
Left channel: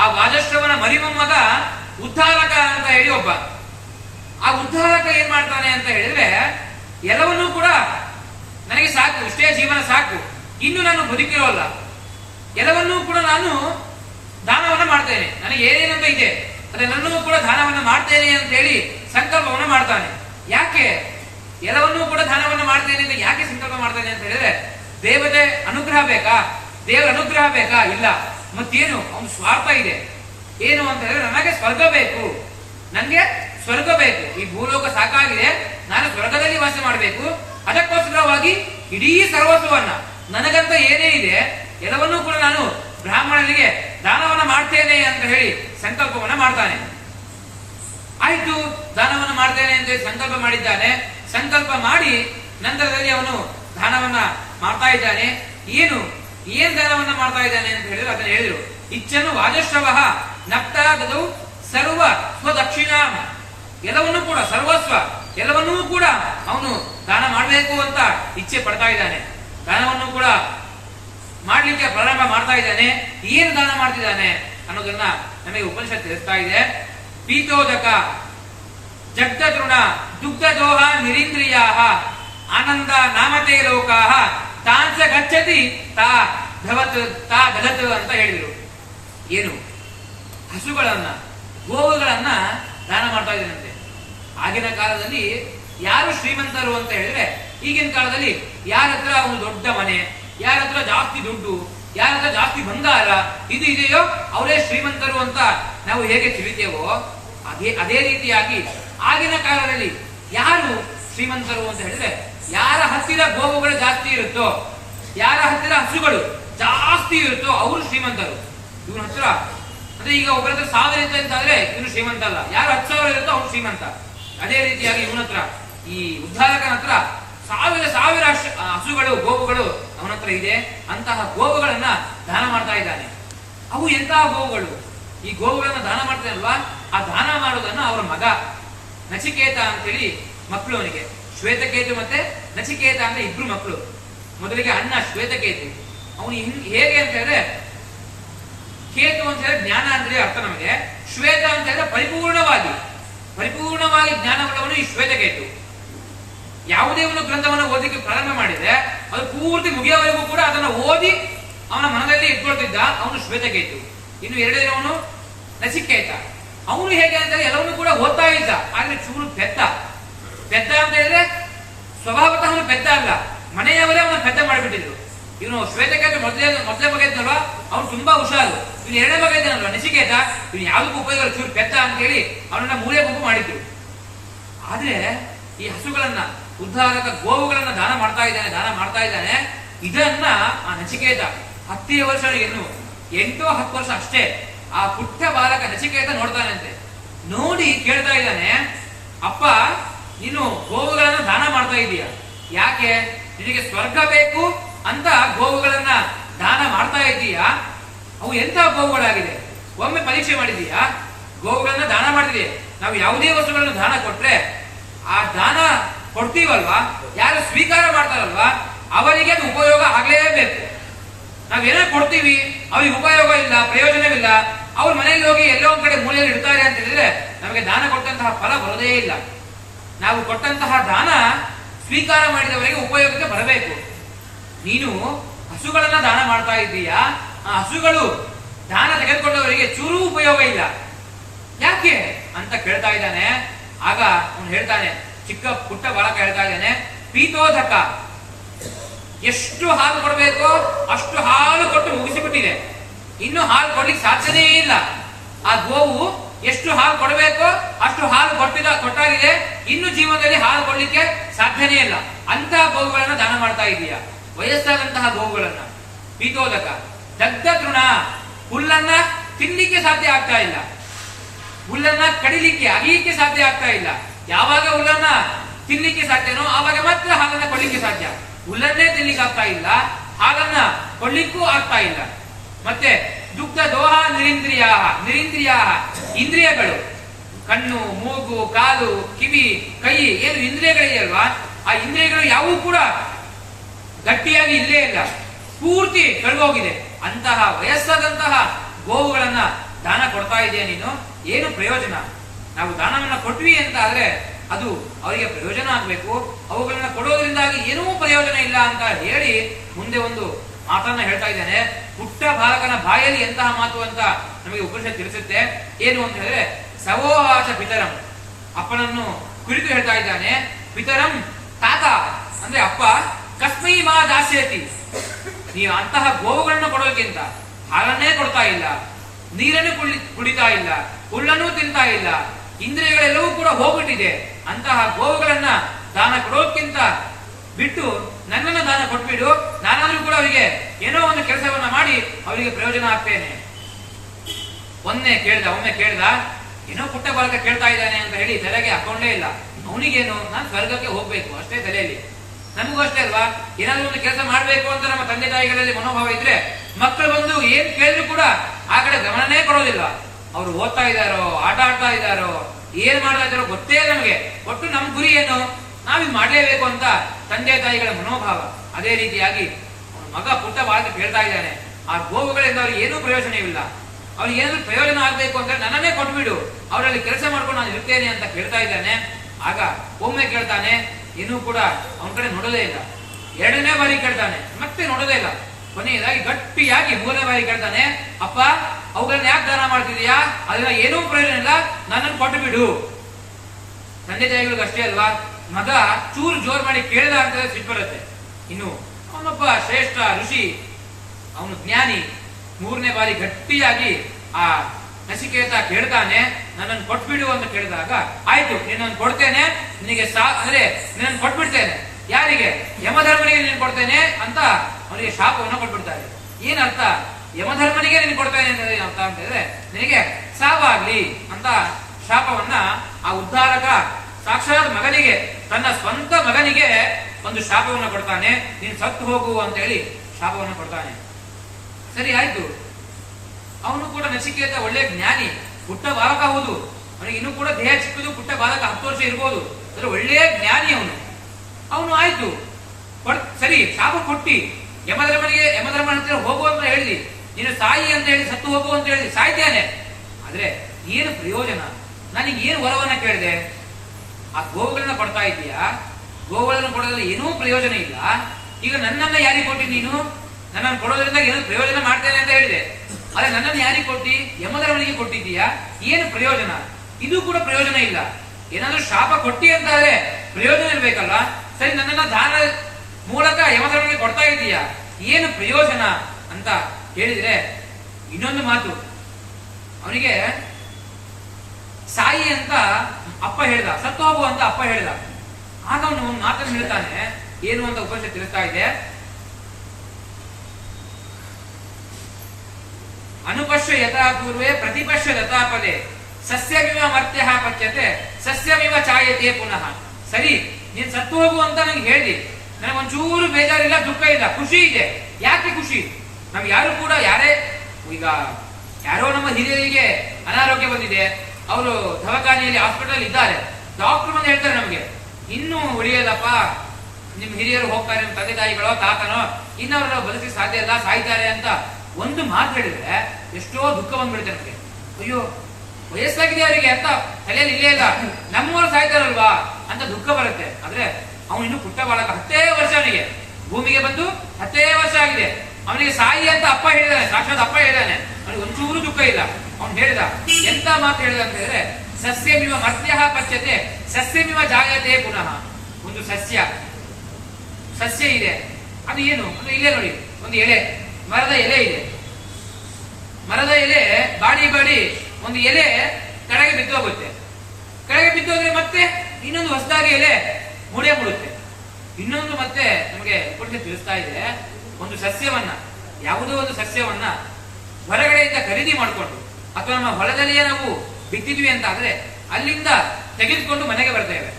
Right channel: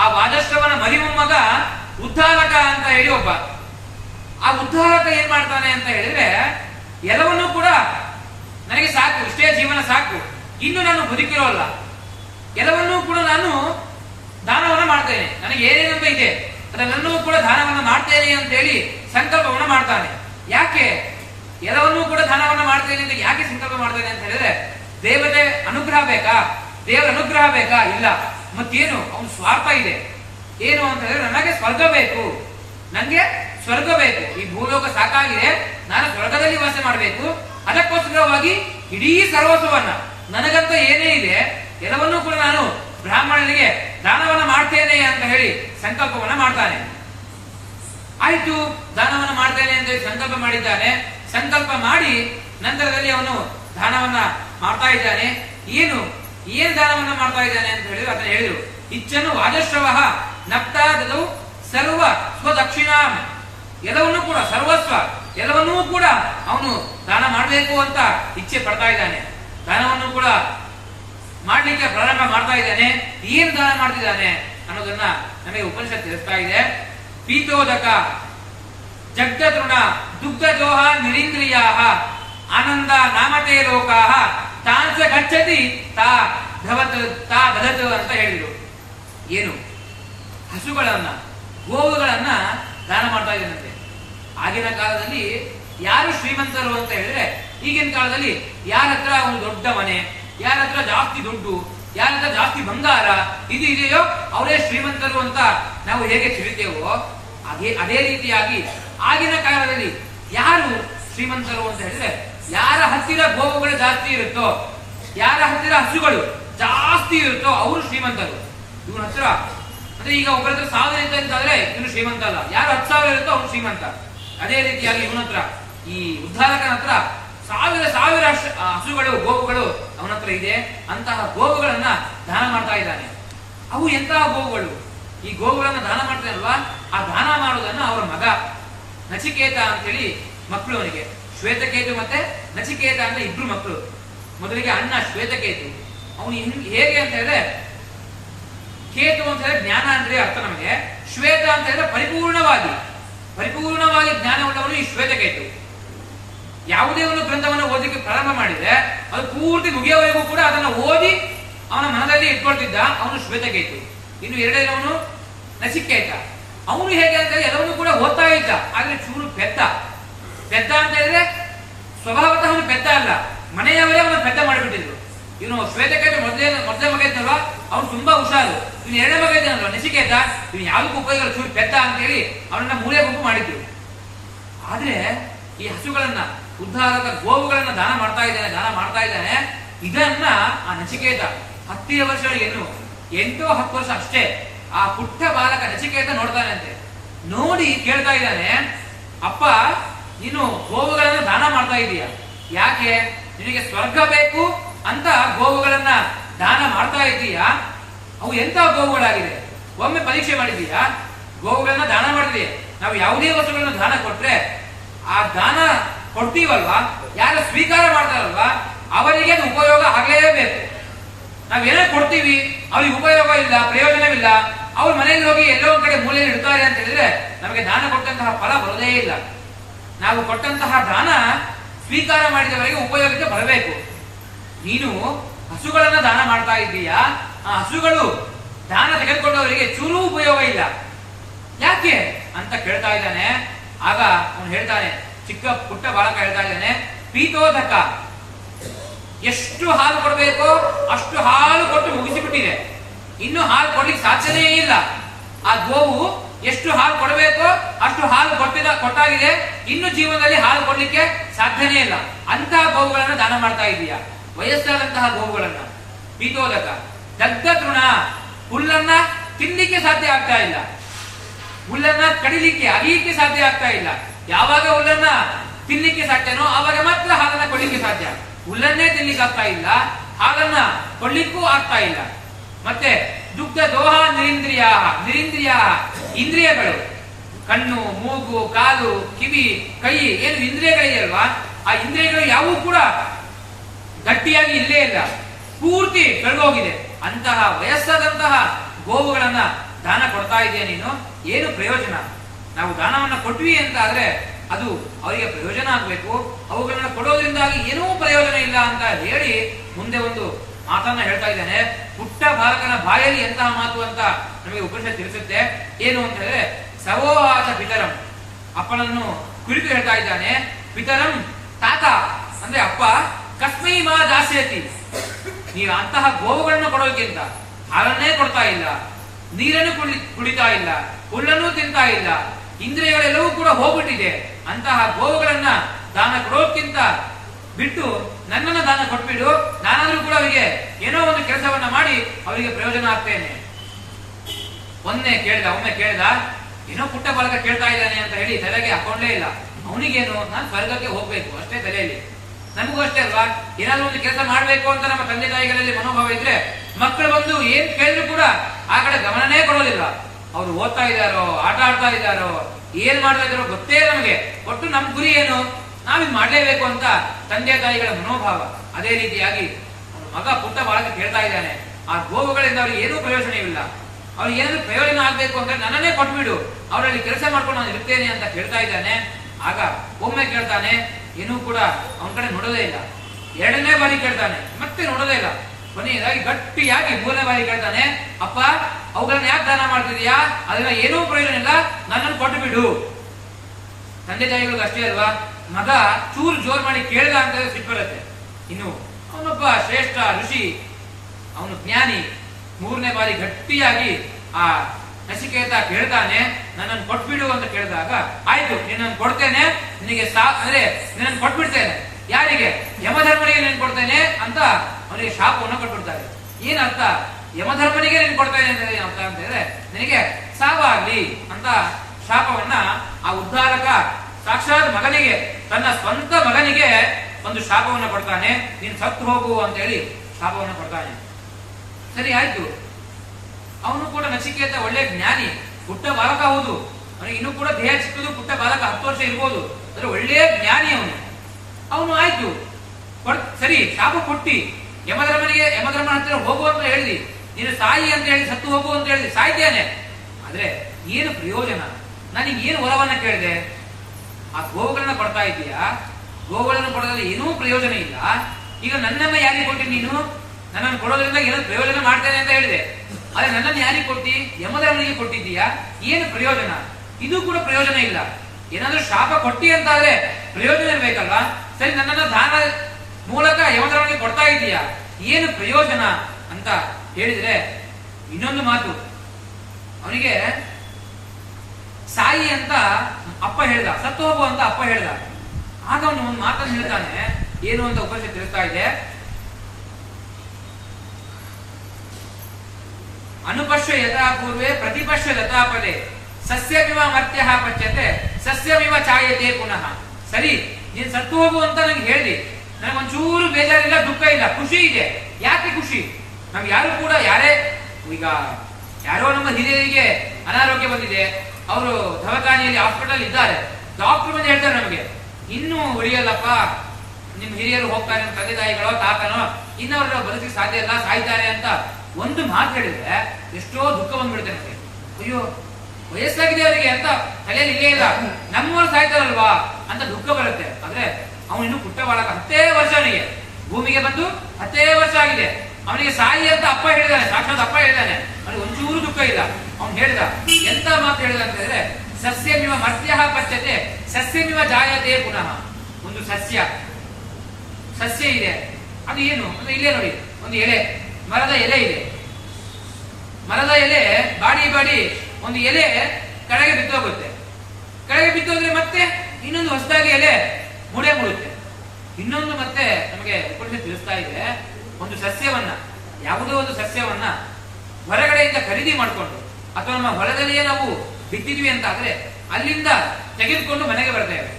ಆ ವಾದಶ್ರವನ ಮರಿಮೊಮ್ಮಗ ಉದ್ಧಾರಕ ಅಂತ ಹೇಳಿ ಒಬ್ಬ. ಆ ಉದ್ಧಾರಕ ಏನ್ ಮಾಡ್ತಾನೆ ಅಂತ ಹೇಳಿದ್ರೆ ಎಲ್ಲವನ್ನೂ ಕೂಡ ನನಗೆ ಸಾಕು, ಇಷ್ಟೇ ಜೀವನ ಸಾಕು, ಇನ್ನು ನಾನು ಬದುಕಿರೋಲ್ಲ, ಎಲ್ಲವನ್ನೂ ಕೂಡ ನಾನು ದಾನವನ್ನ ಮಾಡ್ತೇನೆ, ನನಗೆ ಏನೇನಂತ ಇದೆ ಅದನ್ನೂ ಕೂಡ ದಾನವನ್ನ ಮಾಡ್ತೇನೆ ಅಂತ ಹೇಳಿ ಸಂಕಲ್ಪವನ್ನ ಮಾಡ್ತಾನೆ. ಯಾಕೆ ಎಲ್ಲವನ್ನೂ ಕೂಡ ದಾನವನ್ನ ಮಾಡ್ತೇನೆ ಅಂತ ಯಾಕೆ ಸಂಕಲ್ಪ ಮಾಡ್ತೇನೆ ಅಂತ ಹೇಳಿದ್ರೆ ದೇವತೆ ಅನುಗ್ರಹ ಬೇಕಾ? ದೇವರ ಅನುಗ್ರಹ ಬೇಕಾ? ಇಲ್ಲ. ಮತ್ತೇನು? ಅವನು ಸ್ವಾರ್ಥ ಇದೆ. ಏನು ಅಂತ ಹೇಳಿದ್ರೆ ನನಗೆ ಸ್ವರ್ಗ ಬೇಕು, ನನಗೆ ಸ್ವರ್ಗ ಬೇಕು, ಈ ಭೂಲೋಕ ಸಾಕಾಗಿದೆ, ನಾನು ಸ್ವರ್ಗದಲ್ಲಿ ವಾಸ ಮಾಡಬೇಕು, ಅದಕ್ಕೋಸ್ಕರವಾಗಿ ಇಡೀ ಸರ್ವಸ್ವವನ್ನ ನನಗಂತ ಏನೇ ಇದೆ ಎಲ್ಲವನ್ನೂ ಕೂಡ ನಾನು ಬ್ರಾಹ್ಮಣನಿಗೆ ದಾನವನ್ನ ಮಾಡ್ತೇನೆ ಅಂತ ಹೇಳಿ ಸಂಕಲ್ಪವನ್ನ ಮಾಡ್ತಾನೆ. ಆಯ್ತು, ದಾನವನ್ನ ಮಾಡ್ತೇನೆ ಅಂತ ಹೇಳಿ ಸಂಕಲ್ಪ ಮಾಡಿದ್ದಾನೆ. ಸಂಕಲ್ಪ ಮಾಡಿ ನಂತರದಲ್ಲಿ ಅವನು ದಾನವನ್ನ ಮಾಡ್ತಾ ಇದ್ದಾನೆ. ಏನ್ ದಾನವನ್ನ ಮಾಡ್ತಾ ಇದ್ದಾನೆ ಅಂತ ಹೇಳಿದ್ರೆ ಅದನ್ನ ಹೇಳಿದ್ರು. ಇಚ್ಛನು ವಾದಶ್ರವ ನಪ್ತಾದದು ಸರ್ವ ಸ್ವದಕ್ಷಿಣಾಂ, ಎಲ್ಲವನ್ನೂ ಕೂಡ ಸರ್ವಸ್ವ ಎಲ್ಲವನ್ನೂ ಕೂಡ ಅವನು ದಾನ ಮಾಡಬೇಕು ಅಂತ ಇಚ್ಛೆ ಪಡ್ತಾ ಇದ್ದಾನೆ. ದಾನವನ್ನು ಕೂಡ ಮಾಡ್ಲಿಕ್ಕೆ ಪ್ರಾರಂಭ ಮಾಡ್ತಾ ಇದ್ದಾನೆ. ಏನು ದಾನ ಮಾಡ್ತಿದ್ದಾನೆ ಅನ್ನೋದನ್ನ ನಮಗೆ ಉಪನಿಷತ್ ತಿಳಿಸ್ತಾ ಇದೆ. ಪೀತೋದಕ ಜಗ್ದತೃಣ ದುಗ್ಧದೋಹ ನಿರೀಂದ್ರಿಯಾ ಆನಂದ ನಾಮತೆ ಲೋಕಾಹ ತಾಂಸ ಗಚ್ಚತಿ ತಾ ದಧತ್ ಅಂತ ಹೇಳಿದ್ರು. ಏನು? ಹಸುಗಳನ್ನ, ಗೋವುಗಳನ್ನ ದಾನ ಮಾಡ್ತಾ ಇದ್ದಾನಂತೆ. ಆಗಿನ ಕಾಲದಲ್ಲಿ ಯಾರು ಶ್ರೀಮಂತರು ಅಂತ ಹೇಳಿದ್ರೆ, ಈಗಿನ ಕಾಲದಲ್ಲಿ ಯಾರ ಹತ್ರ ಒಂದು ದೊಡ್ಡ ಮನೆ, ಯಾರ ಹತ್ರ ಜಾಸ್ತಿ ದುಡ್ಡು, ಯಾರ ಹತ್ರ ಜಾಸ್ತಿ ಬಂಗಾರ ಇದು ಇದೆಯೋ ಅವರೇ ಶ್ರೀಮಂತರು ಅಂತ ನಾವು ಹೇಗೆ ತಿಳಿತೇವೋ ಅದೇ ರೀತಿಯಾಗಿ ಆಗಿನ ಕಾಲದಲ್ಲಿ ಯಾರು ಶ್ರೀಮಂತರು ಅಂತ ಹೇಳಿದ್ರೆ ಯಾರ ಹತ್ತಿರ ಗೋವುಗಳು ಜಾಸ್ತಿ ಇರುತ್ತೋ, ಯಾರ ಹತ್ತಿರ ಹಸುಗಳು ಜಾಸ್ತಿ ಇರುತ್ತೋ ಅವರು ಶ್ರೀಮಂತರು. ಇವನ ಹತ್ರ ಅಂದ್ರೆ ಈಗ ಒಬ್ಬರ ಹತ್ರ 1000 ಇರುತ್ತೆ ಅಂತಾದ್ರೆ ಇವನು ಶ್ರೀಮಂತ ಅಲ್ಲ. ಯಾರು 10,000 ಇರುತ್ತೋ ಅವನು ಶ್ರೀಮಂತ. ಅದೇ ರೀತಿಯಾಗಿ ಇವನ ಹತ್ರ, ಈ ಉದ್ಧಾರಕನ ಹತ್ರ 1000 ಹಸುಗಳು ಗೋವುಗಳು ಅವನ ಹತ್ರ ಇದೆ, ಅಂತಹ ಗೋವುಗಳನ್ನ ದಾನ ಮಾಡ್ತಾ ಇದ್ದಾನೆ. ಅವು ಎಂತಹ ಗೋವುಗಳು? ಈ ಗೋವುಗಳನ್ನ ದಾನ ಮಾಡ್ತಾನಲ್ವಾ, ಆ ದಾನ ಮಾಡೋದನ್ನ ಅವರ ಮಗ ನಚಿಕೇತ ಅಂತೇಳಿ ಮಕ್ಕಳು ಅವನಿಗೆ. ಶ್ವೇತಕೇತು ಮತ್ತೆ ನಚಿಕೇತ ಅಂತ ಇಬ್ರು ಮಕ್ಕಳು. ಮೊದಲಿಗೆ ಅಣ್ಣ ಶ್ವೇತಕೇತು, ಅವನು ಹೇಗೆ ಅಂತ ಹೇಳಿದ್ರೆ, ಕೇತು ಅಂತ ಹೇಳಿದ್ರೆ ಜ್ಞಾನ ಅಂದ್ರೆ ಅರ್ಥ ನಮಗೆ. ಶ್ವೇತ ಅಂತ ಹೇಳಿದ್ರೆ ಪರಿಪೂರ್ಣವಾಗಿ ಜ್ಞಾನವುಳ್ಳವನು ಈ ಶ್ವೇತಕೇತು. ಯಾವುದೇ ಒಂದು ಗ್ರಂಥವನ್ನು ಓದಲಿಕ್ಕೆ ಪ್ರಾರಂಭ ಮಾಡಿದ್ರೆ ಅದು ಪೂರ್ತಿ ಮುಗಿಯವರೆಗೂ ಕೂಡ ಅದನ್ನು ಓದಿ ಅವನ ಮನದಲ್ಲಿ ಇಟ್ಕೊಳ್ತಿದ್ದ ಅವನು ಶ್ವೇತಕೇತು. ಇನ್ನು ಎರಡನೇವನು ನಚಿಕೇತ. ಅವನು ಹೇಗೆ ಅಂತ ಹೇಳಿ ಎಲ್ಲವನ್ನೂ ಕೂಡ ಓದ್ತಾ ಇದ್ದ, ಆದ್ರೆ ಚೂರು ಪೆದ್ದ ಅಂತ ಹೇಳಿದ್ರೆ ಸ್ವಭಾವತಃ ಅವನು ಪೆದ್ದ ಅಲ್ಲ, ಮನೆಯವರೇ ಅವನು ಪೆದ್ದ ಮಾಡಿಬಿಟ್ಟಿದ್ರು. ಇವನು ಶ್ವೇತಕೇತ ಮೊದಲೇ ಮಗ ಇದ್ನಲ್ವ, ಅವನು ತುಂಬಾ ಹುಷಾರು. ಇನ್ನು ಎರಡನೇ ಮಗ ಇದ್ದಾನಲ್ವ ನಚಿಕೇತ, ಇವನು ಯಾವ್ದಕ್ಕೂ ಉಪಯೋಗ ಚೂರು ಪೆದ್ದ ಅಂತ ಹೇಳಿ ಅವನನ್ನ ಮೂರೇ ಗುಂಪು ಮಾಡಿದ್ರು. ಆದ್ರೆ ಈ ಹಸುಗಳನ್ನ, ಉದ್ಧಾರಕ ಗೋವುಗಳನ್ನ ದಾನ ಮಾಡ್ತಾ ಇದ್ದಾನೆ. ಇದನ್ನ ಆ ನಚಿಕೇತ 10 ವರ್ಷ, ಏನು 8-10 ವರ್ಷ ಅಷ್ಟೇ, ಆ ಪುಟ್ಟ ಬಾಲಕ ನಚಿಕೇತ ನೋಡ್ತಾನಂತೆ. ನೋಡಿ ಕೇಳ್ತಾ ಇದ್ದಾನೆ, ಅಪ್ಪ ನೀನು ಗೋವುಗಳನ್ನ ದಾನ ಮಾಡ್ತಾ ಇದೀಯ, ಯಾಕೆ? ನಿನಗೆ ಸ್ವರ್ಗ ಬೇಕು ಅಂತ ಗೋವುಗಳನ್ನ ದಾನ ಮಾಡ್ತಾ ಇದ್ದೀಯಾ? ಅವು ಎಂತ ಗೋವುಗಳಾಗಿದೆ? ಒಮ್ಮೆ ಪರೀಕ್ಷೆ ಮಾಡಿದೀಯಾ? ಗೋವುಗಳನ್ನ ದಾನ ಮಾಡಿದೀಯ. ನಾವು ಯಾವುದೇ ವಸ್ತುಗಳನ್ನ ದಾನ ಕೊಟ್ರೆ ಆ ದಾನ ಕೊಡ್ತೀವಲ್ವಾ, ಯಾರು ಸ್ವೀಕಾರ ಮಾಡ್ತಾರಲ್ವಾ ಅವರಿಗೆ ಅದು ಉಪಯೋಗ ಆಗಲೇಬೇಕು. ನಾವೇನೇ ಕೊಡ್ತೀವಿ ಅವ್ರಿಗೆ ಉಪಯೋಗ ಇಲ್ಲ, ಪ್ರಯೋಜನವಿಲ್ಲ, ಅವ್ರ ಮನೆಯಲ್ಲಿ ಹೋಗಿ ಎಲ್ಲೋ ಒಂದ್ ಕಡೆ ಮೂಲೆಯಲ್ಲಿ ಇಡ್ತಾರೆ ಅಂತ ಹೇಳಿದ್ರೆ ನಮಗೆ ದಾನ ಕೊಟ್ಟಂತಹ ಫಲ ಬರೋದೇ ಇಲ್ಲ. ನಾವು ಕೊಟ್ಟಂತಹ ದಾನ ಸ್ವೀಕಾರ ಮಾಡಿದವರಿಗೆ ಉಪಯೋಗಕ್ಕೆ ಬರಬೇಕು. ನೀನು ಹಸುಗಳನ್ನ ದಾನ ಮಾಡ್ತಾ ಇದ್ದೀಯಾ, ಆ ಹಸುಗಳು ದಾನ ತೆಗೆದುಕೊಂಡವರಿಗೆ ಚೂರು ಉಪಯೋಗ ಇಲ್ಲ, ಯಾಕೆ ಅಂತ ಕೇಳ್ತಾ ಇದ್ದಾನೆ. ಆಗ ಅವನು ಹೇಳ್ತಾನೆ, ಚಿಕ್ಕ ಪುಟ್ಟ ಬಾಲಕ ಹೇಳ್ತಾ ಇದ್ದಾನೆ, ಪೀತೋದಕ, ಎಷ್ಟು ಹಾಲು ಕೊಡಬೇಕೋ ಅಷ್ಟು ಹಾಲು ಕೊಟ್ಟು ಮುಗಿಸಿಬಿಟ್ಟಿದೆ, ಇನ್ನು ಹಾಲು ಕೊಡ್ಲಿಕ್ಕೆ ಸಾಧ್ಯನೇ ಇಲ್ಲ. ಆ ಗೋವು ಎಷ್ಟು ಹಾಲು ಕೊಡಬೇಕೋ ಅಷ್ಟು ಹಾಲು ಕೊಟ್ಟಾಗಿದೆ, ಇನ್ನು ಜೀವನದಲ್ಲಿ ಹಾಲು ಕೊಡ್ಲಿಕ್ಕೆ ಸಾಧ್ಯನೇ ಇಲ್ಲ. ಅಂತಹ ಗೋವುಗಳನ್ನ ದಾನ ಮಾಡ್ತಾ ಇದೀಯಾ, ವಯಸ್ಸಾದಂತಹ ಗೋವುಗಳನ್ನ. ಪೀತೋದಕ, ದಗ್ಧ ತೃಣ, ಹುಲ್ಲನ್ನ ತಿನ್ಲಿಕ್ಕೆ ಸಾಧ್ಯ ಆಗ್ತಾ ಇಲ್ಲ, ಹುಲ್ಲನ್ನ ಕಡಿಲಿಕ್ಕೆ ಅಗಿಲಿಕ್ಕೆ ಸಾಧ್ಯ ಆಗ್ತಾ ಇಲ್ಲ. ಯಾವಾಗ ಹುಲ್ಲನ್ನ ತಿನ್ಲಿಕ್ಕೆ ಸಾಧ್ಯನೋ ಆವಾಗ ಮಾತ್ರ ಹಾಲನ್ನ ಕೊಡ್ಲಿಕ್ಕೆ ಸಾಧ್ಯ. ಹುಲ್ಲನ್ನೇ ತಿನ್ಲಿಕ್ಕೆ ಆಗ್ತಾ ಇಲ್ಲ, ಹಾಲನ್ನ ಕೊಡ್ಲಿಕ್ಕೂ ಆಗ್ತಾ ಇಲ್ಲ. ಮತ್ತೆ ದುಗ್ಧ ದೋಹ ನಿರಿಂದ್ರಿಯ, ಇಂದ್ರಿಯಗಳು, ಕಣ್ಣು, ಮೂಗು, ಕಾಲು, ಕಿವಿ, ಕೈ, ಏನು ಇಂದ್ರಿಯಗಳಿದೆಯಲ್ವಾ, ಆ ಇಂದ್ರಿಯಗಳು ಯಾವೂ ಕೂಡ ಗಟ್ಟಿಯಾಗಿ ಇಲ್ಲೇ ಇಲ್ಲ, ಪೂರ್ತಿ ಕಳೆದೋಗಿದೆ. ಅಂತಹ ವಯಸ್ಸಾದಂತಹ ಗೋವುಗಳನ್ನ ದಾನ ಕೊಡ್ತಾ ಇದೆಯಾ ನೀನು? ಏನು ಪ್ರಯೋಜನ? ನಾವು ದಾನವನ್ನ ಕೊಟ್ವಿ ಅಂತ ಆದ್ರೆ ಅದು ಅವರಿಗೆ ಪ್ರಯೋಜನ ಆಗ್ಬೇಕು. ಅವುಗಳನ್ನ ಕೊಡೋದ್ರಿಂದಾಗಿ ಏನೂ ಪ್ರಯೋಜನ ಇಲ್ಲ ಅಂತ ಹೇಳಿ ಮುಂದೆ ಒಂದು ಮಾತನ್ನ ಹೇಳ್ತಾ ಇದ್ದಾನೆ. ಪುಟ್ಟ ಬಾಲಕನ ಬಾಯಲ್ಲಿ ಎಂತಹ ಮಾತು ಅಂತ ನಮಗೆ ಉಪನಿಷತ್ ತಿಳಿಸುತ್ತೆ. ಏನು ಅಂತ ಹೇಳಿದ್ರೆ, ಸವೋಹಾಸ ಪಿತರಂ, ಅಪ್ಪನನ್ನು ಕುರಿತು ಹೇಳ್ತಾ ಇದ್ದಾನೆ. ಪಿತರಂ, ತಾತ ಅಂದ್ರೆ ಅಪ್ಪ, ಕಸ್ಮೈ ಮಾ ದಾಸ್ಯತಿ, ನೀವು ಅಂತಹ ಗೋವುಗಳನ್ನು ಕೊಡೋದಕ್ಕಿಂತ ಹಾಲನ್ನೇ ಕೊಡ್ತಾ ಇಲ್ಲ, ನೀರನ್ನು ಕುಡಿತಾ ಇಲ್ಲ, ಹುಲ್ಲನ್ನು ತಿಂತಾ ಇಲ್ಲ, ಇಂದ್ರಿಯಗಳೆಲ್ಲವೂ ಕೂಡ ಹೋಗ್ಬಿಟ್ಟಿದೆ. ಅಂತಹ ಗೋವುಗಳನ್ನ ದಾನ ಕೊಡೋದಕ್ಕಿಂತ ಬಿಟ್ಟು ನನ್ನನ್ನ ದಾನ ಕೊಟ್ಬಿಡು, ನಾನಾದ್ರೂ ಕೂಡ ಅವರಿಗೆ ಏನೋ ಒಂದು ಕೆಲಸವನ್ನ ಮಾಡಿ ಅವರಿಗೆ ಪ್ರಯೋಜನ ಆಗ್ತೇನೆ. ಒಮ್ಮೆ ಕೇಳ್ದ, ಏನೋ ಪುಟ್ಟ ಬಾಲಕ ಕೇಳ್ತಾ ಇದ್ದಾನೆ ಅಂತ ಹೇಳಿ ತಲೆಗೆ ಹಾಕೊಂಡೇ ಇಲ್ಲ. ಅವನಿಗೇನು, ನಾನು ಸ್ವರ್ಗಕ್ಕೆ ಹೋಗ್ಬೇಕು ಅಷ್ಟೇ ತಲೆಯಲ್ಲಿ. ನಮಗೂ ಅಷ್ಟೇ ಅಲ್ವಾ, ಏನಾದ್ರೂ ಒಂದು ಕೆಲಸ ಮಾಡ್ಬೇಕು ಅಂತ ನಮ್ಮ ತಂದೆ ತಾಯಿಗಳಲ್ಲಿ ಮನೋಭಾವ ಇದ್ರೆ ಮಕ್ಕಳು ಬಂದು ಏನ್ ಕೇಳಿದ್ರು ಕೂಡ ಆ ಕಡೆ ಗಮನನೇ ಕೊಡೋದಿಲ್ಲ. ಅವ್ರು ಓದ್ತಾ ಇದ್ದಾರೋ, ಆಟ ಆಡ್ತಾ ಇದ್ದಾರೋ, ಏನ್ ಮಾಡ್ತಾ ಇದ್ದಾರೋ ಗೊತ್ತೇ ನಮಗೆ. ಒಟ್ಟು ನಮ್ ಗುರಿ ಏನು, ನಾವಿದ್ ಮಾಡ್ಲೇಬೇಕು ಅಂತ ತಂದೆ ತಾಯಿಗಳ ಮನೋಭಾವ. ಅದೇ ರೀತಿಯಾಗಿ ಮಗ ಪುಟ್ಟ ಬಾಲಕ ಕೇಳ್ತಾ ಇದ್ದಾನೆ, ಆ ಗೋವುಗಳಿಂದ ಅವ್ರಿಗೆ ಏನೂ ಪ್ರಯೋಜನವಿಲ್ಲ, ಅವ್ರಿಗೆ ಏನಾದ್ರು ಪ್ರಯೋಜನ ಆಗ್ಬೇಕು ಅಂತ ನನ್ನನ್ನೇ ಕೊಟ್ಬಿಡು, ಅವರಲ್ಲಿ ಕೆಲಸ ಮಾಡ್ಕೊಂಡು ನಾನು ಇರ್ತೇನೆ ಅಂತ ಕೇಳ್ತಾ ಇದ್ದಾನೆ. ಆಗ ಒಮ್ಮೆ ಕೇಳ್ತಾನೆ, ಏನೂ ಕೂಡ ಅವನ ಕಡೆ ನೋಡೋದೇ ಇಲ್ಲ. ಎರಡನೇ ಬಾರಿ ಕೇಳ್ತಾನೆ, ಮತ್ತೆ ನೋಡೋದೇ ಇಲ್ಲ. ಕೊನೆಯದಾಗಿ ಗಟ್ಟಿಯಾಗಿ 3ನೇ ಬಾರಿ ಕೇಳ್ತಾನೆ, ಅಪ್ಪ ಅವುಗಳನ್ನ ಯಾಕೆ ದಾನ ಮಾಡ್ತಿದ್ಯಾ, ಅದನ್ನ ಏನೂ ಪ್ರಯೋಜನ ಇಲ್ಲ, ನನ್ನನ್ನು ಕೊಟ್ಟು ಬಿಡು. ತಂದೆ ತಾಯಿಗಳಿಗೆ ಅಷ್ಟೇ ಅಲ್ವಾ, ಮಗ ಚೂರು ಜೋರ್ ಮಾಡಿ ಕೇಳಿದ ಅಂತ ಸಿಟ್ಟು ಬರುತ್ತೆ. ಇನ್ನು ಅವನೊಬ್ಬ ಶ್ರೇಷ್ಠ ಋಷಿ, ಅವನು ಜ್ಞಾನಿ. 3ನೇ ಬಾರಿ ಗಟ್ಟಿಯಾಗಿ ಆ ನಚಿಕೇತ ಕೇಳ್ತಾನೆ, ನನ್ನನ್ನು ಕೊಟ್ಬಿಡು ಅಂತ ಕೇಳಿದಾಗ, ಆಯ್ತು ನಿನ್ನನ್ನು ಕೊಡ್ತೇನೆ, ನಿನಗೆ ಅಂದ್ರೆ ನಿನ್ನನ್ನು ಕೊಟ್ಬಿಡ್ತೇನೆ. ಯಾರಿಗೆ? ಯಮಧರ್ಮನಿಗೆ ನೀನು ಕೊಡ್ತೇನೆ ಅಂತ ಅವನಿಗೆ ಶಾಪವನ್ನು ಕೊಟ್ಬಿಡ್ತಾರೆ. ಏನರ್ಥ? ಯಮಧರ್ಮನಿಗೆ ನೀನು ಕೊಡ್ತೇನೆ ಅಂತ ಅರ್ಥ ಅಂತ ಹೇಳಿದ್ರೆ ನಿನಗೆ ಸಾವಾಗ್ಲಿ ಅಂತ ಶಾಪವನ್ನ ಆ ಉದ್ಧಾರಕ ಸಾಕ್ಷಾತ್ ಮಗನಿಗೆ, ತನ್ನ ಸ್ವಂತ ಮಗನಿಗೆ ಒಂದು ಶಾಪವನ್ನು ಕೊಡ್ತಾನೆ, ನೀನು ಸತ್ತು ಹೋಗು ಅಂತ ಹೇಳಿ ಶಾಪವನ್ನು ಕೊಡ್ತಾನೆ. ಸರಿ ಆಯ್ತು, ಅವನು ಕೂಡ ನಚಿಕೇತ ಒಳ್ಳೆ ಜ್ಞಾನಿ, ಪುಟ್ಟ ಬಾಲಕ ಹೌದು, ಅವನಿಗೆ ಇನ್ನೂ ಕೂಡ ದೇಹ ಚಿಕ್ಕದು, ಪುಟ್ಟ ಬಾಲಕ 10 ವರ್ಷ ಇರ್ಬೋದು, ಅಂದ್ರೆ ಒಳ್ಳೆಯ ಜ್ಞಾನಿ ಅವನು ಆಯ್ತು ಸರಿ ಶಾಪ ಕೊಟ್ಟಿ ಯಮಧರ್ಮನ ಹತ್ತಿರ ಹೋಗು ಅಂತ ಹೇಳಿ, ನೀನು ಸಾಯಿ ಅಂತ ಹೇಳಿ ಸತ್ತು ಹೋಗು ಅಂತ ಹೇಳಿ ಸಾಯ್ತೇನೆ. ಆದ್ರೆ ಏನು ಪ್ರಯೋಜನ? ನನಗೆ ಏನು ವರವನ್ನ ಕೇಳಿದೆ? ಆ ಗೋವುಗಳನ್ನ ಕೊಡ್ತಾ ಇದೀಯಾ, ಗೋವುಗಳನ್ನು ಕೊಡೋದ್ರಲ್ಲಿ ಏನೂ ಪ್ರಯೋಜನ ಇಲ್ಲ. ಈಗ ನನ್ನನ್ನ ಯಾರಿಗೆ ಕೊಟ್ಟಿ ನೀನು? ನನ್ನನ್ನು ಕೊಡೋದ್ರಿಂದ ಏನೋ ಪ್ರಯೋಜನ ಮಾಡ್ತೇನೆ ಅಂತ ಹೇಳಿದೆ, ಆದ್ರೆ ನನ್ನನ್ನು ಯಾರಿಗೆ ಕೊಟ್ಟಿ? ಯಮಧರ್ಮನಿಗೆ ಕೊಟ್ಟಿದ್ದೀಯಾ, ಏನು ಪ್ರಯೋಜನ? ಇದು ಕೂಡ ಪ್ರಯೋಜನ ಇಲ್ಲ. ಏನಾದ್ರೂ ಶಾಪ ಕೊಟ್ಟಿ ಅಂತಾದ್ರೆ ಪ್ರಯೋಜನ ಇರ್ಬೇಕಲ್ವಾ? ಸರಿ, ನನ್ನನ್ನ ದಾನ ಮೂಲಕ ಯಮಧರ್ಮನಿಗೆ ಕೊಡ್ತಾ ಇದೀಯಾ, ಏನು ಪ್ರಯೋಜನ ಅಂತ ಹೇಳಿದ್ರೆ ಇನ್ನೊಂದು ಮಾತು, ಅವನಿಗೆ ಸಾಯಿ ಅಂತ ಅಪ್ಪ ಹೇಳ್ದ, ಸತ್ತು ಹೋಗು ಅಂತ ಅಪ್ಪ ಹೇಳ್ದ. ಆಗ ಅವನು ಒಂದು ಮಾತನ್ನು ಹೇಳ್ತಾನೆ, ಏನು ಅಂತ ಉಪನಿಷತ್ತು ತಿಳಿಸ್ತಾ ಇದೆ, ಅನುಪಶ್ಯ ಯಥಾ ಪೂರ್ವೆ ಪ್ರತಿಪಶ್ಯ ದತ್ತಾಪದೆ ಸಸ್ಯಮಿವ ಮರ್ತ್ಯ ಪಚ್ಯತೆ ಸಸ್ಯಮಿವ ಚಾಯತೆ ಪುನಃ. ಸರಿ, ನೀನ್ ಸತ್ತು ಹೋಗು ಅಂತ ನನಗೆ ಹೇಳಿದಿ, ನನಗೆ ಒಂಚೂರು ಬೇಜಾರಿಲ್ಲ, ದುಃಖ ಇಲ್ಲ, ಖುಷಿ ಇದೆ. ಯಾಕೆ ಖುಷಿ? ನಮ್ಗೆ ಯಾರು ಕೂಡ ಈಗ ಯಾರೋ ನಮ್ಮ ಹಿರಿಯರಿಗೆ ಅನಾರೋಗ್ಯ ಬಂದಿದೆ, ಅವರು ದವಾಖಾನೆಯಲ್ಲಿ ಹಾಸ್ಪಿಟಲ್ ಇದ್ದಾರೆ, ಡಾಕ್ಟರ್ ಬಂದು ಹೇಳ್ತಾರೆ ನಮಗೆ ಇನ್ನೂ ಉಳಿಯಲ್ಲಪ್ಪ, ನಿಮ್ ಹಿರಿಯರು ಹೋಗ್ತಾರೆ, ತಂದೆ ತಾಯಿಗಳೋ ತಾತನೋ ಇನ್ನವರೆಲ್ಲ ಬದುಕಲಿಕ್ಕೆ ಸಾಧ್ಯ ಇಲ್ಲ, ಸಾಯ್ತಾರೆ ಅಂತ ಒಂದು ಮಾತು ಹೇಳಿದ್ರೆ ಎಷ್ಟೋ ದುಃಖ ಬಂದ್ಬಿಡುತ್ತೆ ನಮಗೆ. ಅಯ್ಯೋ ವಯಸ್ಸಾಗಿದೆ ಅವರಿಗೆ ಅಂತ ತಲೆಯಲ್ಲಿ ಇಲ್ಲೇ ಇಲ್ಲ, ನಮ್ಮವರು ಸಾಯ್ತಾರಲ್ವಾ ಅಂತ ದುಃಖ ಬರುತ್ತೆ. ಆದ್ರೆ ಅವನು ಇನ್ನು ಪುಟ್ಟ ಬಾಲಕ, 10 ವರ್ಷ ಅವನಿಗೆ ಭೂಮಿಗೆ ಬಂದು 10 ವರ್ಷ ಆಗಿದೆ. ಅವನಿಗೆ ಸಾಯಿ ಅಂತ ಅಪ್ಪ ಹೇಳಿದಾನೆ, ಸಾಕ್ಷಾತ್ ಅಪ್ಪ ಹೇಳಿದಾನೆ, ಅವನಿಗೆ ಒಂಚೂರು ದುಃಖ ಇಲ್ಲ. ಅವನು ಹೇಳಿದ ಎಂತ ಮಾತು ಹೇಳಿದ ಅಂತ ಹೇಳಿದ್ರೆ, ಸಸ್ಯಮಿವ ಮರ್ತ್ಯ ಪಚ್ಯತೆ ಸಸ್ಯಮಿವ ಜಾಯತೆ ಪುನಃ. ಒಂದು ಸಸ್ಯ ಇದೆ, ಅದು ಏನು ಅಂದ್ರೆ ಇಲ್ಲೇ ನೋಡಿ, ಒಂದು ಎಲೆ, ಮರದ ಎಲೆ ಇದೆ, ಮರದ ಎಲೆ ಬಾಡಿ ಒಂದು ಎಲೆ ಕೆಳಗೆ ಬಿದ್ದೋಗುತ್ತೆ, ಕೆಳಗೆ ಬಿದ್ದೋದ್ರೆ ಮತ್ತೆ ಇನ್ನೊಂದು ಹೊಸದಾಗಿ ಎಲೆ ಮೂಡುತ್ತೆ. ಇನ್ನೊಂದು ಮತ್ತೆ ನಮಗೆ ಉಪನಿಷತ್ತು ತಿಳಿಸ್ತಾ ಇದೆ, ಒಂದು ಸಸ್ಯವನ್ನ, ಯಾವುದೋ ಒಂದು ಸಸ್ಯವನ್ನ ಹೊರಗಡೆಯಿಂದ ಖರೀದಿ ಮಾಡಿಕೊಂಡು ಅಥವಾ ನಮ್ಮ ಹೊಲದಲ್ಲಿಯೇ ನಾವು ಬಿತ್ತಿದ್ವಿ ಅಂತ ಆದ್ರೆ ಅಲ್ಲಿಂದ ತೆಗೆದುಕೊಂಡು ಮನೆಗೆ ಬರ್ತೇವೆ.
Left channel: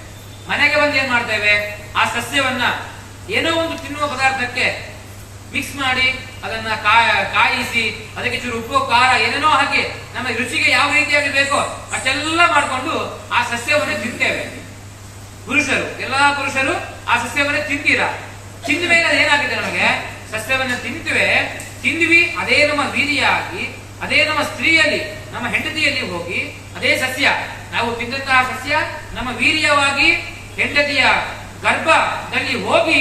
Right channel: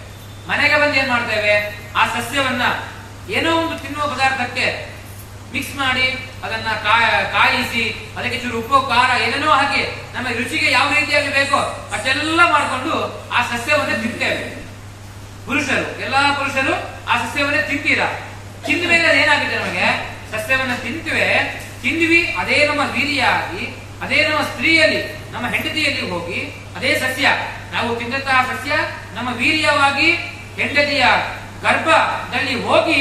ಮನೆಗೆ ಬಂದು ಏನ್ ಮಾಡ್ತೇವೆ, ಆ ಸಸ್ಯವನ್ನ ಏನೋ ಒಂದು ತಿನ್ನುವ ಪದಾರ್ಥಕ್ಕೆ ಮಿಕ್ಸ್ ಮಾಡಿ ಅದನ್ನ ಕಾಯಿಸಿ ಅದಕ್ಕೆ ಚೂರು ಉಪ್ಪು ಖಾರ ಏನೇನೋ ಹಾಕಿ ನಮ್ಮ ರುಚಿಗೆ ಯಾವ ರೀತಿಯಾಗಿ ಬೇಕೋ ಅಷ್ಟೆಲ್ಲ ಮಾಡಿಕೊಂಡು ಆ ಸಸ್ಯವನ್ನೇ ತಿಂತೇವೆ. ಎಲ್ಲಾ ಪುರುಷರು ಆ ಸಸ್ಯವನ್ನೇ ತಿಂತೀರಾ. ತಿಂದ ಮೇಲೆ ಏನಾಗಿದೆ, ನಮಗೆ ಸಸ್ಯವನ್ನ ತಿಂದ್ವಿ, ಅದೇ ನಮ್ಮ ವೀರ್ಯಾಗಿ, ಅದೇ ನಮ್ಮ ಸ್ತ್ರೀಯಲ್ಲಿ, ನಮ್ಮ ಹೆಂಡತಿಯಲ್ಲಿ ಹೋಗಿ ಅದೇ ಸಸ್ಯ, ನಾವು ತಿಂದಂತಹ ಸಸ್ಯ ನಮ್ಮ ವೀರ್ಯವಾಗಿ ಹೆಂಡತಿಯ ಗರ್ಭದಲ್ಲಿ ಹೋಗಿ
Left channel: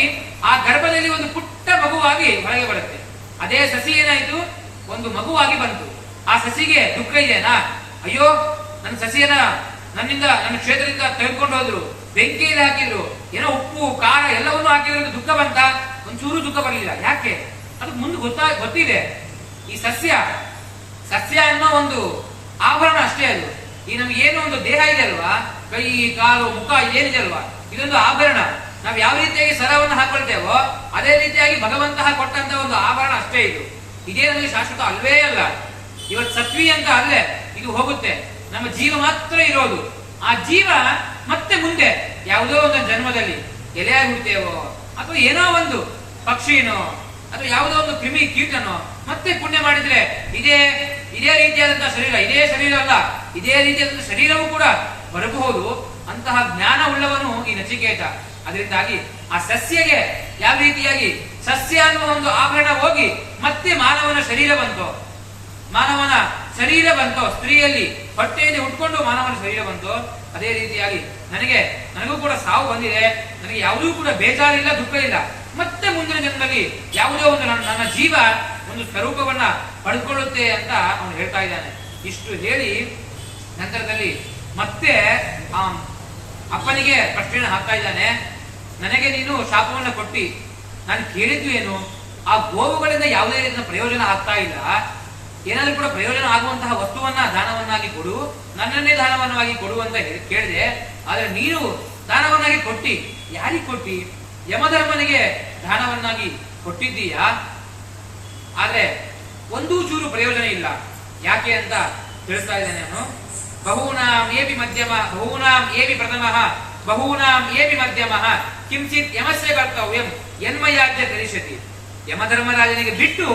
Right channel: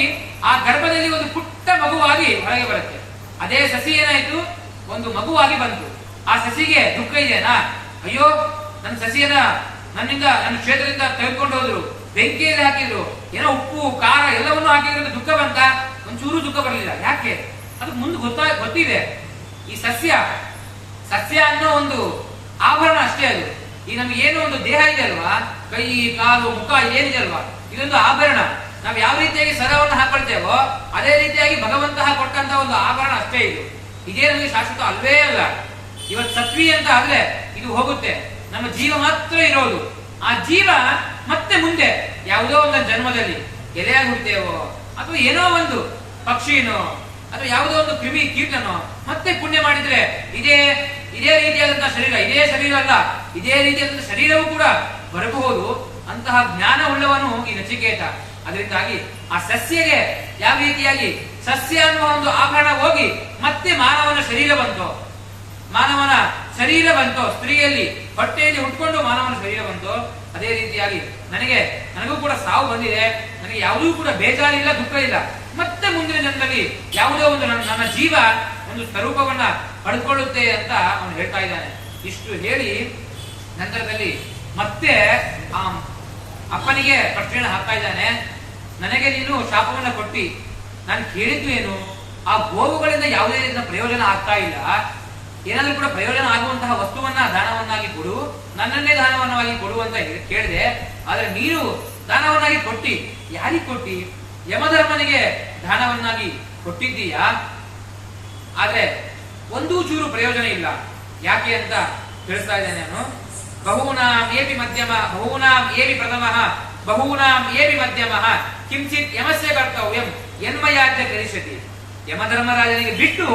ಆ ಗರ್ಭದಲ್ಲಿ ಒಂದು ಪುಟ್ಟ ಮಗುವಾಗಿ ಹೊರಗೆ ಬರುತ್ತೆ. ಅದೇ ಸಸಿ ಏನಾಯ್ತು, ಒಂದು ಮಗುವಾಗಿ ಬಂತು. ಆ ಸಸಿಗೆ ದುಃಖ ಇದೆನಾ? ಅಯ್ಯೋ, ನನ್ನ ಸಸಿಯನ್ನ ನನ್ನ ಕ್ಷೇತ್ರದಿಂದ ತೆಗೆದುಕೊಂಡು ಹೋದ್ರು, ಬೆಂಕಿಯಲ್ಲಿ ಹಾಕಿದ್ರು, ಏನೋ ಉಪ್ಪು ಖಾರ ಎಲ್ಲವನ್ನೂ ಹಾಕಿದ್ರು, ದುಃಖ ಬಂತ? ಒಂಚೂರು ದುಃಖ ಬರಲಿಲ್ಲ. ಯಾಕೆ? ಅದು ಮುಂದೆ ಗೊತ್ತಿದೆ. ಈ ಸಸ್ಯ ಅನ್ನೋ ಒಂದು ಆಭರಣ ಅಷ್ಟೇ ಅದು. ಈ ನಮ್ಗೆ ಏನೋ ಒಂದು ದೇಹ ಇದೆ ಅಲ್ವಾ, ಕೈ ಕಾಲು ಮುಖ ಏನಿದೆ ಅಲ್ವಾ, ಇದೊಂದು ಆಭರಣ. ನಾವು ಯಾವ ರೀತಿಯಾಗಿ ಸರವನ್ನು ಹಾಕೊಳ್ತೇವೋ ಅದೇ ರೀತಿಯಾಗಿ ಭಗವಂತ ಕೊಟ್ಟಂತ ಒಂದು ಆಭರಣ ಅಷ್ಟೇ ಇದು. ಇದೇ ನಮಗೆ ಶಾಶ್ವತ ಅಲ್ವೇ ಅಲ್ಲ. ಇವತ್ತು ಸತ್ವಿ ಅಂತ ಆದ್ರೆ ಇದು ಹೋಗುತ್ತೆ, ನಮ್ಮ ಜೀವ ಮಾತ್ರ ಇರೋದು. ಆ ಜೀವ ಮತ್ತೆ ಮುಂದೆ ಯಾವುದೋ ಒಂದು ಜನ್ಮದಲ್ಲಿ ಎಲೆಯಾಗಿ ಹುಡ್ತೇವೋ ಅಥವಾ ಏನೋ ಒಂದು ಪಕ್ಷಿನೋ ಅಥವಾ ಯಾವುದೋ ಒಂದು ಕ್ರಿಮಿ ಕೀಟನೋ ಮತ್ತೆ ಪುಣ್ಯ ಮಾಡಿದ್ರೆ ಇದೇ ರೀತಿಯಾದಂತಹ ಶರೀರ, ಇದೇ ಶರೀರ ಅಲ್ಲ, ಇದೇ ರೀತಿಯಾದಂತಹ ಶರೀರವೂ ಕೂಡ ಬರಬಹುದು. ಅಂತಹ ಜ್ಞಾನ ಉಳ್ಳವನು ಈ ನಚಿಕೇತ. ಅದರಿಂದಾಗಿ ಆ ಸಸ್ಯಗೆ ಯಾವ ರೀತಿಯಾಗಿ ಸಸ್ಯ ಅನ್ನುವ ಒಂದು ಆಭರಣ ಹೋಗಿ ಮತ್ತೆ ಮಾನವನ ಶರೀರ ಬಂತೋ, ಸ್ತ್ರೀಯಲ್ಲಿ ಹೊಟ್ಟೆಯಲ್ಲಿ ಉಟ್ಕೊಂಡು ಮಾನವನ ಶರೀರ ಬಂತೋ, ಅದೇ ರೀತಿಯಾಗಿ ನನಗೂ ಕೂಡ ಸಾವು ಬಂದಿದೆ, ನನಗೆ ಯಾವುದೂ ಕೂಡ ಬೇಜಾರಿಲ್ಲ, ದುಃಖ ಇಲ್ಲ. ಮತ್ತೆ ಮುಂದಿನ ಜನ್ಮದಲ್ಲಿ ಯಾವುದೋ ಒಂದು ನನ್ನ ಜೀವ ಒಂದು ಸ್ವರೂಪವನ್ನ ಪಡೆದುಕೊಳ್ಳುತ್ತೆ ಅಂತ ಅವನು ಹೇಳ್ತಾ ಇದ್ದಾನೆ. ಇಷ್ಟು ಹೇಳಿ ನಂತರದಲ್ಲಿ ಮತ್ತೆ ಆ ಅಪ್ಪನಿಗೆ ಪ್ರಶ್ನೆಯನ್ನು ಹಾಕ್ತಾ ಇದ್ದಾನೆ. ನನಗೆ ನೀನು ಶಾಪವನ್ನ ಕೊಟ್ಟಿ, ನಾನು ಕೇಳಿದ್ದು ಏನು, ಆ ಗೋವುಗಳಿಂದ ಯಾವುದೇ ರೀತಿಯ ಪ್ರಯೋಜನ ಆಗ್ತಾ ಇಲ್ಲ, ಏನಾದ್ರೂ ಕೂಡ ಪ್ರಯೋಜನ ಆಗುವಂತಹ ವಸ್ತುವನ್ನ ದಾನವನ್ನಾಗಿ ಕೊಡು, ನನ್ನನ್ನೇ ದಾನವನ್ನಾಗಿ ಕೊಡು ಅಂತ ಕೇಳಿದೆ. ಆದ್ರೆ ನೀನು ದಾನವನ್ನಾಗಿ ಕೊಟ್ಟಿ, ಯಾರಿಗೆ ಕೊಟ್ಟಿ? ಯಮಧರ್ಮನಿಗೆ ದಾನವನ್ನಾಗಿ ಕೊಟ್ಟಿದ್ದೀಯಾ. ಆದ್ರೆ ಒಂದೂ ಚೂರು ಪ್ರಯೋಜನ ಇಲ್ಲ. ಯಾಕೆ ಅಂತ ತಿಳಿಸ್ತಾ ಇದ್ದೇನೆ ನಾನು. ಬಹೂನಾಂ ಏಪಿ ಮಧ್ಯಮ, ಬಹೂನಾಂ ಏಪಿ ಪ್ರಥಮ, ಬಹೂನಾಂ ಏವಿ ಮಧ್ಯಮಃ ಕಿಂಚಿತ್ ಯಮಸ್ಯ ಕರ್ತವ್ಯಂ ಯನ್ಮಯಾಜ್ಯ ಕರಿಷ್ಯತಿ. ಯಮಧರ್ಮರಾಜನಿಗೆ ಬಿಟ್ಟು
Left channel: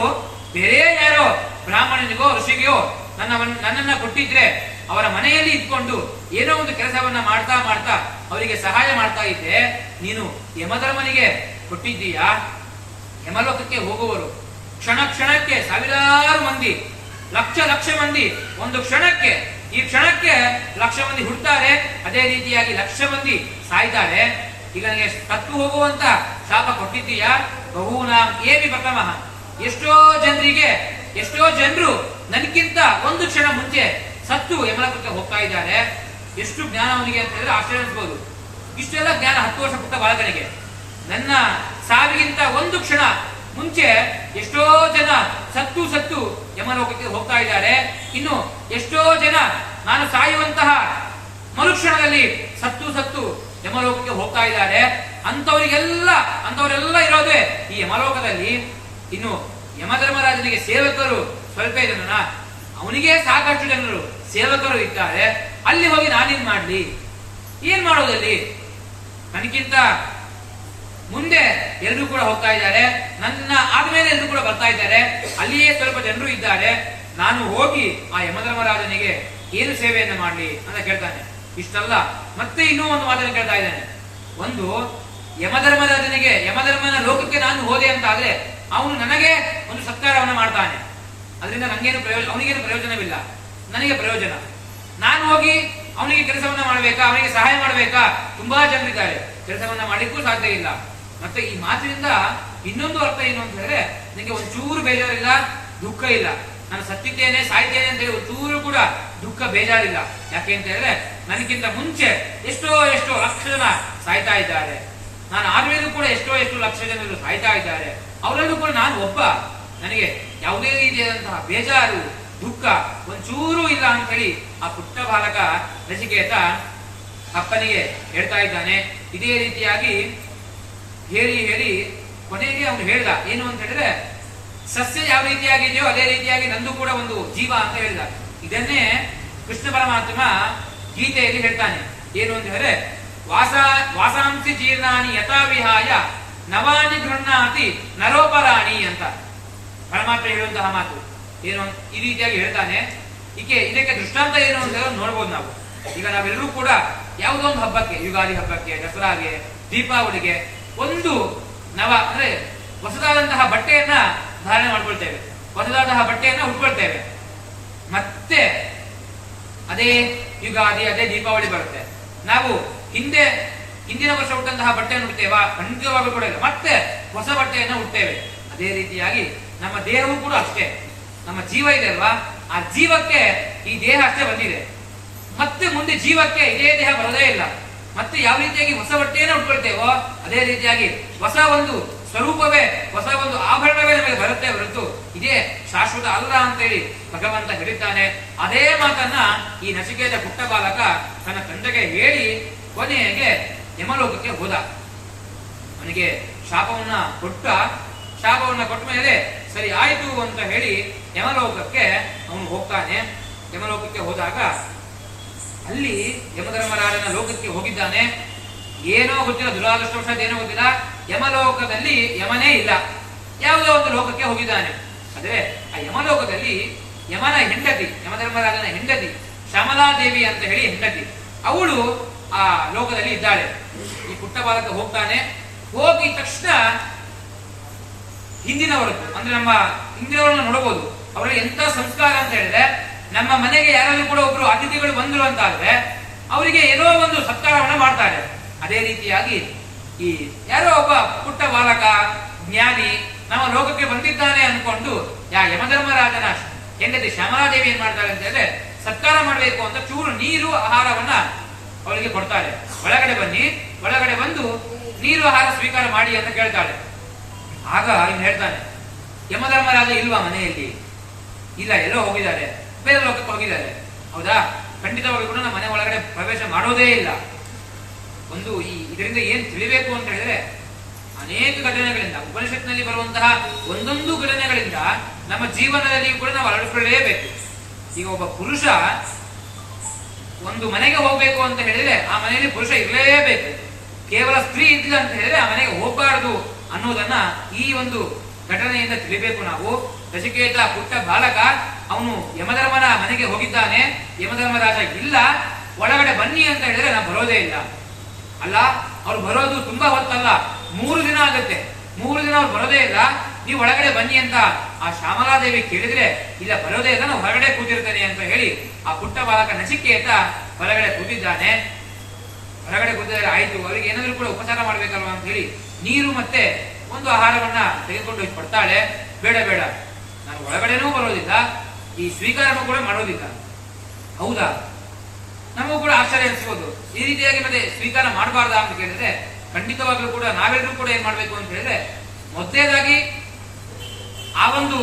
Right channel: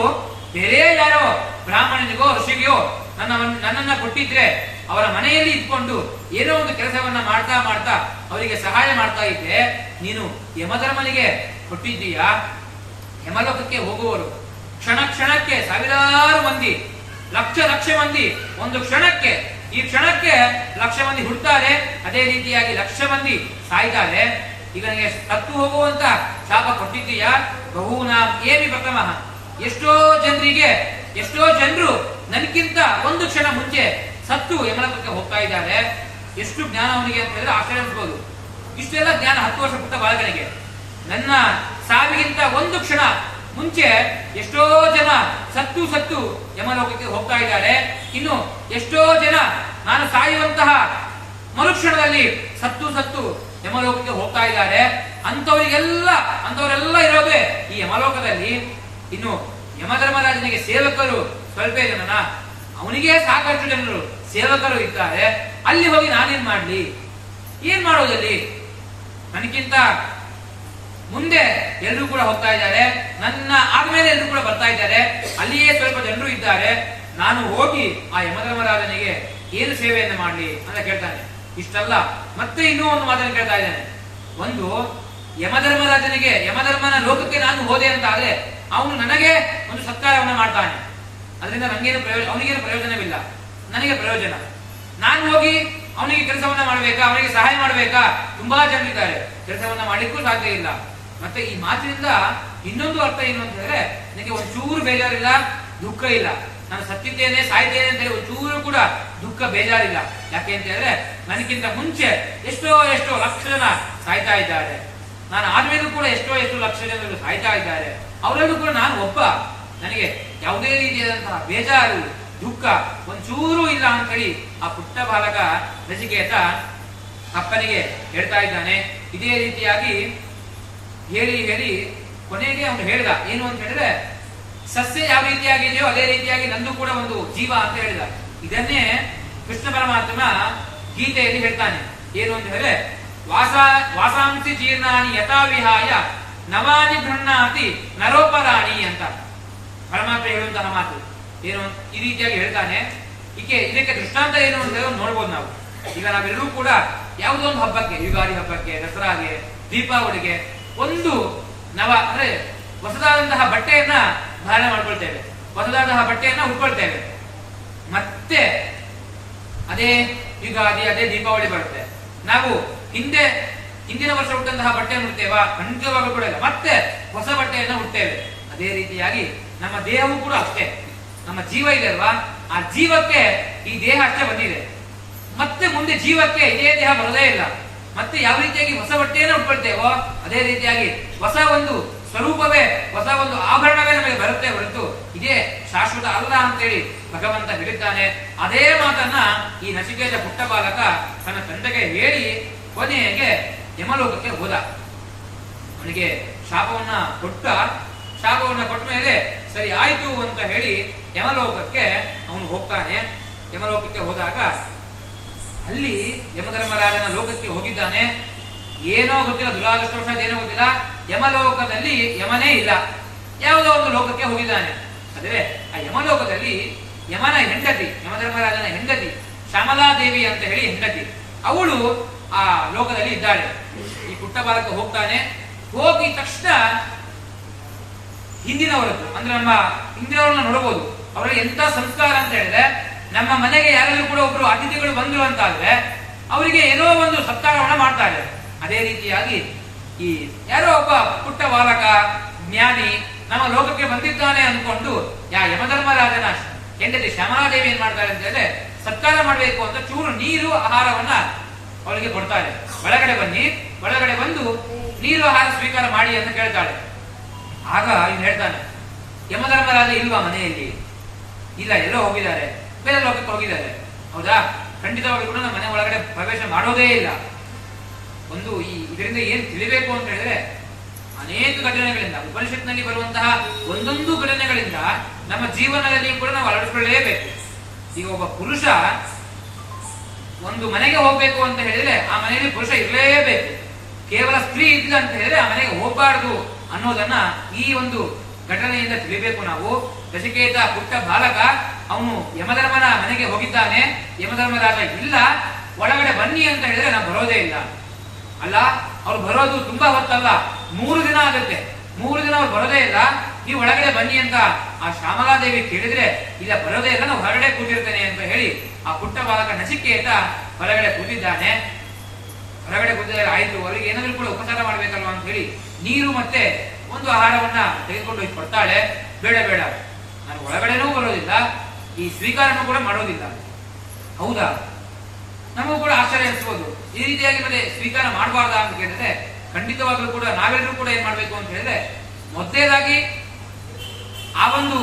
ಬೇರೆ ಯಾರೋ ಬ್ರಾಹ್ಮಣನಿಗೋ ಋಷಿಗೆಯೋ ನನ್ನನ್ನ ಕೊಟ್ಟಿದ್ರೆ ಅವರ ಮನೆಯಲ್ಲಿ ಇದ್ಕೊಂಡು ಏನೋ ಒಂದು ಕೆಲಸವನ್ನ ಮಾಡ್ತಾ ಮಾಡ್ತಾ ಅವರಿಗೆ ಸಹಾಯ ಮಾಡ್ತಾ ಇದ್ದೆ. ನೀನು ಯಮಧರ್ಮನಿಗೆ ಕೊಟ್ಟಿದ್ದೀಯಾ? ಯಮಲೋಕಕ್ಕೆ ಹೋಗುವವರು ಕ್ಷಣ ಕ್ಷಣಕ್ಕೆ ಸಾವಿರಾರು ಮಂದಿ, ಲಕ್ಷ ಮಂದಿ ಒಂದು ಕ್ಷಣಕ್ಕೆ, ಈ ಕ್ಷಣಕ್ಕೆ ಲಕ್ಷ ಮಂದಿ ಹುಡ್ತಾರೆ, ಅದೇ ರೀತಿಯಾಗಿ ಲಕ್ಷ ಮಂದಿ ಸಾಯ್ತಾರೆ. ಈಗ ನನಗೆ ಸತ್ತು ಹೋಗುವಂತ ಶಾಪ ಕೊಟ್ಟಿದ್ದೀಯಾ? ಬಹೂನಾಂ ಏವಿ ಪ್ರಥಮಃ, ಎಷ್ಟೋ ಜನರು ನನಗಿಂತ ಒಂದು ಕ್ಷಣ ಮುಂಚೆ ಸತ್ತು ಯಮಲೋಕಕ್ಕೆ ಹೋಗ್ತಾ ಇದ್ದಾರೆ. ಎಷ್ಟು ಜ್ಞಾನ ಅವನಿಗೆ ಅಂತ ಹೇಳಿದ್ರೆ ಆಶ್ಚರ್ಯ ಅನ್ಸ್ಬೋದು. ಇಷ್ಟೆಲ್ಲ ಜ್ಞಾನ 10 ವರ್ಷ ಪುಟ್ಟ ಬಾಲಕನಿಗೆ. ನನ್ನ ಸಾವಿಗಿಂತ ಒಂದು ಕ್ಷಣ ಮುಂಚೆ ಎಷ್ಟೋ ಜನ ಸತ್ತು ಯಮಲೋಕಕ್ಕೆ ಹೋಗ್ತಾ ಇದ್ದಾರೆ. ಇನ್ನು ಎಷ್ಟೋ ಜನ ನಾನು ಸಾಯುವಂತಹ ಮರುಕ್ಷಣದಲ್ಲಿ ಸತ್ತು ಯಮಲೋಕಕ್ಕೆ ಹೋಗ್ತಾ ಇದ್ದಾರೆ. ಅಂತವರೆಲ್ಲ ಇರೋದೇ ಈ ಯಮಲೋಕದಲ್ಲಿ. ಇನ್ನು ಯಮಧರ್ಮರಾಜನಿಗೆ ಸೇವಕರು ಸ್ವಲ್ಪ ಜನನ, ಅವನಿಗೆ ಸಾಕಷ್ಟು ಜನರು ಸೇವಕರು ಇದ್ದಾರೆ. ಅಲ್ಲಿ ಹೋಗಿ ನಾನೇನ್ ಮಾಡ್ಲಿ? ಏನ್ ಮಾಡೋದಲ್ಲಿ? ನನಗಿಂತ ಮುಂದೆ ಎಲ್ಲರೂ ಕೂಡ ಹೋಗ್ತಾ ಇದ್ದಾರೆ, ನನ್ನ ಆದ್ಮೇಲೆ ಎಲ್ಲರೂ ಕೂಡ ಬರ್ತಾ ಇದ್ದಾರೆ. ಅಲ್ಲಿಯೇ ಸ್ವಲ್ಪ ಜನರು ಇದ್ದಾರೆ. ನಾನು ಹೋಗಿ ಆ ಯಮಧರ್ಮರಾಜನಿಗೆ ಏನು ಸೇವೆಯನ್ನು ಮಾಡ್ಲಿ ಅಂತ ಕೇಳ್ತಾನೆ. ಇಷ್ಟಲ್ಲ, ಮತ್ತೆ ಇನ್ನೂ ಒಂದು ಮಾತನ್ನು ಕೇಳ್ತಾ ಇದ್ದಾನೆ. ಒಂದು, ಯಮಧರ್ಮನ ಲೋಕಕ್ಕೆ ನಾನು ಹೋದೆ ಅಂತ ಆದ್ರೆ ಅವನು ನನಗೆ ಒಂದು ಸತ್ಕಾರವನ್ನ ಮಾಡ್ತಾನೆ. ಅದರಿಂದ ಅವನಿಗೇನು ಪ್ರಯೋಜನವಿಲ್ಲ, ನನಗೆ ಪ್ರಯೋಜನ. ನಾನು ಹೋಗಿ ಅವನಿಗೆ ಕೆಲಸವನ್ನ ಮಾಡಬೇಕಾ, ಅವನಿಗೆ ಸಹಾಯ ಮಾಡಬೇಕಾ? ತುಂಬಾ ಜನರಿದ್ದಾರೆ, ಕೆಲಸವನ್ನ ಮಾಡ್ಲಿಕ್ಕೂ ಸಾಧ್ಯ ಇಲ್ಲ. ಮತ್ತೆ ಈ ಮಾತಿನಿಂದ ಇನ್ನೊಂದು ಅರ್ಥ ಏನು ಅಂತ ಹೇಳಿದ್ರೆ, ನನಗೆ ಒಂಚೂರು ಬೇಜಾರಿಲ್ಲ, ದುಃಖ ಇಲ್ಲ. ನಾನು ಸತ್ತಿದ್ದೇನೆ, ಸಾಯ್ತೇನೆ ಅಂತ ಹೇಳಿ ಒಂಚೂರು ಕೂಡ ದುಃಖ ಬೇಜಾರಿಲ್ಲ. ಯಾಕೆ ಅಂತ ಹೇಳಿದ್ರೆ ನನಗಿಂತ ಮುಂಚೆ ಎಷ್ಟೋ ಲಕ್ಷ ಜನ ಸಾಯ್ತಾ ಇದ್ದಾರೆ. ನಾನು ಆದ್ಮೇಲೂ ಕೂಡ ಎಷ್ಟೋ ಲಕ್ಷ ಜನರು ಸಾಯ್ತಾ ಇದ್ದಾರೆ. ಅವರಲ್ಲೂ ಕೂಡ ನಾನು ಒಬ್ಬ. ನನಗೆ ಯಾವುದೇ ರೀತಿಯಾದಂತಹ ಬೇಜಾರು, ದುಃಖ ಒಂಚೂರು ಇಲ್ಲ ಅಂತ ಹೇಳಿ ಆ ಪುಟ್ಟ ಬಾಲಕ ನಚಿಕೇತ ಅಪ್ಪನಿಗೆ ಹೇಳ್ತಾ ಇದ್ದಾನೆ. ಇದೇ ರೀತಿಯಾಗಿ ಹೇಳಿ ಕೊನೆಗೆ ಅವನು ಹೇಳ್ದ ಏನು ಅಂತ ಹೇಳಿದ್ರೆ, ಸಸ್ಯ ಯಾವ ರೀತಿಯಾಗಿದೆಯೋ ಅದೇ ರೀತಿಯಾಗಿ ನಂದು ಕೂಡ ಒಂದು ಜೀವ ಅಂತ ಹೇಳಿದ. ಇದನ್ನೇ ಕೃಷ್ಣ ಪರಮಾತ್ಮ ಗೀತೆಯಲ್ಲಿ ಹೇಳ್ತಾನೆ. ಏನು ಅಂತ ಹೇಳಿದ್ರೆ, ವಾಸಾಂಸಿ ಜೀರ್ಣಾನಿ ಯಥಾ ವಿಹಾಯ ನವಾನಿ ಗೃಹ್ಣಾತಿ ನರೋಪರಾಣಿ ಅಂತ ಪರಮಾತ್ಮ ಹೇಳುವಂತಹ ಮಾತು. ಏನು ಈ ರೀತಿಯಾಗಿ ಹೇಳ್ತಾನೆ. ಇದಕ್ಕೆ ದೃಷ್ಟಾಂತ ಏನು ಅಂತ ಹೇಳಿ ನೋಡ್ಬೋದು ನಾವು. ಈಗ ನಾವೆಲ್ಲರೂ ಕೂಡ ಯಾವುದೋ ಒಂದು ಹಬ್ಬಕ್ಕೆ, ಯುಗಾದಿ ಹಬ್ಬಕ್ಕೆ, ದಸರಾಗೆ, ದೀಪಾವಳಿಗೆ ಒಂದು ನವ ಅಂದ್ರೆ ಹೊಸದಾದಂತಹ ಬಟ್ಟೆಯನ್ನ ಧಾರಣೆ ಮಾಡ್ಕೊಳ್ತೇವೆ, ಹೊಸದಾದಂತಹ ಬಟ್ಟೆಯನ್ನ ಉಟ್ಕೊಳ್ತೇವೆ. ಮತ್ತೆ ಅದೇ ಯುಗಾದಿ, ಅದೇ ದೀಪಾವಳಿ ಬರುತ್ತೆ. ನಾವು ಹಿಂದಿನ ವರ್ಷ ಉಟ್ಟಂತಹ ಬಟ್ಟೆಯನ್ನು ಉಡ್ತೇವಾ? ಖಂಡಿತವಾಗೂ ಕೂಡ ಇಲ್ಲ. ಮತ್ತೆ ಹೊಸ ಬಟ್ಟೆಯನ್ನ ಉಡ್ತೇವೆ. ಅದೇ ರೀತಿಯಾಗಿ ನಮ್ಮ ದೇಹವೂ ಕೂಡ ಅಷ್ಟೇ. ನಮ್ಮ ಜೀವ ಇದೆ ಅಲ್ವಾ, ಆ ಜೀವಕ್ಕೆ ಈ ದೇಹ ಅಷ್ಟೇ ಬಂದಿದೆ. ಮತ್ತೆ ಮುಂದೆ ಜೀವಕ್ಕೆ ಇದೇ ದೇಹ ಬರೋದೇ ಇಲ್ಲ. ಮತ್ತೆ ಯಾವ ರೀತಿಯಾಗಿ ಹೊಸ ಬಟ್ಟೆಯನ್ನ ಉಟ್ಕೊಳ್ತೇವೋ ಅದೇ ರೀತಿಯಾಗಿ ಹೊಸ ಒಂದು ಸ್ವರೂಪವೇ, ಹೊಸ ಒಂದು ಆಭರಣವೇ ನಮಗೆ ಬರುತ್ತೆ ಹೊರತು ಇದೇ ಶಾಶ್ವತ ಅಲ್ಲ ಅಂತೇಳಿ ಭಗವಂತ ಹೇಳಿದ್ದಾನೆ. ಅದೇ ಮಾತನ್ನ ಈ ನಚಿಕೇತ ಪುಟ್ಟ ಬಾಲಕ ತನ್ನ ತಂದೆಗೆ ಹೇಳಿ ಕೊನೆಗೆ ಯಮಲೋಕಕ್ಕೆ ಹೋದ. ಅವನಿಗೆ ಶಾಪವನ್ನ ಕೊಟ್ಟ ಮೇಲೆ ಸರಿ ಆಯ್ತು ಅಂತ ಹೇಳಿ ಯಮಲೋಕಕ್ಕೆ ಅವನು ಹೋಗ್ತಾನೆ. ಯಮಲೋಕಕ್ಕೆ ಹೋದಾಗ ಅಲ್ಲಿ ಯಮಧರ್ಮರಾಜನ ಲೋಕಕ್ಕೆ ಹೋಗಿದ್ದಾನೆ. ಏನೋ ಗೊತ್ತಿಲ್ಲ, ದುರಾದೃಷ್ಟವಶಾತ್ ಏನೋ ಗೊತ್ತಿಲ್ಲ, ಯಮಲೋಕದಲ್ಲಿ ಯಮನೇ ಇಲ್ಲ, ಯಾವುದೋ ಒಂದು ಲೋಕಕ್ಕೆ ಹೋಗಿದ್ದಾನೆ. ಆದ್ರೆ ಆ ಯಮಲೋಕದಲ್ಲಿ ಯಮನ ಹೆಂಡತಿ, ಯಮಧರ್ಮರಾಜನ ಹೆಂಡತಿ ಶ್ಯಾಮಲಾದೇವಿ ಅಂತ ಹೇಳಿ ಹೆಂಡತಿ, ಅವಳು ಆ ಲೋಕದಲ್ಲಿ ಇದ್ದಾಳೆ. ಈ ಪುಟ್ಟ ಬಾಲಕ ಹೋಗ್ತಾನೆ. ಹೋಗಿದ ತಕ್ಷಣ ಹಿಂದಿನವರದ್ದು ಅಂದ್ರೆ ನಮ್ಮ ಹಿಂದಿನವರನ್ನ ನೋಡಬಹುದು. ಅವರಲ್ಲಿ ಎಂತ ಸಂಸ್ಕಾರ ಅಂತ ಹೇಳಿದ್ರೆ, ನಮ್ಮ ಮನೆಗೆ ಯಾರಾದ್ರೂ ಕೂಡ ಒಬ್ರು ಅತಿಥಿಗಳು ಬಂದ್ರು ಅಂತ ಆದ್ರೆ ಅವರಿಗೆ ಏನೋ ಒಂದು ಸತ್ಕಾರವನ್ನ ಮಾಡ್ತಾರೆ. ಅದೇ ರೀತಿಯಾಗಿ ಈ ಯಾರೋ ಒಬ್ಬ ಪುಟ್ಟ ಬಾಲಕ ಜ್ಞಾನಿ ನಮ್ಮ ಲೋಕಕ್ಕೆ ಬಂದಿದ್ದಾನೆ ಅಂದ್ಕೊಂಡು ಯಮಧರ್ಮರಾಜನ ಹೆಂಡತಿ ಶ್ಯಾಮಲಾದೇವಿ ಏನ್ ಮಾಡ್ತಾರೆ ಅಂತ ಹೇಳಿದ್ರೆ, ಸತ್ಕಾರ ಮಾಡಬೇಕು ಅಂತ ಚೂರು ನೀರು ಆಹಾರವನ್ನ ಅವಳಿಗೆ ಕೊಡ್ತಾರೆ. ಒಳಗಡೆ ಬಂದು ನೀರು ಆಹಾರ ಸ್ವೀಕಾರ ಮಾಡಿ ಅಂತ ಕೇಳ್ತಾಳೆ. ಆಗ ಇನ್ನು ಹೇಳ್ತಾನೆ, ಯಮಧರ್ಮರಾಜ ಇಲ್ವಾ ಮನೆಯಲ್ಲಿ? ಇಲ್ಲ, ಎಲ್ಲೋ ಹೋಗಿದ್ದಾರೆ, ಬೇರೆ ಲೋಕಕ್ಕೆ ಹೋಗಿದ್ದಾರೆ. ಹೌದಾ? ಖಂಡಿತವಾಗಿ ಕೂಡ ನಮ್ಮ ಮನೆ ಒಳಗಡೆ ಪ್ರವೇಶ ಮಾಡೋದೇ ಇಲ್ಲ. ಒಂದು ಇದರಿಂದ ಏನ್ ತಿಳಿಬೇಕು ಅಂತ ಹೇಳಿದ್ರೆ, ಅನೇಕ ಘಟನೆಗಳಿಂದ, ಉಪನಿಷತ್ನಲ್ಲಿ ಬರುವಂತಹ ಒಂದೊಂದು ಘಟನೆಗಳಿಂದ ನಮ್ಮ ಜೀವನದಲ್ಲಿ ಕೂಡ ನಾವು ಅಳವಡಿಸಿಕೊಳ್ಳಲೇಬೇಕು. ಈಗ ಒಬ್ಬ ಪುರುಷ ಒಂದು ಮನೆಗೆ ಹೋಗ್ಬೇಕು ಅಂತ ಹೇಳಿದ್ರೆ ಆ ಮನೆಯಲ್ಲಿ ಪುರುಷ ಇರಲೇಬೇಕು. ಕೇವಲ ಸ್ತ್ರೀ ಇದ್ದಿಲ್ಲ ಅಂತ ಹೇಳಿದ್ರೆ ಆ ಮನೆಗೆ ಹೋಗಬಾರದು ಅನ್ನೋದನ್ನ ಈ ಒಂದು ಘಟನೆಯಿಂದ ತಿಳಿಬೇಕು ನಾವು. ನಚಿಕೇತ ಪುಟ್ಟ ಬಾಲಕ, ಅವನು ಯಮಧರ್ಮನ ಮನೆಗೆ ಹೋಗಿದ್ದಾನೆ. ಯಮಧರ್ಮರಾಜ ಇಲ್ಲ, ಒಳಗಡೆ ಬನ್ನಿ ಅಂತ ಹೇಳಿದ್ರೆ ನಾನು ಬರೋದೇ ಇಲ್ಲ. ಅಲ್ಲ, ಅವ್ರು ಬರೋದು ತುಂಬಾ ಹೊತ್ತಲ್ಲ, 3 ದಿನ ಆಗುತ್ತೆ. 3 ದಿನ ಅವ್ರು ಬರೋದೇ ಇಲ್ಲ, ನೀವು ಒಳಗಡೆ ಬನ್ನಿ ಅಂತ ಆ ಶ್ಯಾಮಲಾದೇವಿ ಕೇಳಿದ್ರೆ ಇಲ್ಲ ಬರೋದೇ ಇಲ್ಲ, ನಾವು ಹೊರಗಡೆ ಕೂತಿರ್ತೇನೆ ಅಂತ ಹೇಳಿ ಆ ಪುಟ್ಟ ಬಾಲಕ ನಚಿಕೇತ ಹೊರಗಡೆ ಕೂತಿದ್ದಾನೆ. ಹೊರಗಡೆ ಕೂತಿದ್ದಾರೆ, ಆಯ್ತು, ಅವರಿಗೆ ಏನಾದ್ರೂ ಕೂಡ ಉಪಚಾರ ಮಾಡ್ಬೇಕಲ್ವಾ ಅಂತ ಹೇಳಿ ನೀರು ಮತ್ತೆ ಒಂದು ಆಹಾರವನ್ನ ತೆಗೆದುಕೊಂಡು ಹೋಗಿ ಕೊಡ್ತಾಳೆ. ಬೇಡ ಬೇಡ, ನಾನು ಒಳಗಡೆನೂ ಬರೋದಿಲ್ಲ, ಈ ಸ್ವೀಕಾರನೂ ಕೂಡ ಮಾಡೋದಿಲ್ಲ. ಹೌದಾ, ನಮಗೂ ಕೂಡ ಆಶ್ಚರ್ಯ ಅನಿಸ್ಬೋದು. ಈ ರೀತಿಯಾಗಿ ಮತ್ತೆ ಸ್ವೀಕಾರ ಮಾಡಬಾರ್ದಾ ಅಂತ ಕೇಳಿದ್ರೆ ಖಂಡಿತವಾಗ್ಲೂ ಕೂಡ ನಾವೆಲ್ಲರೂ ಕೂಡ ಏನ್ ಮಾಡ್ಬೇಕು ಅಂತ ಹೇಳಿದ್ರೆ ಮೊದಲೇದಾಗಿ ಆ ಒಂದು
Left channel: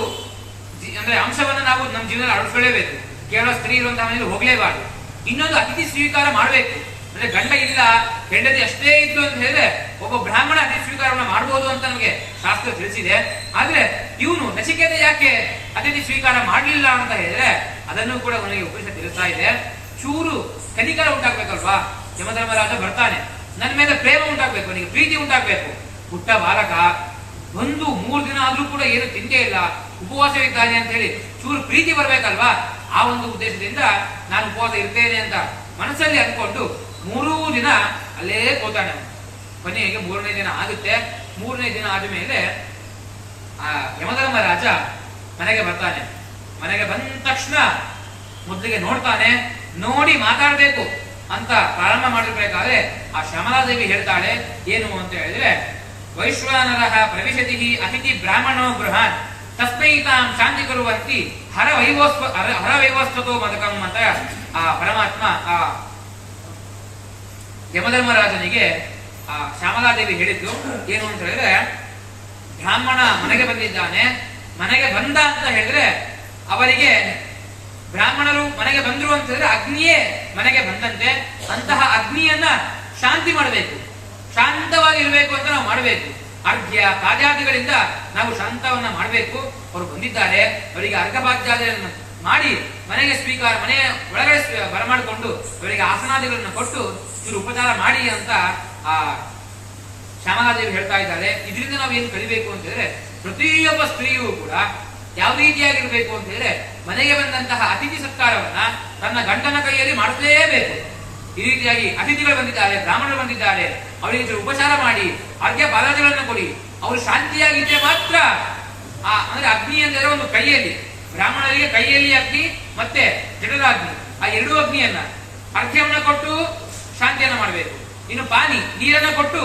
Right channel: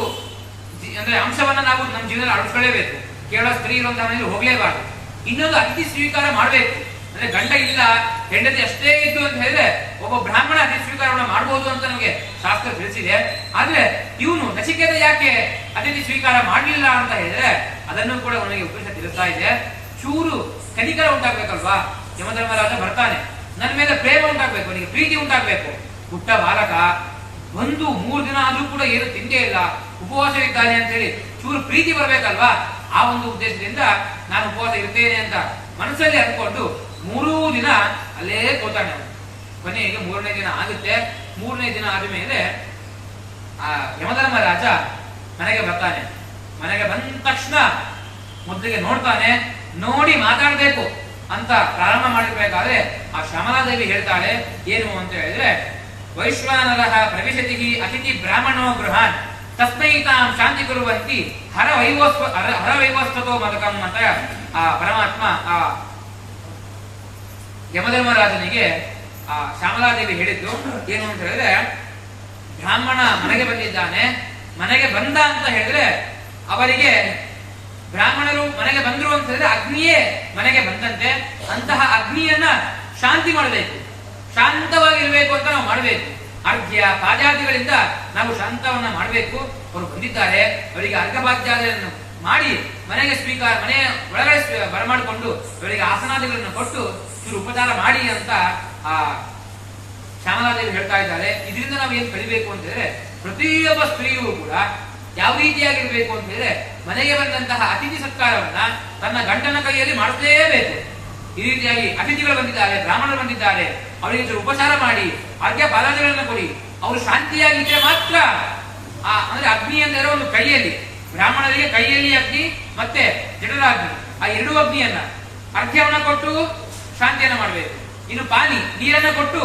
ಅಂದ್ರೆ ಅಂಶವನ್ನ ನಾವು ನಮ್ಮ ಜೀವನ ಅಳವಡಿಸಲೇಬೇಕು. ಕೇವಲ ಸ್ತ್ರೀ ಇರುವಂತಹ ಮನೆಯಲ್ಲಿ ಹೋಗ್ಲೇಬಾರ್ದು. ಇನ್ನೊಂದು ಅತಿಥಿ ಸ್ವೀಕಾರ ಮಾಡಬೇಕು. ಅಂದ್ರೆ ಗಂಡ ಇಲ್ಲ, ಹೆಂಡತಿ ಅಷ್ಟೇ ಇದ್ದು ಅಂತ ಹೇಳಿದ್ರೆ ಒಬ್ಬ ಬ್ರಾಹ್ಮಣ ಅತಿಥಿ ಸ್ವೀಕಾರವನ್ನ ಮಾಡಬಹುದು ಅಂತ ನಮಗೆ ಶಾಸ್ತ್ರ ತಿಳಿಸಿದೆ. ಆದ್ರೆ ಇವನು ನಚಿಕೇತ ಯಾಕೆ ಅತಿಥಿ ಸ್ವೀಕಾರ ಮಾಡಲಿಲ್ಲ ಅಂತ ಹೇಳಿದ್ರೆ ಅದನ್ನು ಕೂಡ ಅವನಿಗೆ ಉಪದೇಶ ತಿಳಿಸ್ತಾ ಇದೆ. ಚೂರು ಕನಿಕರ ಉಂಟಾಗ್ಬೇಕಲ್ವಾ, ಯಮಧರ್ಮರಾಜ ಬರ್ತಾನೆ, ನನ್ನ ಮೇಲೆ ಪ್ರೇಮ ಉಂಟಾಗ್ಬೇಕು, ಅವನಿಗೆ ಪ್ರೀತಿ ಉಂಟಾಗ್ಬೇಕು. ಪುಟ್ಟ ಬಾಲಕ ಒಂದು 3 ದಿನ ಆದ್ರೂ ಕೂಡ ಏನು ತಿಂದೇ ಇಲ್ಲ, ಉಪವಾಸವಿದ್ದಾನೆ ಅಂತ ಹೇಳಿ ಚೂರು ಪ್ರೀತಿ ಬರ್ಬೇಕಲ್ವಾ. ಆ ಒಂದು ಉದ್ದೇಶದಿಂದ ನಾನು ಉಪವಾಸ ಇರ್ತೇನೆ ಅಂತ ಮನಸ್ಸಲ್ಲಿ ಅಂದ್ಕೊಂಡು 3 ದಿನ ಅಲ್ಲೇ ಕೂತಾನೆ. ಕೊನೆಗೆ 3ನೇ ದಿನ ಆಗುತ್ತೆ. 3ನೇ ದಿನ ಆದ ಮೇಲೆ ಆ ಯಮಧರ್ಮರಾಜ ಮನೆಗೆ ಬರ್ತಾನೆ. ಮನೆಗೆ ಬಂದ ತಕ್ಷಣ ಮೊದಲಿಗೆ ನೋಡ್ತಾನೆ, ನೋಡಿ ಮಾತಾಡ್ಬೇಕು ಅಂತ ಪ್ರಾರಂಭ ಮಾಡಿರ್ಬೇಕಾದ್ರೆ ಆ ಶ್ಯಾಮಲಾದೇವಿ ಹೇಳ್ತಾಳೆ ಏನು ಅಂತ ಹೇಳಿದ್ರೆ, ವೈಶ್ವಾನರಃ ಪ್ರವಿಶತಿ ಅತಿಥಿ ಬ್ರಾಹ್ಮಣೋ ಗೃಹಾನ್ ತಸ್ಮೈ ತಾಂ ಶಾಂತಿ ಕುರುವಂತಿ ಹರ ವೈವಸ್ವತೋ ಮದಕಂ ಅಂತ ಆ ಪರಮಾತ್ಮ ಆ ಯಮಧರ್ಮರಾಜನಿಗೆ ಆ ಶ್ಯಾಮಲಾದೇವಿ ಹೇಳಿದ್ದು ಏನು ಅಂತ ಹೇಳಿದ್ರೆ, ಬ್ರಾಹ್ಮಣ ಮನೆಗೆ ಬಂದಿದ್ದಾನೆ, ಮನೆಗೆ ಬಂದ ಅಂತ ಹೇಳಿದ್ರೆ ಅವರಿಗೆ ಬ್ರಾಹ್ಮಣರು ಮನೆಗೆ ಬಂದ್ರು ಅಂತ ಹೇಳಿದ್ರೆ ಅಗ್ನಿಯೇ ಮನೆಗೆ ಬಂದಂತೆ. ಅಂತಹ ಅಗ್ನಿಯನ್ನ ಶಾಂತಿ ಮಾಡಬೇಕು, ಶಾಂತವಾಗಿರ್ಬೇಕು ಅಂತ ನಾವು ಮಾಡಬೇಕು. ಅರ್ಘ್ಯ ಪಾದ್ಯಾದಿಗಳಿಂದ ನಾವು ಶಾಂತವನ್ನ ಮಾಡಬೇಕು. ಅವರು ಬಂದಿದ್ದಾರೆ, ಅವರಿಗೆ ಅರ್ಘಪಾದ್ಯಾದಿಗಳನ್ನು ಮಾಡಿ ಮನೆಗೆ ಮನೆಯ ಒಳಗಡೆ ಬರಮಾಡಿಕೊಂಡು ಅವರಿಗೆ ಆಸನಾದಿಗಳನ್ನು ಕೊಟ್ಟು ಇವರು ಉಪಚಾರ ಮಾಡಿ ಅಂತ ಆ ಶ್ಯಾಮಲಾದೇವಿ ಹೇಳ್ತಾ ಇದ್ದಾರೆ. ಇದರಿಂದ ನಾವು ಏನ್ ಕಲಿಬೇಕು ಅಂತ ಹೇಳಿದ್ರೆ, ಪ್ರತಿಯೊಬ್ಬ ಸ್ತ್ರೀಯೂ ಕೂಡ ಯಾವ ರೀತಿಯಾಗಿರ್ಬೇಕು ಅಂತ ಹೇಳಿದ್ರೆ ಮನೆಗೆ ಬಂದಂತಹ ಅತಿಥಿ ಸತ್ಕಾರವನ್ನ ತನ್ನ ಗಂಡನ ಕೈಯಲ್ಲಿ ಮಾಡಿಸಲೇಬೇಕು. ಈ ರೀತಿಯಾಗಿ ಅತಿಥಿಗಳು ಬಂದಿದ್ದಾರೆ, ಬ್ರಾಹ್ಮಣರು ಬಂದಿದ್ದಾರೆ, ಅವರಿಗೆ ಉಪಚಾರ ಮಾಡಿ ಅರ್ಘ್ಯ ಪಾದಾದಿಗಳನ್ನು ಕೊಡಿ. ಅವರು ಶಾಂತಿಯಾಗಿದ್ದರೆ ಮಾತ್ರ ಅಂದ್ರೆ ಅಗ್ನಿ ಅಂದರೆ ಒಂದು ಕೈಯಲ್ಲಿ, ಬ್ರಾಹ್ಮಣರಿಗೆ ಕೈಯಲ್ಲಿ ಅಗ್ನಿ ಮತ್ತೆ ಜಠರಾಗ್ನಿ, ಆ 2 ಅಗ್ನಿಯನ್ನ ಅರ್ಘ್ಯವನ್ನು ಕೊಟ್ಟು ಶಾಂತಿಯನ್ನ ಮಾಡಬೇಕು. ಇನ್ನು ಪಾನಿ ನೀರನ್ನು ಕೊಟ್ಟು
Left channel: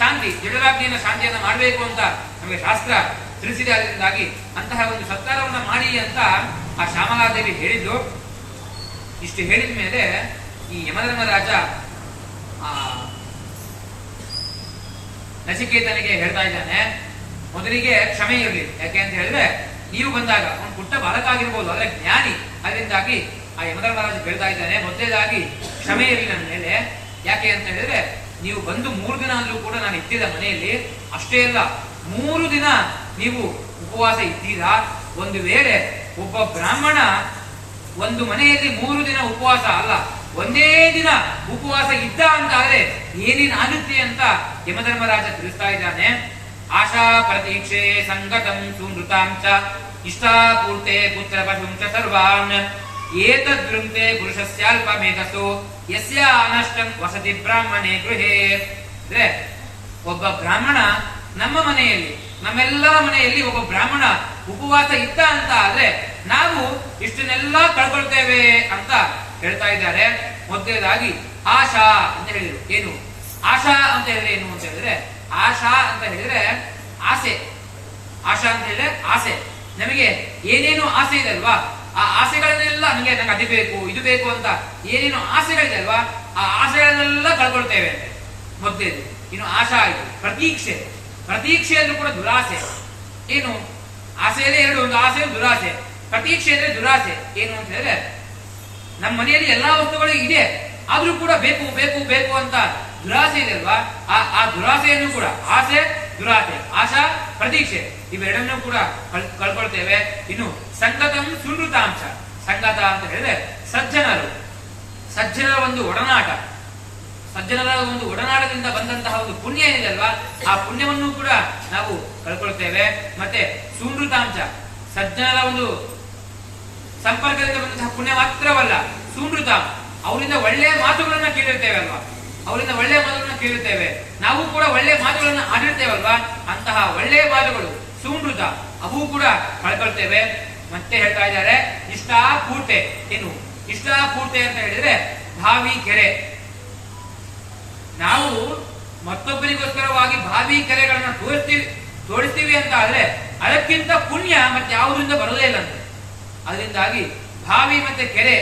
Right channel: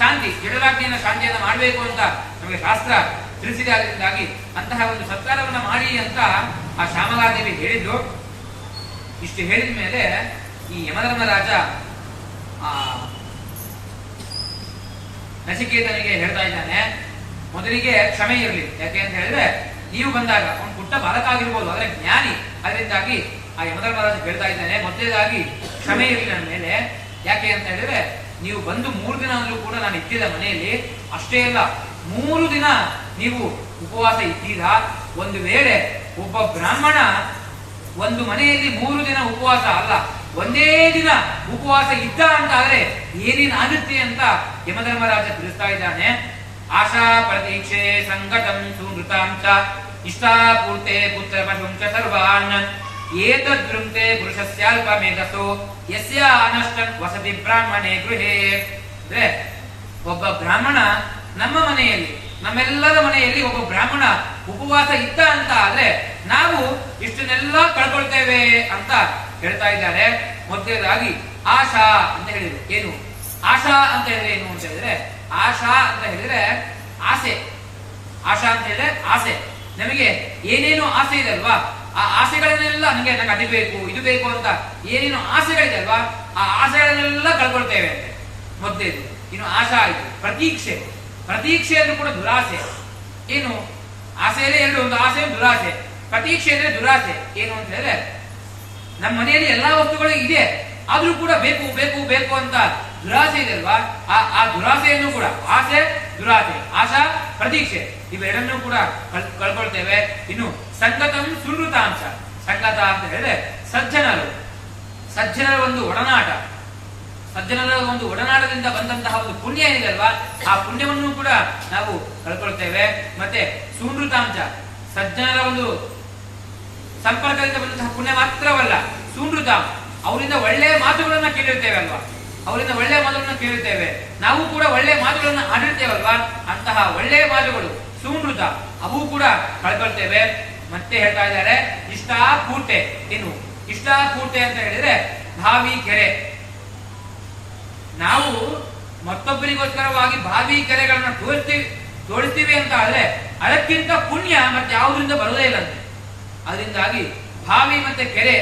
ಶಾಂತಿ ಜಠರಾಗ್ನಿಯನ್ನ ಶಾಂತಿಯನ್ನ ಮಾಡಬೇಕು ಅಂತ ನಮಗೆ ಶಾಸ್ತ್ರ ತಿಳಿಸಿದೆ. ಅದರಿಂದಾಗಿ ಅಂತಹ ಒಂದು ಸತ್ಕಾರವನ್ನ ಮಾಡಿ ಅಂತ ಆ ಶ್ಯಾಮಲಾದೇವಿ ಹೇಳಿದ್ದು. ಇಷ್ಟು ಹೇಳಿದ ಮೇಲೆ ಈ ಯಮಧರ್ಮರಾಜ ಆ ನಚಿಕೇತನಿಗೆ ಹೇಳ್ತಾ ಇದ್ದಾನೆ, ಮೊದಲಿಗೆ ಕ್ಷಮೆ ಇರಲಿ. ಯಾಕೆ ಅಂತ ಹೇಳಿದ್ರೆ ನೀವು ಬಂದಾಗ ಅವನು ಪುಟ್ಟ ಬಾಲಕ ಆಗಿರ್ಬೋದು, ಆದ್ರೆ ಜ್ಞಾನಿ. ಅದರಿಂದಾಗಿ ಆ ಯಮಧರ್ಮರಾಜ ಹೇಳ್ತಾ ಇದ್ದಾನೆ, ಮೊದಲೇದಾಗಿ ಕ್ಷಮೆ ಇರಲಿ ನನ್ನ ಮೇಲೆ. ಯಾಕೆ ಅಂತ ಹೇಳಿದ್ರೆ ನೀವು ಬಂದು 3 ದಿನ ಆದ್ರೂ ಕೂಡ ನಾನು ಇಟ್ಟಿದ್ದ ಮನೆಯಲ್ಲಿ, ಅಷ್ಟೇ ಅಲ್ಲ 3 ದಿನ ನೀವು ಉಪವಾಸ ಇದ್ದೀರಾ. ಒಂದು ವೇಳೆ ಒಬ್ಬ ಬ್ರಾಹ್ಮಣ ಒಂದು ಮನೆಯಲ್ಲಿ 3 ದಿನ ಉಪವಾಸ ಅಲ್ಲ, ಒಂದೇ ದಿನ ಉಪವಾಸ ಇದ್ದ ಅಂತ ಆದ್ರೆ ಏನೇನಾಗುತ್ತೆ ಅಂತ ಯಮಧರ್ಮರಾಜ ತಿಳಿಸ್ತಾ ಇದ್ದಾನೆ. ಆಶಾ ಪ್ರತೀಕ್ಷೆ ಸಂಗತಂ ಸುನೃತಾಂಚ ಇಷ್ಟಾಪೂರ್ತೆ ಪುತ್ರ ಪಶುಂಚ ಸರ್ವಾನ್ ಏತದ್ವೃಂತೆ ಪುರುಷಸ್ಯಾಲ್ಪ ಮೇಧಸೋ ಯಸ್ಯ ಅನಷ್ಟನ್ ವಸತಿ ಬ್ರಾಹ್ಮಣೇ ಗೃಹೇ. ಅಂದ್ರೆ ಒಬ್ಬ ಬ್ರಾಹ್ಮಣ ನಮ್ಮ ಮನೆಯಲ್ಲಿ, ನಮ್ಮೆಲ್ಲರ ಮನೆಯಲ್ಲಿ ಒಬ್ಬ ಬ್ರಾಹ್ಮಣ ಉಪವಾಸ ಇದ್ದ ಅಂತ ಆದ್ರೆ ನಾವು ಇಷ್ಟನ್ನೆಲ್ಲ ಕಳ್ಕೊಳ್ತೇವೆ ಅಂತ ಹೇಳ್ತಾ ಇದ್ದಾರೆ. ಮೊದಲನೇದಾಗಿ ಆಶಾ ಅಂತ ಹೇಳಿದ್ರು. ಏನು ಆಶಾ ಅಂತ ಹೇಳಿದ್ರೆ ಏನು ಅಂತ ಹೇಳಿದ್ರೆ, ಆಶಾ ಅಂತ ಹೇಳಿದ್ರೆ ಆಸೆ. ಆಶಾ ಅಂತ ಹೇಳಿದ್ರೆ ಆಸೆ. ನಮಗೆ ಏನೇನು ಆಸೆ ಇದೆ ಅಲ್ವಾ, ಆ ಆಸೆಗಳನ್ನೆಲ್ಲ ನಂಗೆ ಅದು ಬೇಕು ಇದು ಬೇಕು ಅಂತ ಏನೇನು ಆಸೆಗಳಿದೆ ಅಲ್ವಾ, ಆ ಆಸೆಗಳನ್ನೆಲ್ಲ ಕಳ್ಕೊಳ್ತೇವೆ ಅಂತೆ ಮೊದಲೇದು. ಇನ್ನು ಆಶಾ ಆಯ್ತು. ಪ್ರತೀಕ್ಷೆ, ಪ್ರತೀಕ್ಷೆ ಅಂದ್ರೂ ಕೂಡ ದುರಾಸೆ. ಏನು ಆಸೆಯಲ್ಲೇ 2, ಒಂದು ಆಸೆ ಒಂದು ದುರಾಸೆ. ಪ್ರತೀಕ್ಷೆ ಅಂದ್ರೆ ದುರಾಸೆ. ಏನು ಅಂತ ಹೇಳಿದ್ರೆ ನಮ್ಮ ಮನೆಯಲ್ಲಿ ಎಲ್ಲಾ ವಸ್ತುಗಳು ಇದೆ, ಆದ್ರೂ ಕೂಡ ಬೇಕು ಬೇಕು ಬೇಕು ಅಂತ ದುರಾಸೆ ಇದೆ ಅಲ್ವಾ, ಆ ದುರಾಸೆಯನ್ನು ಕೂಡ ಆಸೆ ದುರಾಸೆ, ಆಶಾ ಪ್ರತೀಕ್ಷೆ ಇವೆರಡನ್ನೂ ಕೂಡ ಕಳ್ಕೊಳ್ತೇವೆ. ಇನ್ನು ಸಂಗತಂ ಸುನೃತಾಂಶ. ಸಂಗತ ಅಂತ ಹೇಳಿದ್ರೆ ಸಜ್ಜನರು. ಸಜ್ಜನರ ಒಂದು ಒಡನಾಟ, ಸಜ್ಜನರ ಒಂದು ಒಡನಾಟದಿಂದ ಬಂದಂತಹ ಒಂದು ಪುಣ್ಯ ಏನಿದೆ ಅಲ್ವಾ, ಆ ಪುಣ್ಯವನ್ನು ಕೂಡ ನಾವು ಕಳ್ಕೊಳ್ತೇವೆ. ಮತ್ತೆ ಸುಮೃತಾಂಶ, ಸಜ್ಜನರ ಒಂದು ಸಂಪರ್ಕದಿಂದ ಬಂದಂತಹ ಪುಣ್ಯ ಮಾತ್ರವಲ್ಲ, ಸುಮೃತ, ಅವರಿಂದ ಒಳ್ಳೆಯ ಮಾತುಗಳನ್ನ ಕೇಳಿರ್ತೇವೆ ಅಲ್ವಾ, ಅವರಿಂದ ಒಳ್ಳೆಯ ಮಾತುಗಳನ್ನ ಕೇಳಿರ್ತೇವೆ, ನಾವು ಕೂಡ ಒಳ್ಳೆಯ ಮಾತುಗಳನ್ನ ಆಡಿರ್ತೇವಲ್ವಾ, ಅಂತಹ ಒಳ್ಳೆಯ ಮಾತುಗಳು ಸುಮೃತ ಅವು ಕೂಡ ಕಳ್ಕೊಳ್ತೇವೆ. ಮತ್ತೆ ಹೇಳ್ತಾ ಇದ್ದಾರೆ ಇಷ್ಟಾಪೂರ್ತೆ. ಏನು ಇಷ್ಟಾಪೂರ್ತೆ ಅಂತ ಹೇಳಿದ್ರೆ ಭಾವಿ ಕೆರೆ. ನಾವು ಮತ್ತೊಬ್ಬರಿಗೋಸ್ಕರವಾಗಿ ಭಾವಿ ಕೆರೆಗಳನ್ನ ತೋರಿಸ್ತೀವಿ ಅಂತ ಆದ್ರೆ ಅದಕ್ಕಿಂತ ಪುಣ್ಯ ಮತ್ತೆ ಯಾವುದರಿಂದ ಬರೋದೇ ಇಲ್ಲ. ಅದರಿಂದಾಗಿ ಭಾವಿ ಮತ್ತೆ ಕೆರೆ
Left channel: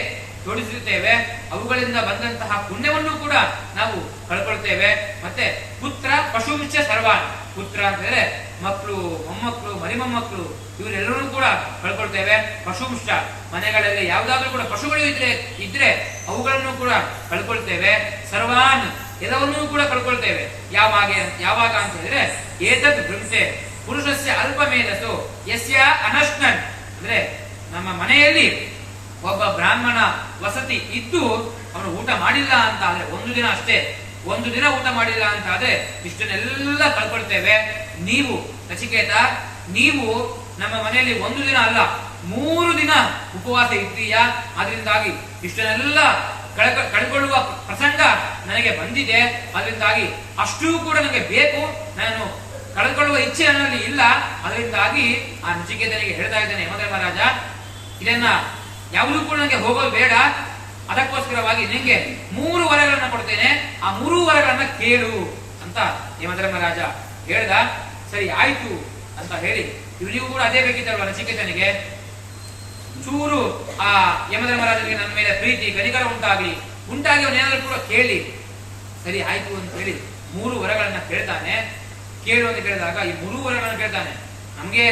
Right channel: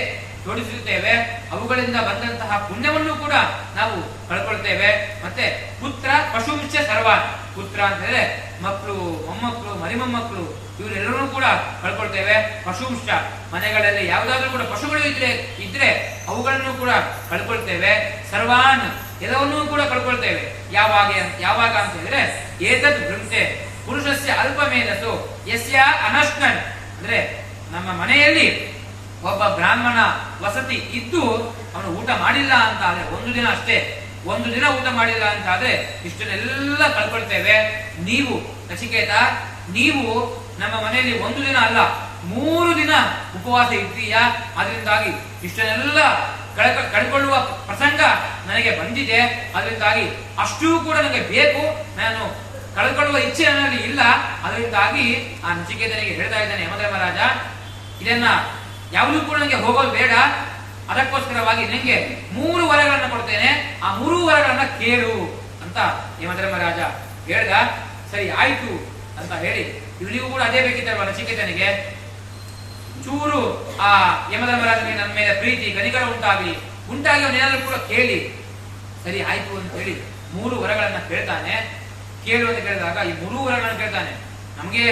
ತೋರಿಸುತ್ತೇವೆ, ಅವುಗಳಿಂದ ಬಂದಂತಹ ಪುಣ್ಯವನ್ನು ಕೂಡ ನಾವು ಕಳ್ಕೊಳ್ತೇವೆ. ಮತ್ತೆ ಪುತ್ರ ಪಶುಂಶ ಸರ್ವಾನ್, ಪುತ್ರ ಅಂತ ಹೇಳಿದ್ರೆ ಮಕ್ಕಳು, ಮೊಮ್ಮಕ್ಕಳು, ಮರಿಮೊಮ್ಮಕ್ಕಳು ಇವರೆಲ್ಲರೂ ಕೂಡ ಕಳ್ಕೊಳ್ತೇವೆ. ಪಶುಂಶ, ಮನೆಗಳಲ್ಲಿ ಯಾವುದಾದ್ರೂ ಕೂಡ ಪಶುಗಳು ಇದ್ರೆ ಅವುಗಳನ್ನು ಕೂಡ ಕಳ್ಕೊಳ್ತೇವೆ. ಸರ್ವಾನ್, ಎಲ್ಲವನ್ನೂ ಕೂಡ ಕಳ್ಕೊಳ್ತೇವೆ. ಯಾವಾಗ ಅಂತ ಹೇಳಿದ್ರೆ ಏತದ್ ಭೃಂಸೆ ಪುರುಷಸ್ಯ ಅಲ್ಪ ಮೇಧಸ್ಸು ಯಸ್ಯ ಅನಶ್ನನ್, ಅಂದ್ರೆ ನಮ್ಮ ಮನೆಯಲ್ಲಿ ಒಬ್ಬ ಬ್ರಾಹ್ಮಣ ವಸತಿ ಇದ್ದು ಅವನು ಊಟ ಮಾಡಿಲ್ಲ ಅಂತ ಆದ್ರೆ, ಒಂದು ದಿನ ಅಷ್ಟೇ, ಒಂದು ದಿನ ಊಟ ಮಾಡಿಲ್ಲ ಅಂತ ಆದ್ರೆ ಇಷ್ಟನ್ನೆಲ್ಲ ಕಳ್ಕೊಳ್ತೇವೆ. ನೀವು ನಚಿಕೇತ, ನೀವು ನಮ್ಮ ಮನೆಯಲ್ಲಿ ಒಂದು ದಿನ ಅಲ್ಲ 3 ದಿನ ಉಪವಾಸ ಇದ್ದೀಯಾ, ಅದರಿಂದಾಗಿ ಇಷ್ಟನ್ನೆಲ್ಲ ಕಳ್ಕೊಳ್ಳುವ ಪ್ರಸಂಗ ನನಗೆ ಬಂದಿದೆ. ಅದರಿಂದಾಗಿ ಅಷ್ಟೂ ಕೂಡ ನನಗೆ ಬೇಕು, ನಾನು ಕಳ್ಕೊಳ್ಳುವ ಇಚ್ಛೆ ನನ್ನಲ್ಲಿ ಇಲ್ಲ. ಅದರಿಂದಾಗಿ ಆ ನಚಿಕೇತನಿಗೆ ಹೇಳ್ತಾ ಇದ್ದಾನೆ ಯಮಧರ್ಮರಾಜ, ಇದನ್ನ ಯಾವುದೂ ಕೂಡ ನನಗೆ ಹೋಗೋದು ಬೇಡ, ಅದಕ್ಕೋಸ್ಕರವಾಗಿ ನಿಂಗೆ 3 ವರಗಳನ್ನ ಕೊಡ್ತೇನೆ, ಆ 3 ವರಗಳನ್ನ ಕೇಳು ಅಂತ ಯಮಧರ್ಮರಾಜ ಹೇಳ್ದ. ಸರಿ ಆಯ್ತು ಅಂತ ಹೇಳಿ, ಇವನಿಗೂ ಕೂಡ ಅದೇ ಬೇಕಿತ್ತಲ್ವ ನಚಿಕೇತನಿಗೆ. ಚೂರು ಆ ಯಮಧರ್ಮರಾಜನಿಗೆ ನನ್ನ ಮೇಲೆ ಪ್ರೀತಿ ಕನಿಕರ ಉಂಟಾಗಿ ಅವನೇನಾದ್ರೂ ಕೂಡ ಕೇಳಿ, ಸರಿ ಆಯ್ತು ಅಂತ ಹೇಳಿ 3 ವರಗಳನ್ನ ಕೇಳ್ತಾನೆ. ಕೇಳು ಅಂತ ಕೇಳಿದಾಗ ಈ 3 ವರಗಳನ್ನ ಕೇಳ್ತಾನೆ. ನಮ್ಗೆ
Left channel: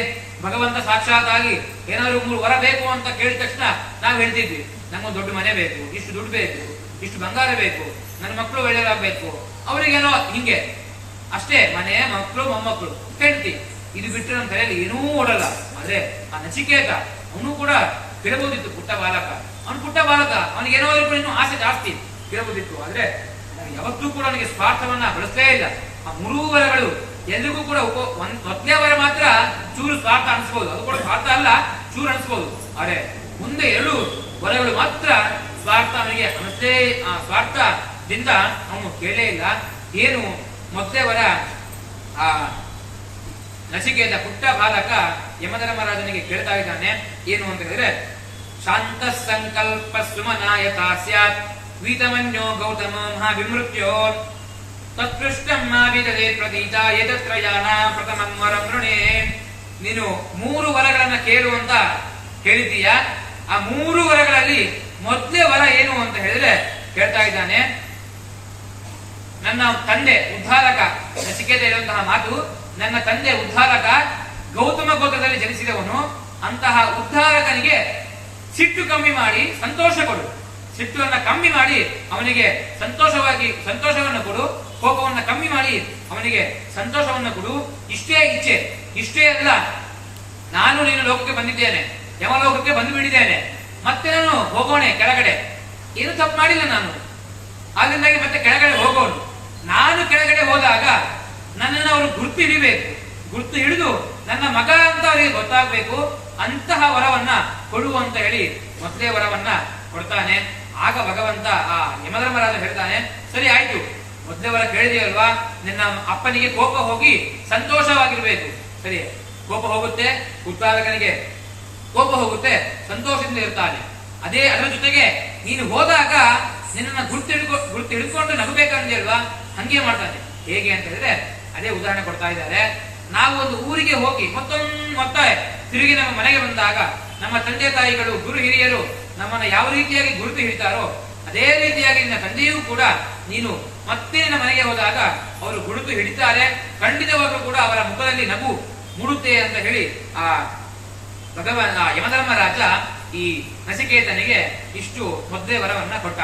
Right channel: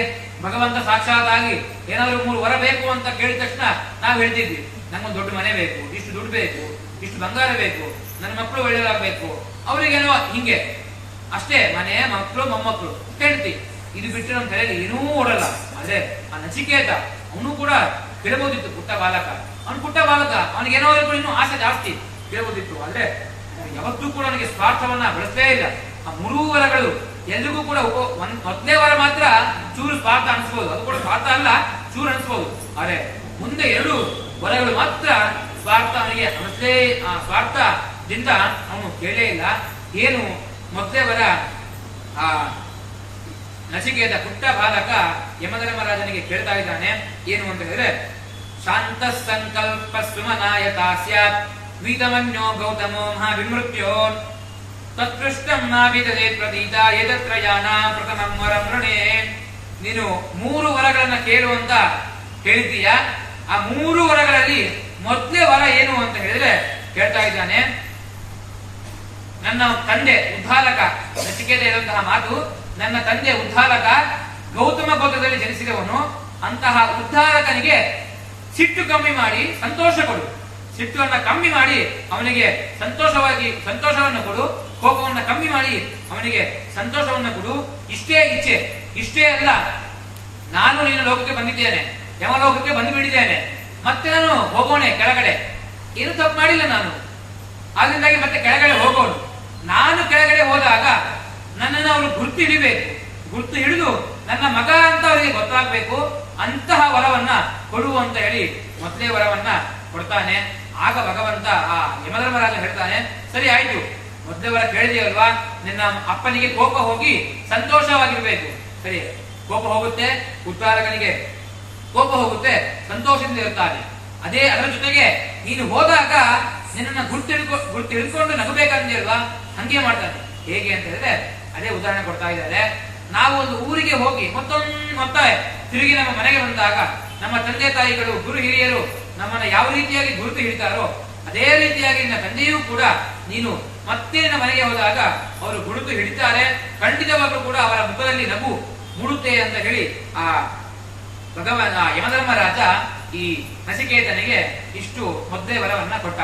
ಭಗವಂತ ಸಾಕ್ಷಾತ್ ಆಗಿ ಏನಾದ್ರು 3 ವರ ಬೇಕು ಅಂತ ಕೇಳಿದ ತಕ್ಷಣ ನಾವು ಹೇಳ್ತಿದ್ವಿ, ನಂಗೊಂದು ದೊಡ್ಡ ಮನೆ ಬೇಕು, ಇಷ್ಟು ದುಡ್ಡು ಬೇಕು, ಇಷ್ಟು ಬಂಗಾರ ಬೇಕು, ನನ್ನ ಮಕ್ಕಳು ಒಳ್ಳೆಯದಾಗಬೇಕು, ಅವರಿಗೇನೋ ಹಿಂಗೆ ಅಷ್ಟೇ, ಮನೆ, ಮಕ್ಕಳು, ಮೊಮ್ಮಕ್ಕಳು ಹೇಳ್ತಿ. ಇದು ಬಿಟ್ಟು ನಮ್ಮ ತಲೆಯಲ್ಲಿ ಏನೂ ಓಡಲ್ಲ. ಆದ್ರೆ ಆ ನಚಿಕೇತ ಅವನು ಕೂಡ ಕೇಳಬಹುದಿತ್ತು, ಪುಟ್ಟ ಬಾಲಕ, ಅವನಿಗೇನೋ ಇನ್ನೂ ಆಸೆ ಜಾಸ್ತಿ ಕೇಳಬಹುದಿತ್ತು. ಆದ್ರೆ ಯಾವತ್ತೂ ಕೂಡ ಅವನಿಗೆ ಸ್ವಾರ್ಥವನ್ನ ಬಳಸಲೇ ಇಲ್ಲ. ಆ 3 ವರಗಳು ಎಲ್ರಿಗೂ ಕೂಡ ಮೊದಲೇ ವರ ಮಾತ್ರ ಚೂರು ಸ್ವಾರ್ಥ ಅನಿಸ್ಬೋದು, ಅದು ಕೂಡ ಸ್ವಾರ್ಥ ಅಲ್ಲ, ಚೂರು ಅನಿಸ್ಬೋದು. ಆದ್ರೆ ಮುಂದೆ 2 ವರಗಳು ಮಾತ್ರ ಸ್ವಾರ್ಥ ಅವನಿಗೆ ಅನಿಸಲೇ, ಸ್ವಾರ್ಥದಿಂದ ಅವನು ಕೇಳೇ ಇಲ್ಲ. ಏನು ಮೊದಲೇ ವರ, ಆ ನಚಿಕೇತ ಪುಟ್ಟ ಬಾಲಕ ಯಮಧರ್ಮರಾಜನಿಗೆ ಕೇಳ್ತಾ ಇದ್ದಾನೆ. ಏನು ಅಂತ ಹೇಳಿದ್ರೆ ಶಾಂತ ಸಂಕಲ್ಪ ಸುಮನಾಯಕ ಸ್ಯಾತ್ ವೀತಮನ್ಯೋ ಗೌತಮೋ ಮಹಾವಿಮೃತ್ಯೋ ತತ್ಕೃಷ್ಟಂ ನಾಭಿದದೆ ಪ್ರತೀತ ಯದತ್ರಯಾನ ಪ್ರಥಮಂ ವರಂ ವೃಣೇ. ನೀನು 3 ವರಗಳನ್ನ ಕೇಳು ಅಂತ ಹೇಳಿದ್ದೀಯ. ಆ 3 ವರಗಳಲ್ಲಿ ಮೊದಲೇ ವರ ಏನು ಅಂತ ಹೇಳಿದ್ರೆ ಕೇಳ್ತಾ ಇದ್ದಾನೆ, ನನ್ನ ತಂದೆ ಉದ್ಧಾರಕ, ನಚಿಕೇತ ಇರುವಂತಹ ಮಾತು, ನನ್ನ ತಂದೆ ಉದ್ಧಾರಕ ಗೌತಮ ಗೋತ್ರದಲ್ಲಿ ಜನಿಸಿದವನು, ಅಂತಹ ಉದ್ಧಾರಕನಿಗೆ ಸಿಟ್ಟು ಕಮ್ಮಿ ಮಾಡಿ ಸಂತೋಷ ಕೊಡು, ಸಿಟ್ಟುವನ್ನ ಕಮ್ಮಿ ಮಾಡಿ ಅವನಿಗೆ ಸಂತೋಷವನ್ನು ಕೊಡು, ಕೋಪವನ್ನು ಕಮ್ಮಿ ಮಾಡಿ ಅವನಿಗೆ ಸಂತೋಷವನ್ನು ಕೊಡು. ಇಷ್ಟೇ ಇಚ್ಛೆ, ಇಷ್ಟೇ ಅಲ್ಲ, ನಾನು ನೀನು ಲೋಕಕ್ಕೆ ಬಂದಿದ್ದೇನೆ, ಯಮಲೋಕಕ್ಕೆ ಬಂದು ಬಿಟ್ಟಿದ್ದೇನೆ, ಮತ್ತೆ ನಾನು ಹೋಗೋಣ ಕೆಳಗಡೆ, ಏನು ತಪ್ಪು ಮಾಡಿಲ್ಲ ನಾನು, ಅದರಿಂದಾಗಿ ಮತ್ತೆ ಕೆಳಗಡೆ ಹೋಗೋಣ. ನಾನು ಕೆಳಗಡೆ ಹೋದಾಗ ನನ್ನನ್ನು ಅವರು ಗುರುತು ಹಿಡಿಬೇಕು, ಗುರುತು ಹಿಡಿದು ನನ್ನ ಮಗ ಅಂತ ಅವರಿಗೆ ಗೊತ್ತಾಗಬೇಕು, ಅಂತಹ ವರವನ್ನ ಕೊಡು ಅಂತ ಹೇಳಿ ಮೊದಲೇ ವರವನ್ನ ಕೊಡ್ತಾನೆ. ಆಗ ಭಗವಂತ ಆ ಯಮಧರ್ಮರಾಜ ಹೇಳ್ತಾನೆ, ಸರಿ ಆಯ್ತು, ಮೊದಲೇ ವರ ಕೇಳಿದೆಯಲ್ವಾ, ನಿನ್ನ ಅಪ್ಪನಿಗೆ ಕೋಪ ಹೋಗಿ ಸಂತೋಷವಾಗಿರ್ಬೇಕು. ಸರಿ, ಕೋಪ ಹೋಗುತ್ತೆ, ಉದ್ಧಾರಕನಿಗೆ ಕೋಪ ಹೋಗುತ್ತೆ, ಸಂತೋಷದಿಂದ ಇರ್ತಾನೆ. ಅದರ ಜೊತೆಗೆ ನೀನು ಹೋದಾಗ ನಿನ್ನ ಗುರ್ತು ಹಿಡ್ಕೊಂಡು ನಗಬೇಕಂದಿಲ್ವಾ, ಹಂಗೆ ಮಾಡ್ತಾನೆ. ಹೇಗೆ ಅಂತ ಹೇಳಿದ್ರೆ ಅದೇ ಉದಾಹರಣೆ ಕೊಡ್ತಾ ಇದ್ದಾರೆ. ನಾವು ಒಂದು ಊರಿಗೆ ಹೋಗಿ ಮತ್ತೆ ತಿರುಗಿ ನಮ್ಮ ಮನೆಗೆ ಬಂದಾಗ ನಮ್ಮ ತಂದೆ ತಾಯಿಗಳು, ಗುರು ಹಿರಿಯರು ನಮ್ಮನ್ನ ಯಾವ ರೀತಿಯಾಗಿ ಗುರುತು ಹಿಡಿತಾರೋ ಅದೇ ರೀತಿಯಾಗಿ ನಿನ್ನ ತಂದೆಯೂ ಕೂಡ ನೀನು ಮತ್ತೆ ನಿನ್ನ ಮನೆಗೆ ಹೋದಾಗ ಅವರು ಗುರುತು ಹಿಡಿತಾರೆ. ಖಂಡಿತವಾಗ್ಲೂ ಕೂಡ ಅವರ ಮುಖದಲ್ಲಿ ನಗು ಮೂಡುತ್ತೆ ಅಂತ ಹೇಳಿ ಆ ಯಮಧರ್ಮರಾಜ ಈ ನಚಿಕೇತನಿಗೆ ಇಷ್ಟು ಮೊದಲೇ ವರವನ್ನ ಕೊಟ್ಟ.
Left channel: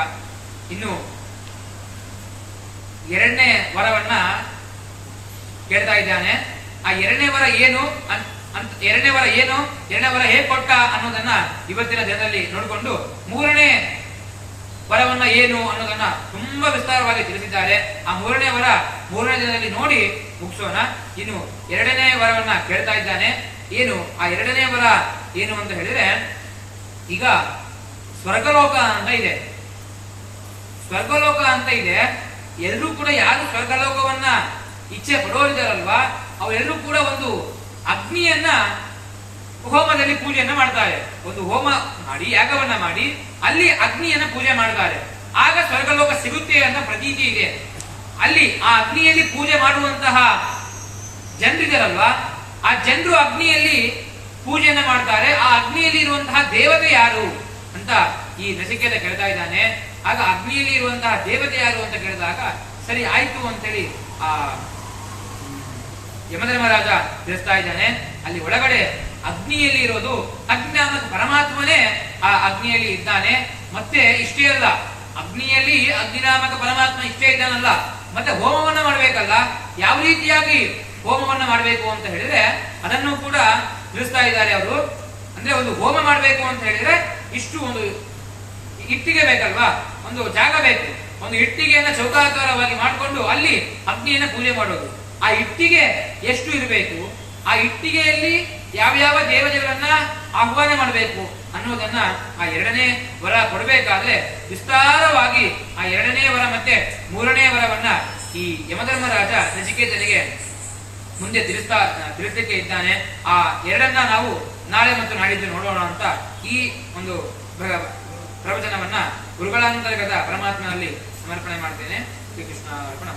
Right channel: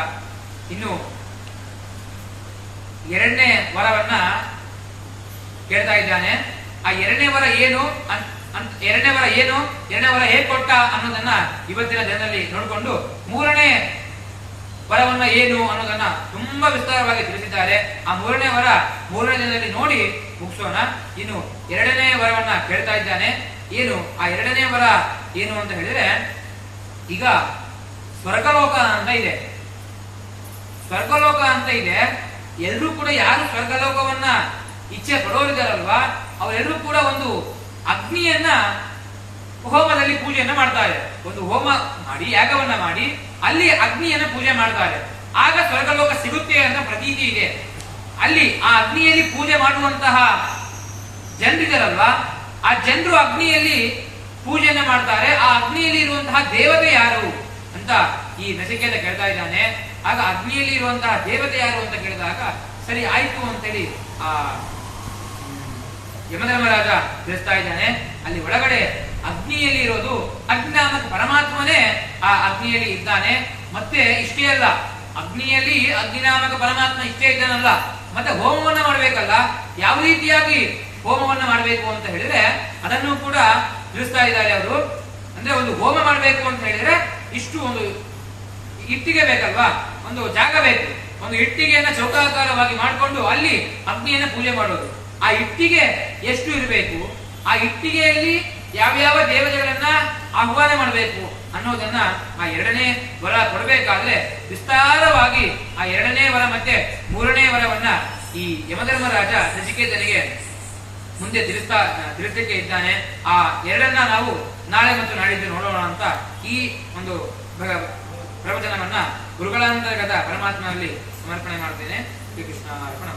ಇನ್ನು 2ನೇ ವರವನ್ನ ಕೇಳ್ತಾ ಇದ್ದಾನೆ. ಆ 2ನೇ ವರ ಏನು, 2ನೇ ವರ ಹೇಗೆ ಕೊಟ್ಟ ಅನ್ನೋದನ್ನ ಇವತ್ತಿನ ದಿನದಲ್ಲಿ ನೋಡಿಕೊಂಡು 3ನೇ ವರವನ್ನ ಏನು ಅನ್ನೋದನ್ನ ತುಂಬಾ ವಿಸ್ತಾರವಾಗಿ ತಿಳಿಸಿದ್ದಾರೆ. ಆ ಮೂರನೇ ವರ ಮೂರನೇ ದಿನದಲ್ಲಿ ನೋಡಿ ಮುಗಿಸೋಣ. ಇನ್ನು ಎರಡನೇ ವರವನ್ನ ಕೇಳ್ತಾ ಇದ್ದಾನೆ. ಏನು ಆ ಎರಡನೇ ವರ ಏನು ಅಂತ ಹೇಳಿದ್ರೆ, ಈಗ ಸ್ವರ್ಗಲೋಕ ಅಂತ ಇದೆ. ಸ್ವರ್ಗಲೋಕ ಅಂತ ಇದೆ. ಎಲ್ಲರೂ ಕೂಡ ಯಾರು ಸ್ವರ್ಗಲೋಕವನ್ನ ಇಚ್ಛೆ ಪಡೋರಿದಾರಲ್ವಾ, ಅವರೆಲ್ಲರೂ ಕೂಡ ಒಂದು ಅಗ್ನಿಯನ್ನ ಹೋಮದಲ್ಲಿ ಪೂಜೆಯನ್ನ ಮಾಡ್ತಾರೆ. ಒಂದು ಹೋಮ ಮಾಡಿ ಯಾಗವನ್ನ ಮಾಡಿ ಅಲ್ಲಿ ಅಗ್ನಿಯನ್ನ ಪೂಜೆ ಮಾಡ್ತಾರೆ. ಆಗ ಸ್ವರ್ಗಲೋಕ ಸಿಗುತ್ತೆ ಅಂತ ಪ್ರತೀತಿ ಇದೆ. ಅಲ್ಲಿ ಆ ಅಗ್ನಿಯಲ್ಲಿ ಪೂಜೆ ಮಾಡುವಂತಹ ಜನರಿದಾರಲ್ವಾ, ಆ ಜನರು ಅಗ್ನಿಯಲ್ಲಿ ಪೂಜೆಯನ್ನ ಮಾಡ್ತಾರೆ. ಆ ಅಗ್ನಿಯಲ್ಲಿ ಇರುವಂತಹ ದೇವತೆ ಯಾರು ಅಂತ ಈ ನಚಿಕೇತ ಕೇಳ್ತಾ ಇದ್ದಾನೆ. ಆಗ ಅಗ್ನಿಯಲ್ಲಿ ಇರುವಂತಹ ದೇವತೆ ಯಾರು ಅಂತ ಕೇಳಿದಾಗ ಸರಿ ಆಯ್ತು ಅಂತೇಳಿ ಆ ಯಮಧರ್ಮರಾಜ ತಿಳಿಸ್ತಾ ಇದ್ದಾನೆ. ಅಲ್ಲಿ ಒಳಗಡೆ ಅಗ್ನಿಯಲ್ಲಿ ಇರೋದು ಅಗ್ನಿನಾಮಕ ಪರಮಾತ್ಮನೇ ಆ ಅಗ್ನಿಯಲ್ಲಿ ಇದ್ದಾನೆ. ಮತ್ತೆ ಇಷ್ಟೇ ಅಲ್ಲ, ಅಗ್ನಿಯಲ್ಲಿ ಅಗ್ನಿನಾಮಕ ಪರಮಾತ್ಮ ಇಷ್ಟೇ ಇದ್ದಾನಲ್ಲ, ಮತ್ತೆ ಹೋಮವನ್ನ ಮಾಡಬೇಕಲ್ಲ. ಯಾವ ರೀತಿಯಾಗಿ ಹೋಮವನ್ನ ಮಾಡಬೇಕು ಅಂತ ಹೇಳಿದ್ರೆ ಅದನ್ನು ಕೂಡ ತಿಳಿಸ್ತಾ ಇದ್ದಾರೆ ಅವರು. ಅಂದ್ರೆ ಒಂದು ಹೋಮ ಮಾಡಬೇಕು ಅಂತ ಹೇಳಿದ್ರೆ ಇಷ್ಟು ಒಂದು ಇಟ್ಟಿಗೆ ಬೇಕಲ್ವಾ, ಒಂದು ಜಾಗ ಬೇಕು. ಒಂದು ಇಟ್ಟಿಗೆಯನ್ನ ಚೌಕಾಕಾರವಾಗಿ ಮಾಡಿಕೊಂಡು ಅಲ್ಲಿ ಅಗ್ನಿಯನ್ನ ಪೂಜೆ ಮಾಡೋದು. ಆ ಇಟ್ಟಿಗೆ ಎಷ್ಟು ಇರಬೇಕು, ಆ ಇಟ್ಟಿಗೆಯಲ್ಲಿ ಯಾವ್ಯಾವ ದೇವತೆಗಳನ್ನ ಆಹ್ವಾನ ಮಾಡಬೇಕು ಅನ್ನೋದನ್ನ ಆ ಎರಡನೇ ವರ ಕೊಡಬೇಕಾದ್ರೆ ವಿಸ್ತಾರವಾಗಿ ಆ ಎರಡನೇ ವರ ಮತ್ತೆ ಮೂರನೇ ವರವನ್ನ ಈ ಯಮಧರ್ಮರಾಜ ನಚಿಕೇತನಿಗೆ ಮುಂದೆ ತಿಳಿಸಲಿಕ್ಕೆ ಇದ್ದಾನೆ. ಆ ಎರಡನ್ನ ನಾವು ನಾಳೆ ಮತ್ತು ನಾಡಿದ್ದು ನೋಡೋಣ ಅಂತ ಈ ಒಂದು ಪ್ರವಚನವನ್ನ ಗುರುಗಳಾಂತರ್ಗತ ಪರಮಾತ್ಮನಲ್ಲಿ ಸಮರ್ಪಣೆ ಮಾಡ್ತೇನೆ. ಶ್ರೀಕೃಷ್ಣ ಅರ್ಪಣ.